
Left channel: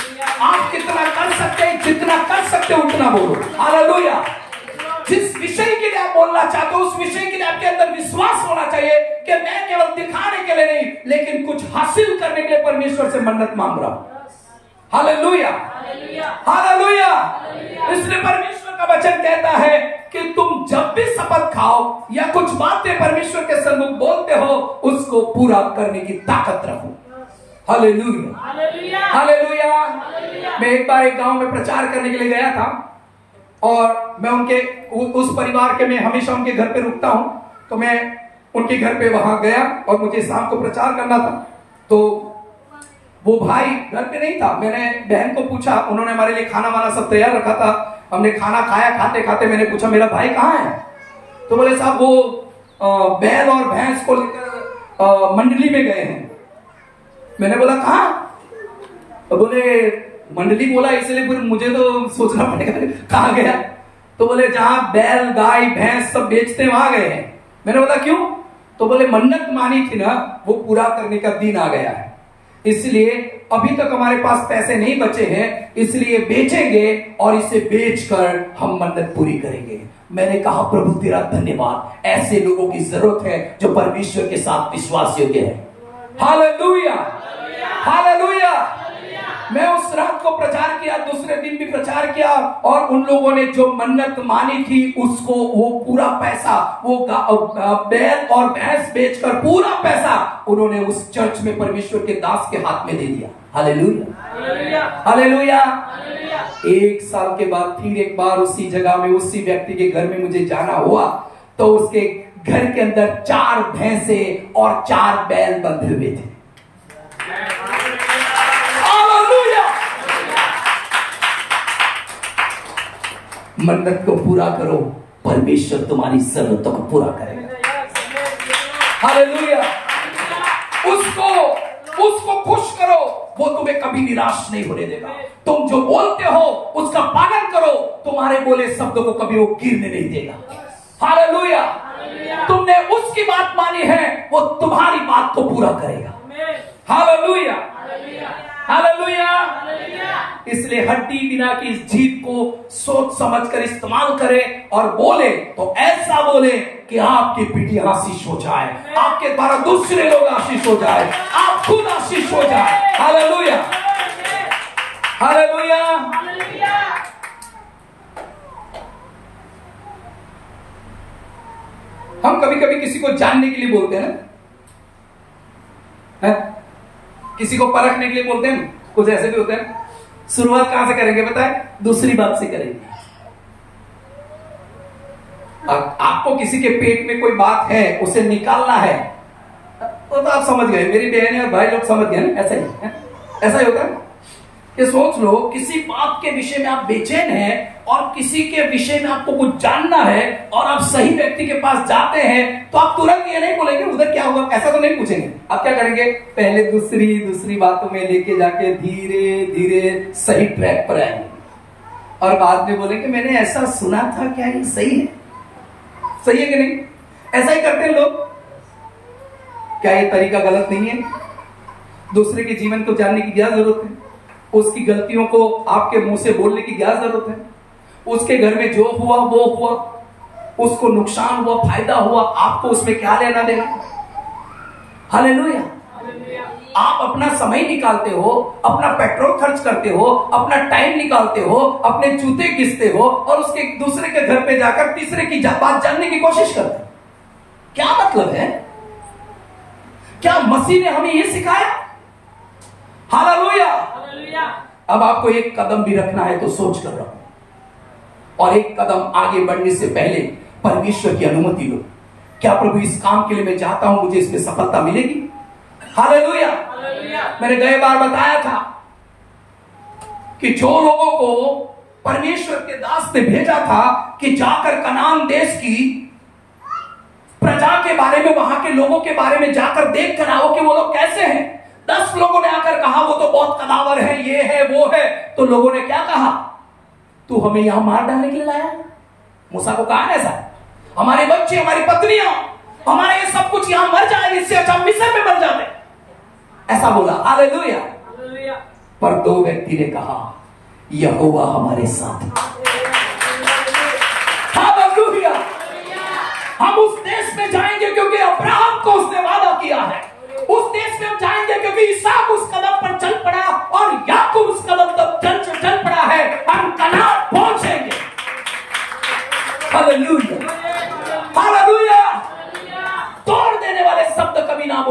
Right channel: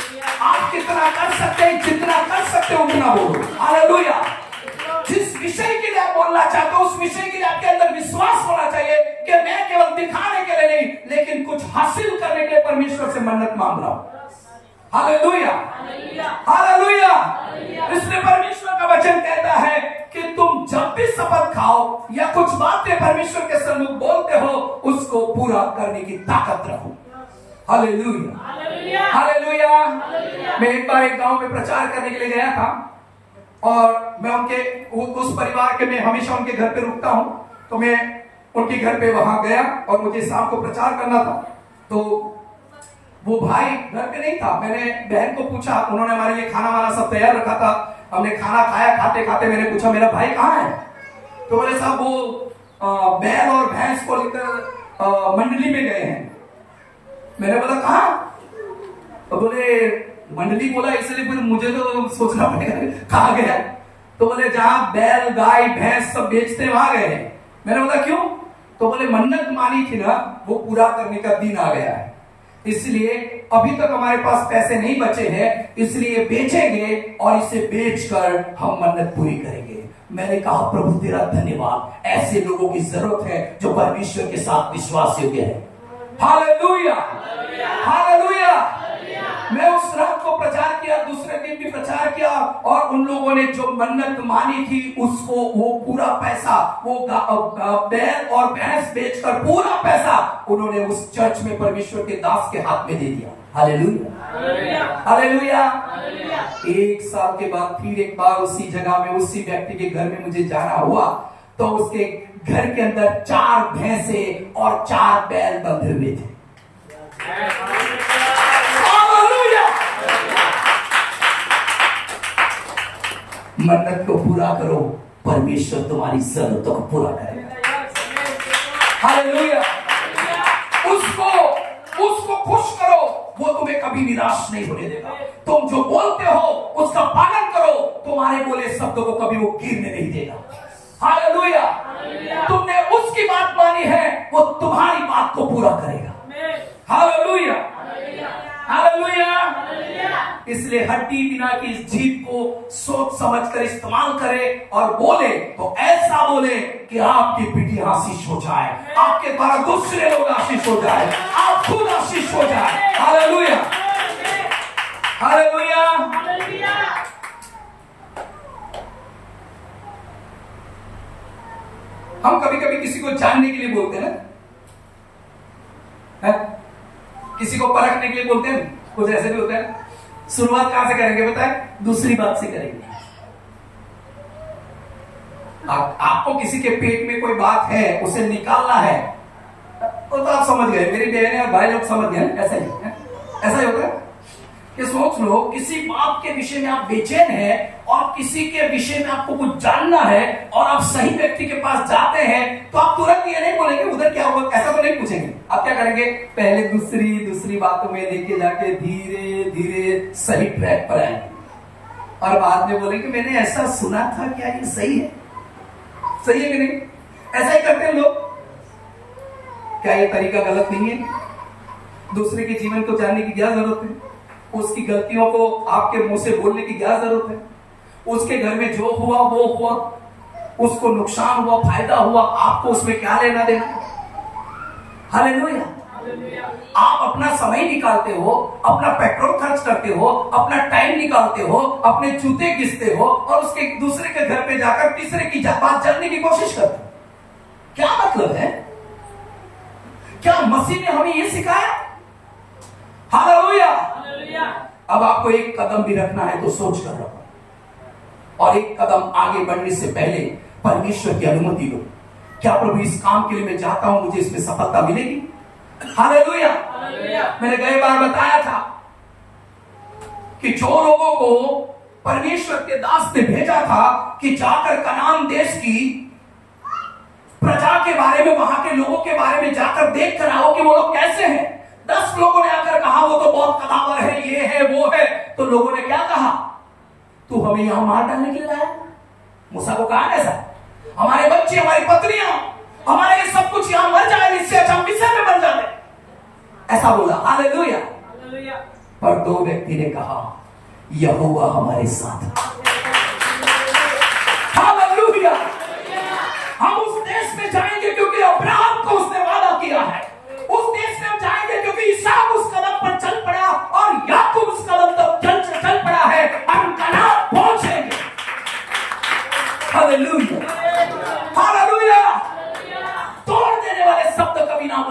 आप कितना कर सकते हैं, जितना कर सकते हैं उतना बोलो। हालेलुया। जिस विषय के लिए आप बोलना चाहते हो उस विषय के लिए आपके अंदर विश्वास होना चाहिए कि मैं केवल दिखाने के लिए नहीं लेकिन कुछ हासिल करने के लिए परमेश्वर से मन्नत मांग रहा हूं। Hallelujah, hallelujah. इसलिए परमेश्वर का वचन कहता है कि तुम जब भी शपथ खाओ या कुछ बातें परमेश्वर के सम्मुख बोलते हो उसको पूरा करने की ताकत रखो। Hallelujah, hallelujah. मैं एक बार एक गांव में प्रचार करने के लिए गया था और मैं उनके उस परिवार के, मैं हमेशा उनके घर पे रुकता हूं, तो मैं उनके घर पे वहां गया और मुझे शाम को प्रचार करना था। तो वो भाई घर पे नहीं था। मैंने बहन को पूछा, उन्होंने हमारे लिए खाना वाना सब तैयार रखा था। हमने खाना खाया, खाते खाते मैंने पूछा मेरा भाई कहाँ है? तो बोले साहब वो बैल और भैंस को लेकर मंडली में गए हैं। मैंने बोला कहाँ? तो बोले मंडली बोला, इसलिए फिर मुझे तो सोचना पड़ेगा कहाँ गया। तो बोले जहां बैल गाय भैंस सब बेचते हैं वहां गए हैं। मैंने बोला क्यों? तो बोले मन्नत मानी थी ना, वो पूरा करने का दिन आ गया है, इसलिए अभी तक हमारे पास पैसे नहीं बचे हैं, इसलिए बेचेंगे और इसे बेचकर हम मन्नत पूरी करेंगे। मैंने कहा प्रभु तेरा धन्यवाद, ऐसे लोगों की जरूरत है जो परमेश्वर के साथ विश्वास योग्य है। Hallelujah, hallelujah. मैं उस रात को प्रचार किया, दूसरे दिन भी प्रचार किया और उन लोगों ने जो मन्नत मानी थी उसको वो पूरा पैसा, वो बैल और भैंस बेचकर पूरा पैसा उन्होंने उस चर्च में परमेश्वर के दास के हाथ में दे दिया। Hallelujah, hallelujah. एक साल के बाद फिर एक बार उसी जगह में उसी व्यक्ति के घर में मुझे जाना हुआ, तो उसके घर के अंदर 4 भैंसे और 4 बैल बंधे हुए थे। मन्नत को पूरा करो, परमेश्वर तुम्हारी जरूरतों को पूरा करेगा। हालेलुया। उसको खुश करो, वो तुम्हें कभी निराश नहीं होने देगा। तुम जो बोलते हो उसका पालन करो, तुम्हारे बोले शब्दों को कभी वो गिरने नहीं देगा। हालेलुया। तुमने उसकी बात मानी है, वो तुम्हारी बात को पूरा करेगा। Hallelujah, hallelujah. इसलिए हड्डी बिना की इस जीभ को सोच समझकर इस्तेमाल करे और बोले तो ऐसा बोले कि आपकी पीढ़ी आशीष हो जाए, आपके द्वारा दूसरे लोग आशीष हो जाए, आप खुद आशीष हो जाए। Hallelujah, hallelujah. हम कभी कभी किसी को जानने के लिए बोलते हैं, किसी को परखने के लिए बोलते हैं, कुछ ऐसे भी होते हैं। शुरुआत कहां से करेंगे बताएं? दूसरी बात से करेंगे। आपको किसी के पेट में कोई बात है उसे निकालना है तो आप समझ गए, मेरी बहन है भाई लोग समझ गए। ऐसा ही ऐसा ही होता है कि सोच लो किसी बात के विषय में आप बेचैन हैं और किसी के विषय में आपको कुछ जानना है और आप सही व्यक्ति के पास जाते हैं तो आप तुरंत ये नहीं बोलेंगे उधर क्या हुआ, ऐसा तो नहीं पूछेंगे। आप क्या करेंगे? पहले दूसरी बातों में लेके जाके धीरे धीरे सही ट्रैक पर आएंगे और बाद में बोलेंगे मैंने ऐसा सुना था, क्या ये सही है? सही है कि नहीं? ऐसा ही करते हैं लोग। क्या ये तरीका गलत नहीं है? दूसरे के जीवन को जानने की क्या जरूरत है? उसकी गलतियों को आपके मुंह से बोलने की क्या जरूरत है? उसके घर में जो हुआ वो हुआ, उसको नुकसान हुआ फायदा हुआ, आपको उसमें क्या लेना देना? हालेलुया। आप अपना समय निकालते हो, अपना पेट्रोल खर्च करते हो, अपना टाइम निकालते हो, अपने जूते घिसते हो और उसके दूसरे के घर पे जाकर तीसरे की बात जानने की कोशिश करते हो। क्या मतलब है? क्या मसीह ने हमें यह सिखाया? हालेलुया। अब आपको एक कदम भी रखना है तो सोच कर रखो और एक कदम आगे बढ़ने से पहले परमेश्वर की अनुमति लो। क्या प्रभु इस काम के लिए मैं चाहता हूं, मुझे इसमें सफलता मिलेगी? हालेलुया। मैंने गए बार बताया था कि जो लोगों को परमेश्वर के दास ने भेजा था कि जाकर कनान देश की प्रजा के बारे में, वहां के लोगों के बारे में जाकर देख कर आओ कि वो लोग कैसे हैं। 10 लोगों ने आकर कहा वो तो बहुत कदावर है, ये है वो है। तो लोगों ने क्या कहा? तू हमें यहां मार डालने के लिए लाया? मूसा को कहा ऐसा, हमारे बच्चे हमारी पत्नियां हमारे सब कुछ यहां मर जाए, इससे अच्छा हम मिस्र में मर जाते, ऐसा बोला। हालेलुया। पर 2 व्यक्ति ने कहा यहोवा हमारे साथ। हालेलुया।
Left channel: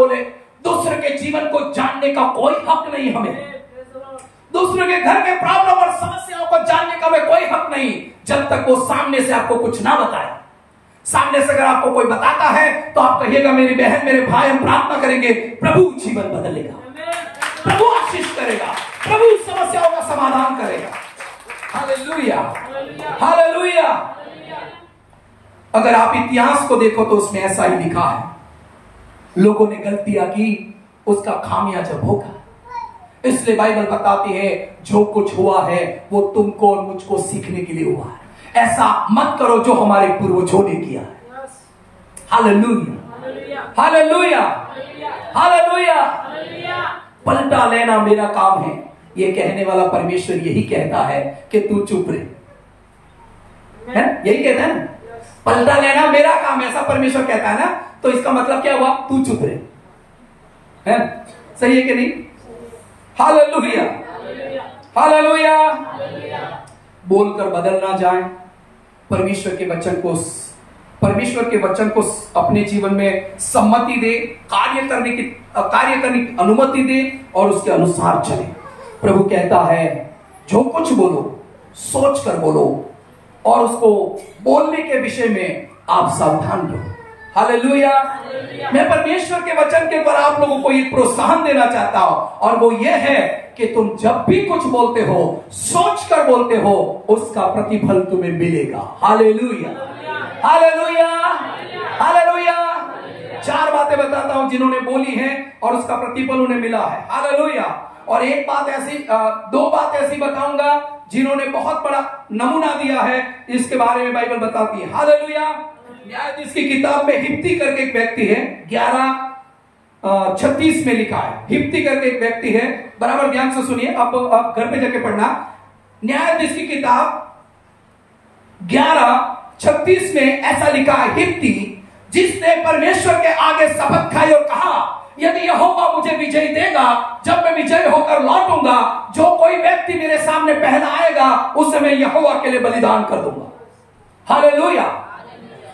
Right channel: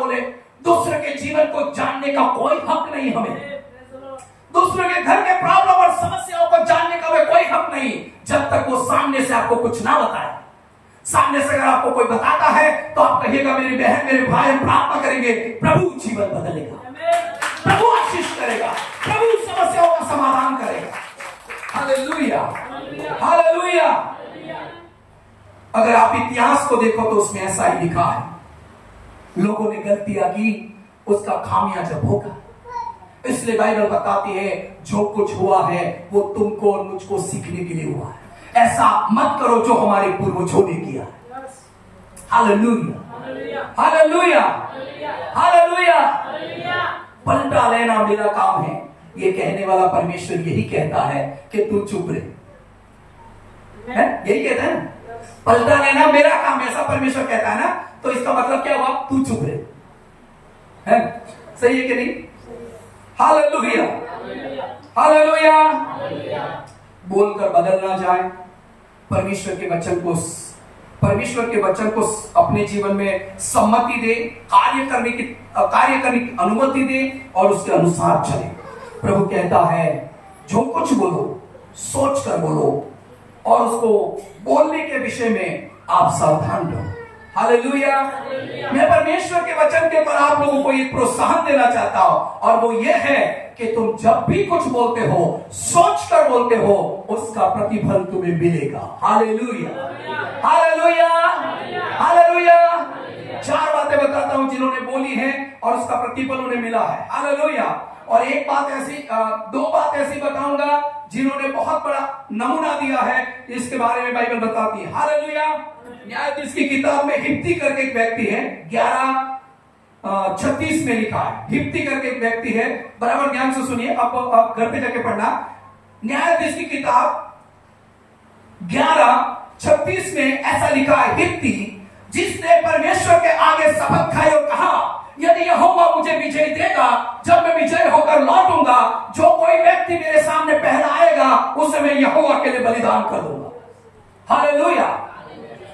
बोले, दूसरे के जीवन को जानने का कोई हक नहीं हमें। दूसरे के घर के प्रॉब्लम और समस्याओं को जानने का हमें कोई हक नहीं, जब तक वो सामने से आपको कुछ ना बताए। सामने से अगर आपको कोई बताता है तो आप कहिएगा मेरी बहन, मेरे भाई, हम प्रार्थना करेंगे, प्रभु जीवन बदलेगा, प्रभु आशीष करेगा, प्रभु समस्याओं का समाधान करेगा। Hallelujah, hallelujah. अगर आप इतिहास को देखो तो उसमें ऐसा ही लिखा है, लोगों ने गलतियां की, उसका खामियाजा भोगा। इसलिए बाइबल बताती है जो कुछ हुआ है वो तुमको और मुझको सीखने के लिए हुआ है। ऐसा मत करो जो हमारे पूर्वजों ने किया है। Hallelujah, hallelujah, hallelujah. पलटा लेना मेरा काम है, ये कहने वाला परमेश्वर यही कहता है कि तू चुप रहे, यही कहता है ना, पलटा लेना मेरा काम, ऐसा परमेश्वर कहता है ना। तो इसका मतलब क्या हुआ? तू चुप रहे, सही है कि नहीं? Hallelujah, hallelujah. बोलकर बदल ना जाए, परमेश्वर के वचन को अपने जीवन में सम्मति दे, कार्य करने की अनुमति दे और उसके अनुसार चले। प्रभु कहता है जो कुछ बोलो सोच कर बोलो और उसको बोलने के विषय में आप सावधान रहो। हालेलुया। मैं परमेश्वर के वचन के ऊपर आप लोगों को एक प्रोत्साहन देना चाहता हूं, और वो ये है कि तुम जब भी कुछ बोलते हो सोच कर बोलते हो, उसका प्रतिफल तुम्हें मिलेगा। Hallelujah, hallelujah, hallelujah. 4 बातें बताता हूं जिन्होंने बोली है और उसका प्रतिफल उन्हें मिला है। हालेलुया। और एक बात ऐसी, 2 बात ऐसी बताऊंगा जिन्होंने बहुत बड़ा नमूना दिया है, इसके बारे में बाइबल बताती है। हालेलुया। न्यायाधीश की किताब में हिप्ती करके एक व्यक्ति है, 11:36 में लिखा है। हिप्ती करके एक व्यक्ति है, बराबर ध्यान से सुनिए, आप घर पे जाके पढ़ना। न्यायाधीश की किताब 11:36 में ऐसा लिखा है, हिप्ती जिसने परमेश्वर के आगे शपथ खाई और कहा यदि यहोवा मुझे विजय देगा, जब मैं विजय होकर लौटूंगा, जो कोई व्यक्ति मेरे सामने पहला आएगा उसे मैं यहोवा के लिए बलिदान कर दूंगा। हालेलुया।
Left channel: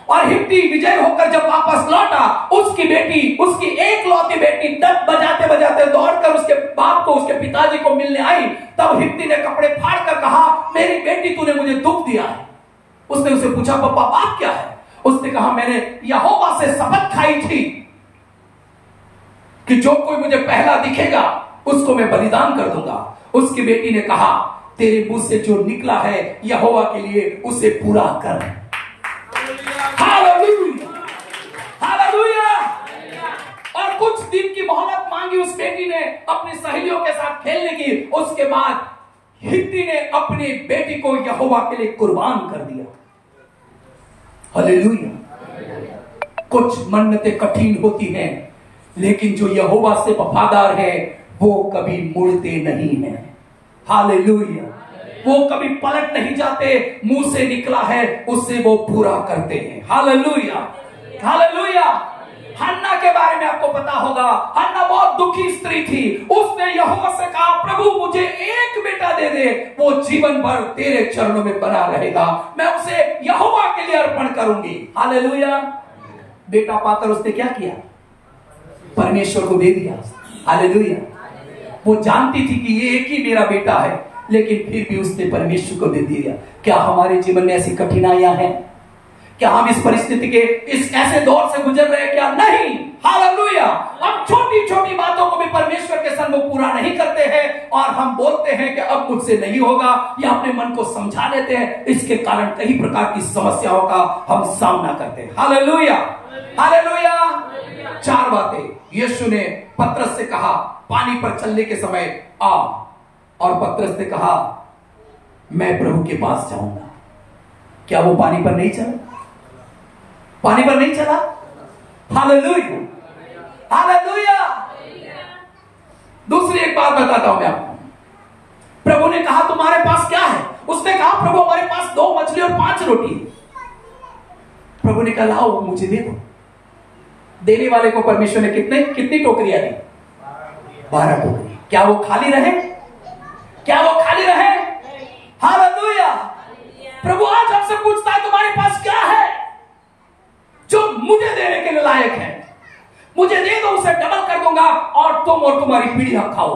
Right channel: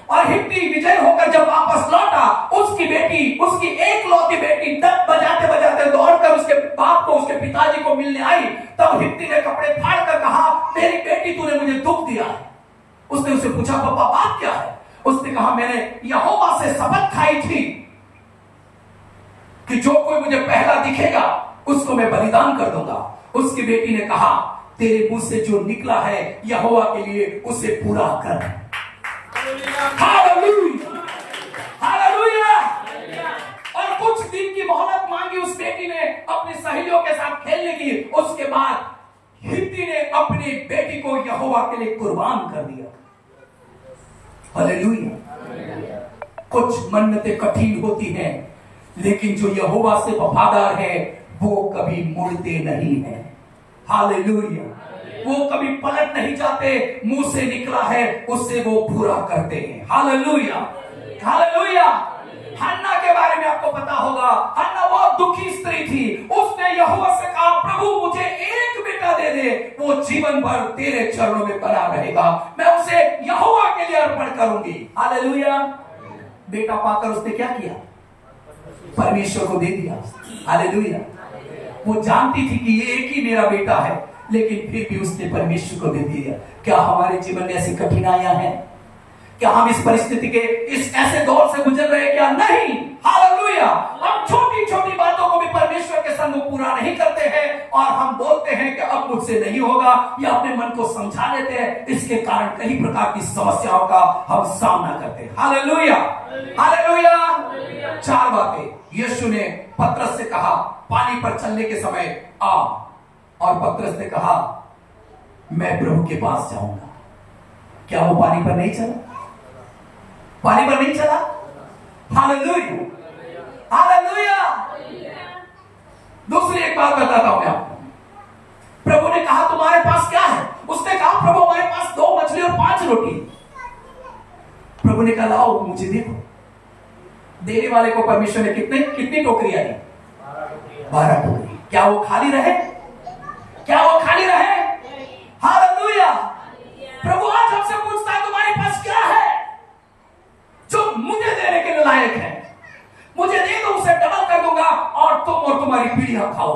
और हिप्ती विजय होकर जब वापस लौटा, उसकी बेटी, उसकी एकलौती बेटी डग बजाते बजाते दौड़कर उसके बाप को, उसके पिताजी को मिलने आई। तब हिप्ती ने कपड़े फाड़कर कहा मेरी बेटी तूने मुझे दुख दिया है। उसने उसे पूछा पापा बात क्या है? उसने कहा मैंने यहोवा से शपथ खाई थी कि जो कोई मुझे पहला दिखेगा उसको मैं बलिदान कर दूंगा। उसकी बेटी ने कहा तेरे मुंह से जो निकला है यहोवा के लिए उसे पूरा कर। Hallelujah, hallelujah. और कुछ दिन की मोहलत मांगी उस बेटी ने अपनी सहेलियों के साथ खेलने की। उसके बाद हिप्ती ने अपनी बेटी को यहोवा के लिए कुर्बान कर दिया। हालेलुया। कुछ मन्नतें कठिन होती हैं, लेकिन जो यहोवा से वफादार है वो कभी मुड़ते नहीं है। हालेलुया। वो कभी पलट नहीं जाते, मुंह से निकला है उससे वो पूरा करते हैं। Hallelujah, hallelujah. हन्ना के बारे में आपको पता होगा, हन्ना बहुत दुखी स्त्री थी। उसने यहोवा से कहा प्रभु मुझे एक बेटा दे दे, वो जीवन भर तेरे चरणों में बना रहेगा, मैं उसे यहोवा के लिए अर्पण करूंगी। हालेलुया। बेटा पाकर उसने क्या किया? परमेश्वर को दे दिया। हालेलुया। वो जानती थी कि ये एक ही मेरा बेटा है, लेकिन फिर भी उसने परमेश्वर को दे दिया। क्या हमारे जीवन में ऐसी कठिनाइयां हैं? क्या हम इस परिस्थिति के इस ऐसे दौर से गुजर रहे हैं? क्या नहीं? हालेलुया। हम छोटी छोटी बातों को भी परमेश्वर के संग पूरा नहीं करते हैं और हम बोलते हैं कि अब मुझसे नहीं होगा, या अपने मन को समझा लेते हैं। इसके कारण कई प्रकार की समस्याओं का हम सामना करते हैं। Hallelujah, hallelujah. 4 बातें यीशु ने पतरस से कहा पानी पर चलने के समय आ, और पतरस ने कहा मैं प्रभु के पास जाऊंगा। क्या वो पानी पर नहीं चला? पानी पर नहीं चला? Hallelujah, hallelujah. दूसरी एक बात बताता हूं मैं आपको। प्रभु ने कहा तुम्हारे पास क्या है? उसने कहा प्रभु हमारे पास 2 मछली और 5 रोटी। प्रभु ने कहा लाओ मुझे देखो। देने वाले को परमेश्वर ने कितनी टोकरियां दी? 12 टोकरी। क्या वो खाली रहे? क्या वो खाली रहे? हालेलुया। प्रभु आज हमसे पूछता है तुम्हारे पास क्या है जो मुझे देने के लिए लायक है? मुझे दे दो, उसे डबल कर दूंगा और तुम और तुम्हारी पीढ़ियां खाओ।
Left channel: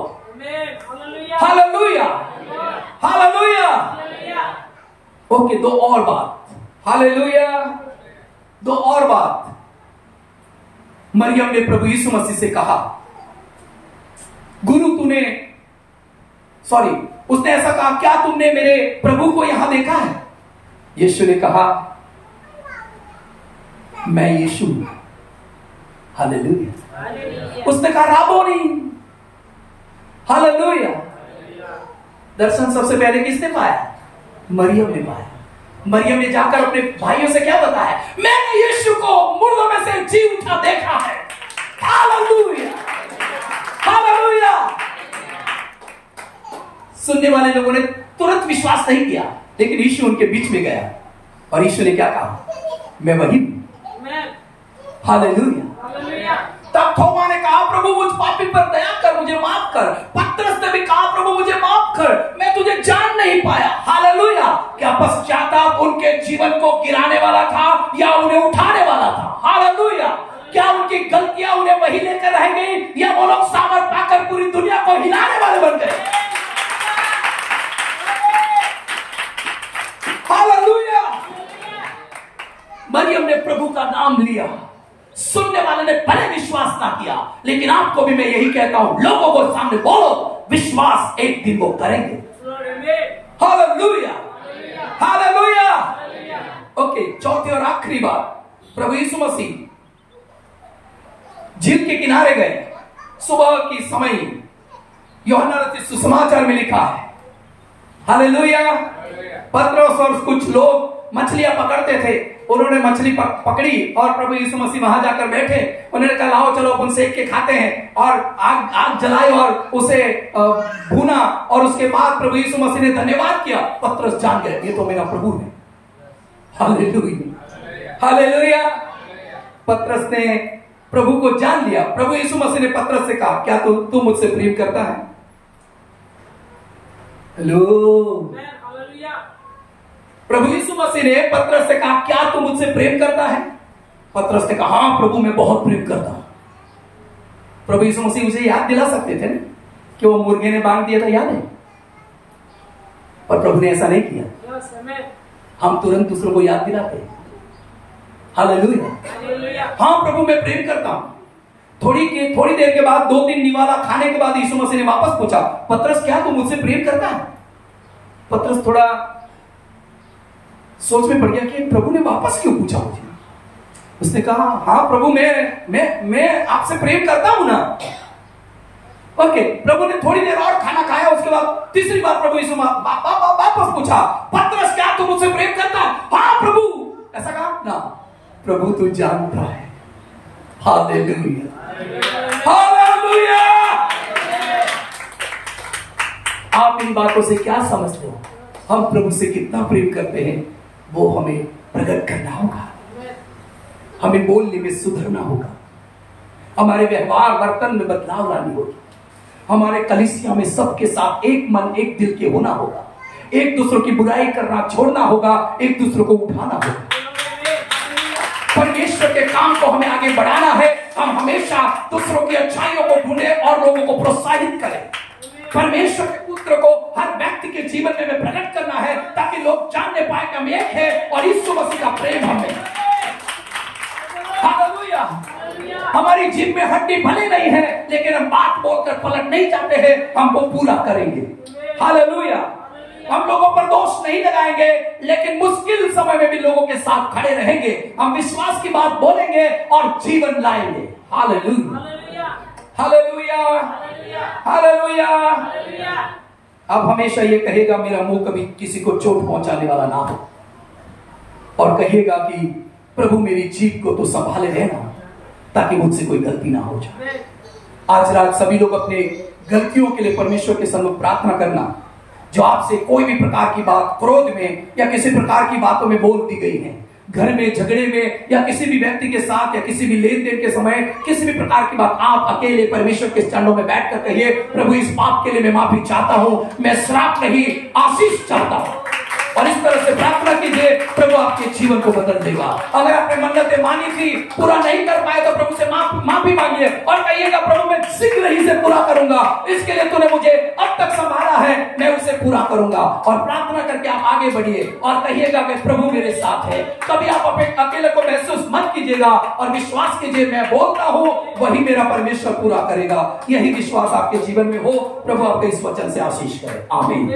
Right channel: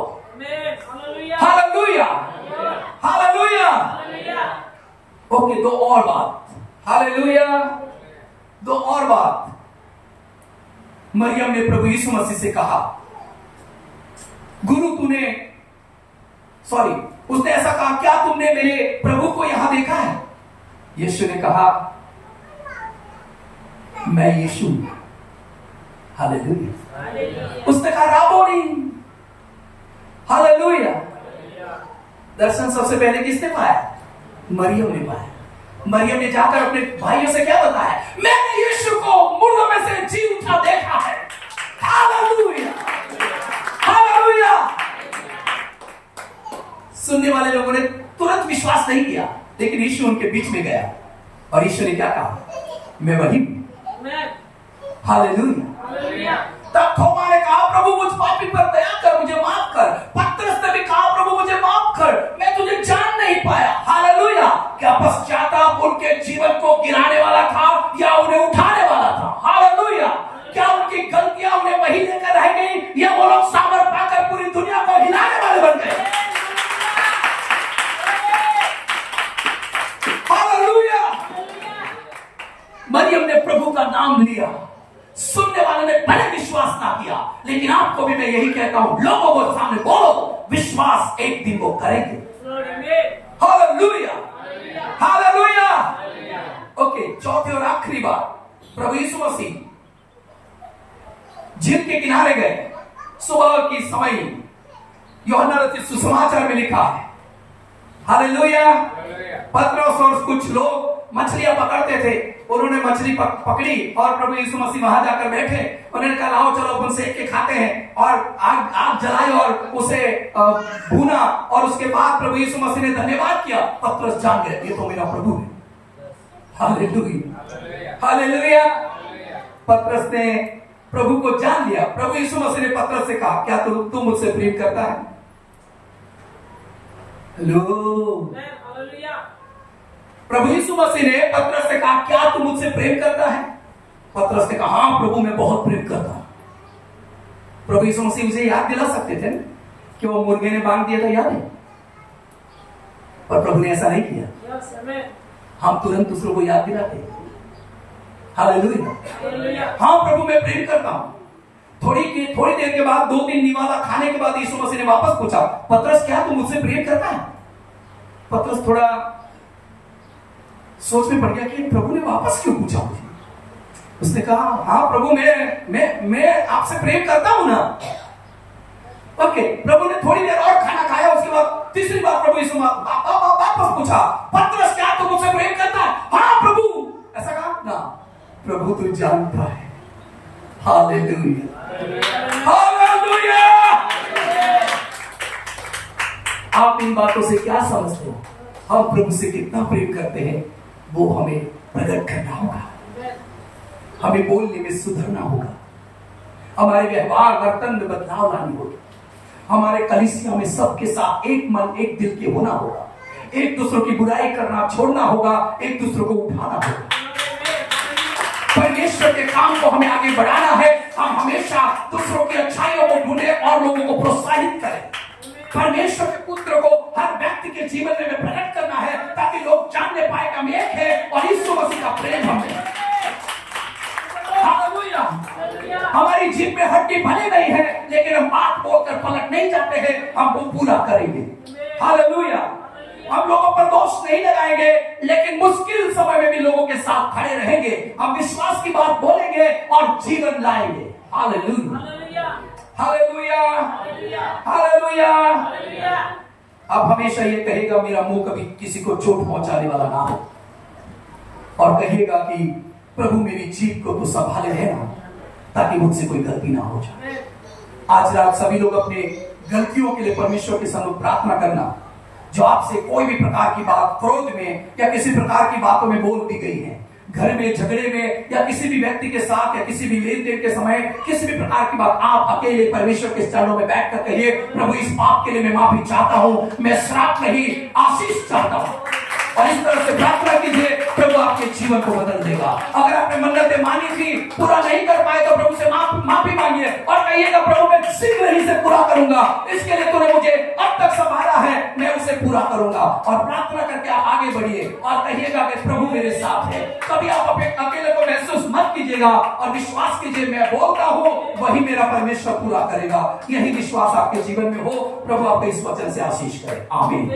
Hallelujah, hallelujah. ओके, दो और बात, हालेलुया, दो और बात। मरियम ने प्रभु यीशु मसीह से कहा, गुरु उसने ऐसा कहा, क्या तुमने मेरे प्रभु को यहां देखा है? यीशु ने कहा, मैं यीशु हूं। हालेलुया। उसने कहा, राबोनी। हालेलुया। दर्शन सबसे पहले किसने पाया? मरियम ने पाया। मरियम ने जाकर अपने भाइयों से क्या बताया? मैंने यीशु को मुर्दों में से जी उठा देखा है। Hallelujah, hallelujah. सुनने वाले लोगों ने तुरंत विश्वास नहीं किया, लेकिन यीशु उनके बीच में गया और यीशु ने क्या कहा? मैं वही हूं। हालेलुया। तब थोमा ने कहा, प्रभु मुझ पापी पर दया कर, मुझे माफ कर। पतरस ने भी कहा, प्रभु मुझे माफ कर, मैं तुझे जान नहीं पाया। हालेलुया। क्या पश्चाताप उनके जीवन को गिराने वाला था या उन्हें उठाने वाला था? हालेलुया। क्या उनकी गलतियां उन्हें वही लेकर रह गई या वो लोग सामर्थ पाकर पूरी दुनिया को हिलाने वाले बन गए? हालेलुया। मरियम ने प्रभु का नाम लिया, सुनने वाले ने पहले विश्वास ना किया, लेकिन आपको भी मैं यही कहता हूं, लोगों को सामने बोलो, विश्वास एक दिन वो करेंगे। Hallelujah, hallelujah. ओके, चौथी और आखिरी बात, प्रभु यीशु मसीह झील के किनारे गए सुबह की समय। यूहन्ना रचित सुसमाचार में लिखा है, हालेलुया, पतरस और कुछ लोग मछलियां पकड़ते थे, उन्होंने मछली पकड़ी और प्रभु यीशु मसीह वहां जाकर बैठे। उन्होंने कहा, आओ चलो अपन सेक के खाते हैं, और आग जलाई और उसे भूना, और उसके बाद प्रभु यीशु मसीह ने धन्यवाद किया। पतरस जान गए, ये तो मेरा प्रभु है। Hallelujah, hallelujah. पतरस ने प्रभु को जान लिया। प्रभु यीशु मसीह ने पतरस से कहा, क्या तू मुझसे प्रेम करता है? हेलो, प्रभु यीशु मसीह ने पतरस से कहा, क्या तू मुझसे प्रेम करता है? पतरस ने कहा, हाँ प्रभु, मैं बहुत प्रेम करता हूं। प्रभु यीशु मसीह उसे याद दिला सकते थे ना कि वो मुर्गे ने बांध दिया था, याद है? पर प्रभु ने ऐसा नहीं किया। हम तुरंत दूसरों को याद दिलाते हैं। हालेलुया। हाँ प्रभु, मैं प्रेम करता हूं। थोड़ी देर के बाद, 2-3 निवाला खाने के बाद यीशु मसीह ने वापस पूछा, पतरस, क्या तू मुझसे प्रेम करता है? पतरस थोड़ा सोच में पड़ गया कि प्रभु ने वापस क्यों पूछा मुझे। उसने कहा, हाँ प्रभु, मैं आपसे प्रेम करता हूं ना। ओके, प्रभु ने थोड़ी देर और खाना खाया, उसके बाद तीसरी बार प्रभु यीशु वापस पूछा, पतरस, क्या तू मुझसे प्रेम करता है? हाँ प्रभु, ऐसा कहा ना। प्रभु तू जानता है। Hallelujah, hallelujah. आप इन बातों से क्या समझते हो? हम प्रभु से कितना प्रेम करते हैं, वो हमें प्रकट करना होगा। हमें बोलने में सुधरना होगा, हमारे व्यवहार वर्तन में बदलाव लानी होगी, हमारे कलीसिया में सबके साथ एक मन एक दिल के होना होगा, एक दूसरों की बुराई करना छोड़ना होगा, एक दूसरों को उठाना होगा। परमेश्वर के काम को हमें आगे बढ़ाना है। हम हमेशा दूसरों की अच्छाइयों को ढूंढे और लोगों को प्रोत्साहित करें। परमेश्वर के पुत्र को हर व्यक्ति के जीवन में प्रकट करना है, ताकि लोग जानने पाए कि हम एक है और यीशु मसीह का प्रेम हमें। हालेलुया। हमारी जिम में हड्डी भले नहीं है, लेकिन हम बात बोलकर पलट नहीं चाहते हैं, हम वो पूरा करेंगे। हालेलुया। हम लोगों पर दोष नहीं लगाएंगे, लेकिन मुश्किल समय में भी लोगों के साथ खड़े रहेंगे। हम विश्वास की बात बोलेंगे और जीवन लाएंगे। Hallelujah, hallelujah, hallelujah. अब हमेशा ये कहेगा, मेरा मुंह कभी किसी को चोट पहुंचाने वाला ना हो, और कहेगा कि प्रभु मेरी जीभ को तो संभाले रहना, ताकि मुझसे कोई गलती ना हो जाए। आज रात सभी लोग अपने गलतियों के लिए परमेश्वर के सम्मुख प्रार्थना करना। जो आपसे कोई भी प्रकार की बात क्रोध में या किसी प्रकार की बातों में बोल दी गई है, घर में झगड़े में या किसी भी व्यक्ति के साथ या किसी भी लेन देन के समय किसी भी प्रकार की बात, आप अकेले परमेश्वर के चरणों में बैठकर कहिए, प्रभु इस पाप के लिए मैं माफी चाहता हूं, मैं श्राप नहीं आशीष चाहता हूं। और इस तरह से प्रार्थना कीजिए, प्रभु आपके जीवन को बदल देगा। अगर आपने मन्नतें मानी थी, पूरा नहीं कर पाए, तो प्रभु से माफी मांगिए। कहिएगा प्रभु मैं शीघ्र ही से पूरा करूंगा, इसके लिए तूने मुझे अब तक संभाला है, मैं उसे पूरा करूंगा। और प्रार्थना करके आप आगे बढ़िए और कहिएगा कि प्रभु मेरे साथ है। कभी आप अकेले को महसूस मत कीजिएगा और विश्वास कीजिए मैं बोलता हूं वही मेरा परमेश्वर पूरा करेगा। यही विश्वास आपके जीवन में हो। प्रभु आपके इस वचन से आशीष करे। आमीन।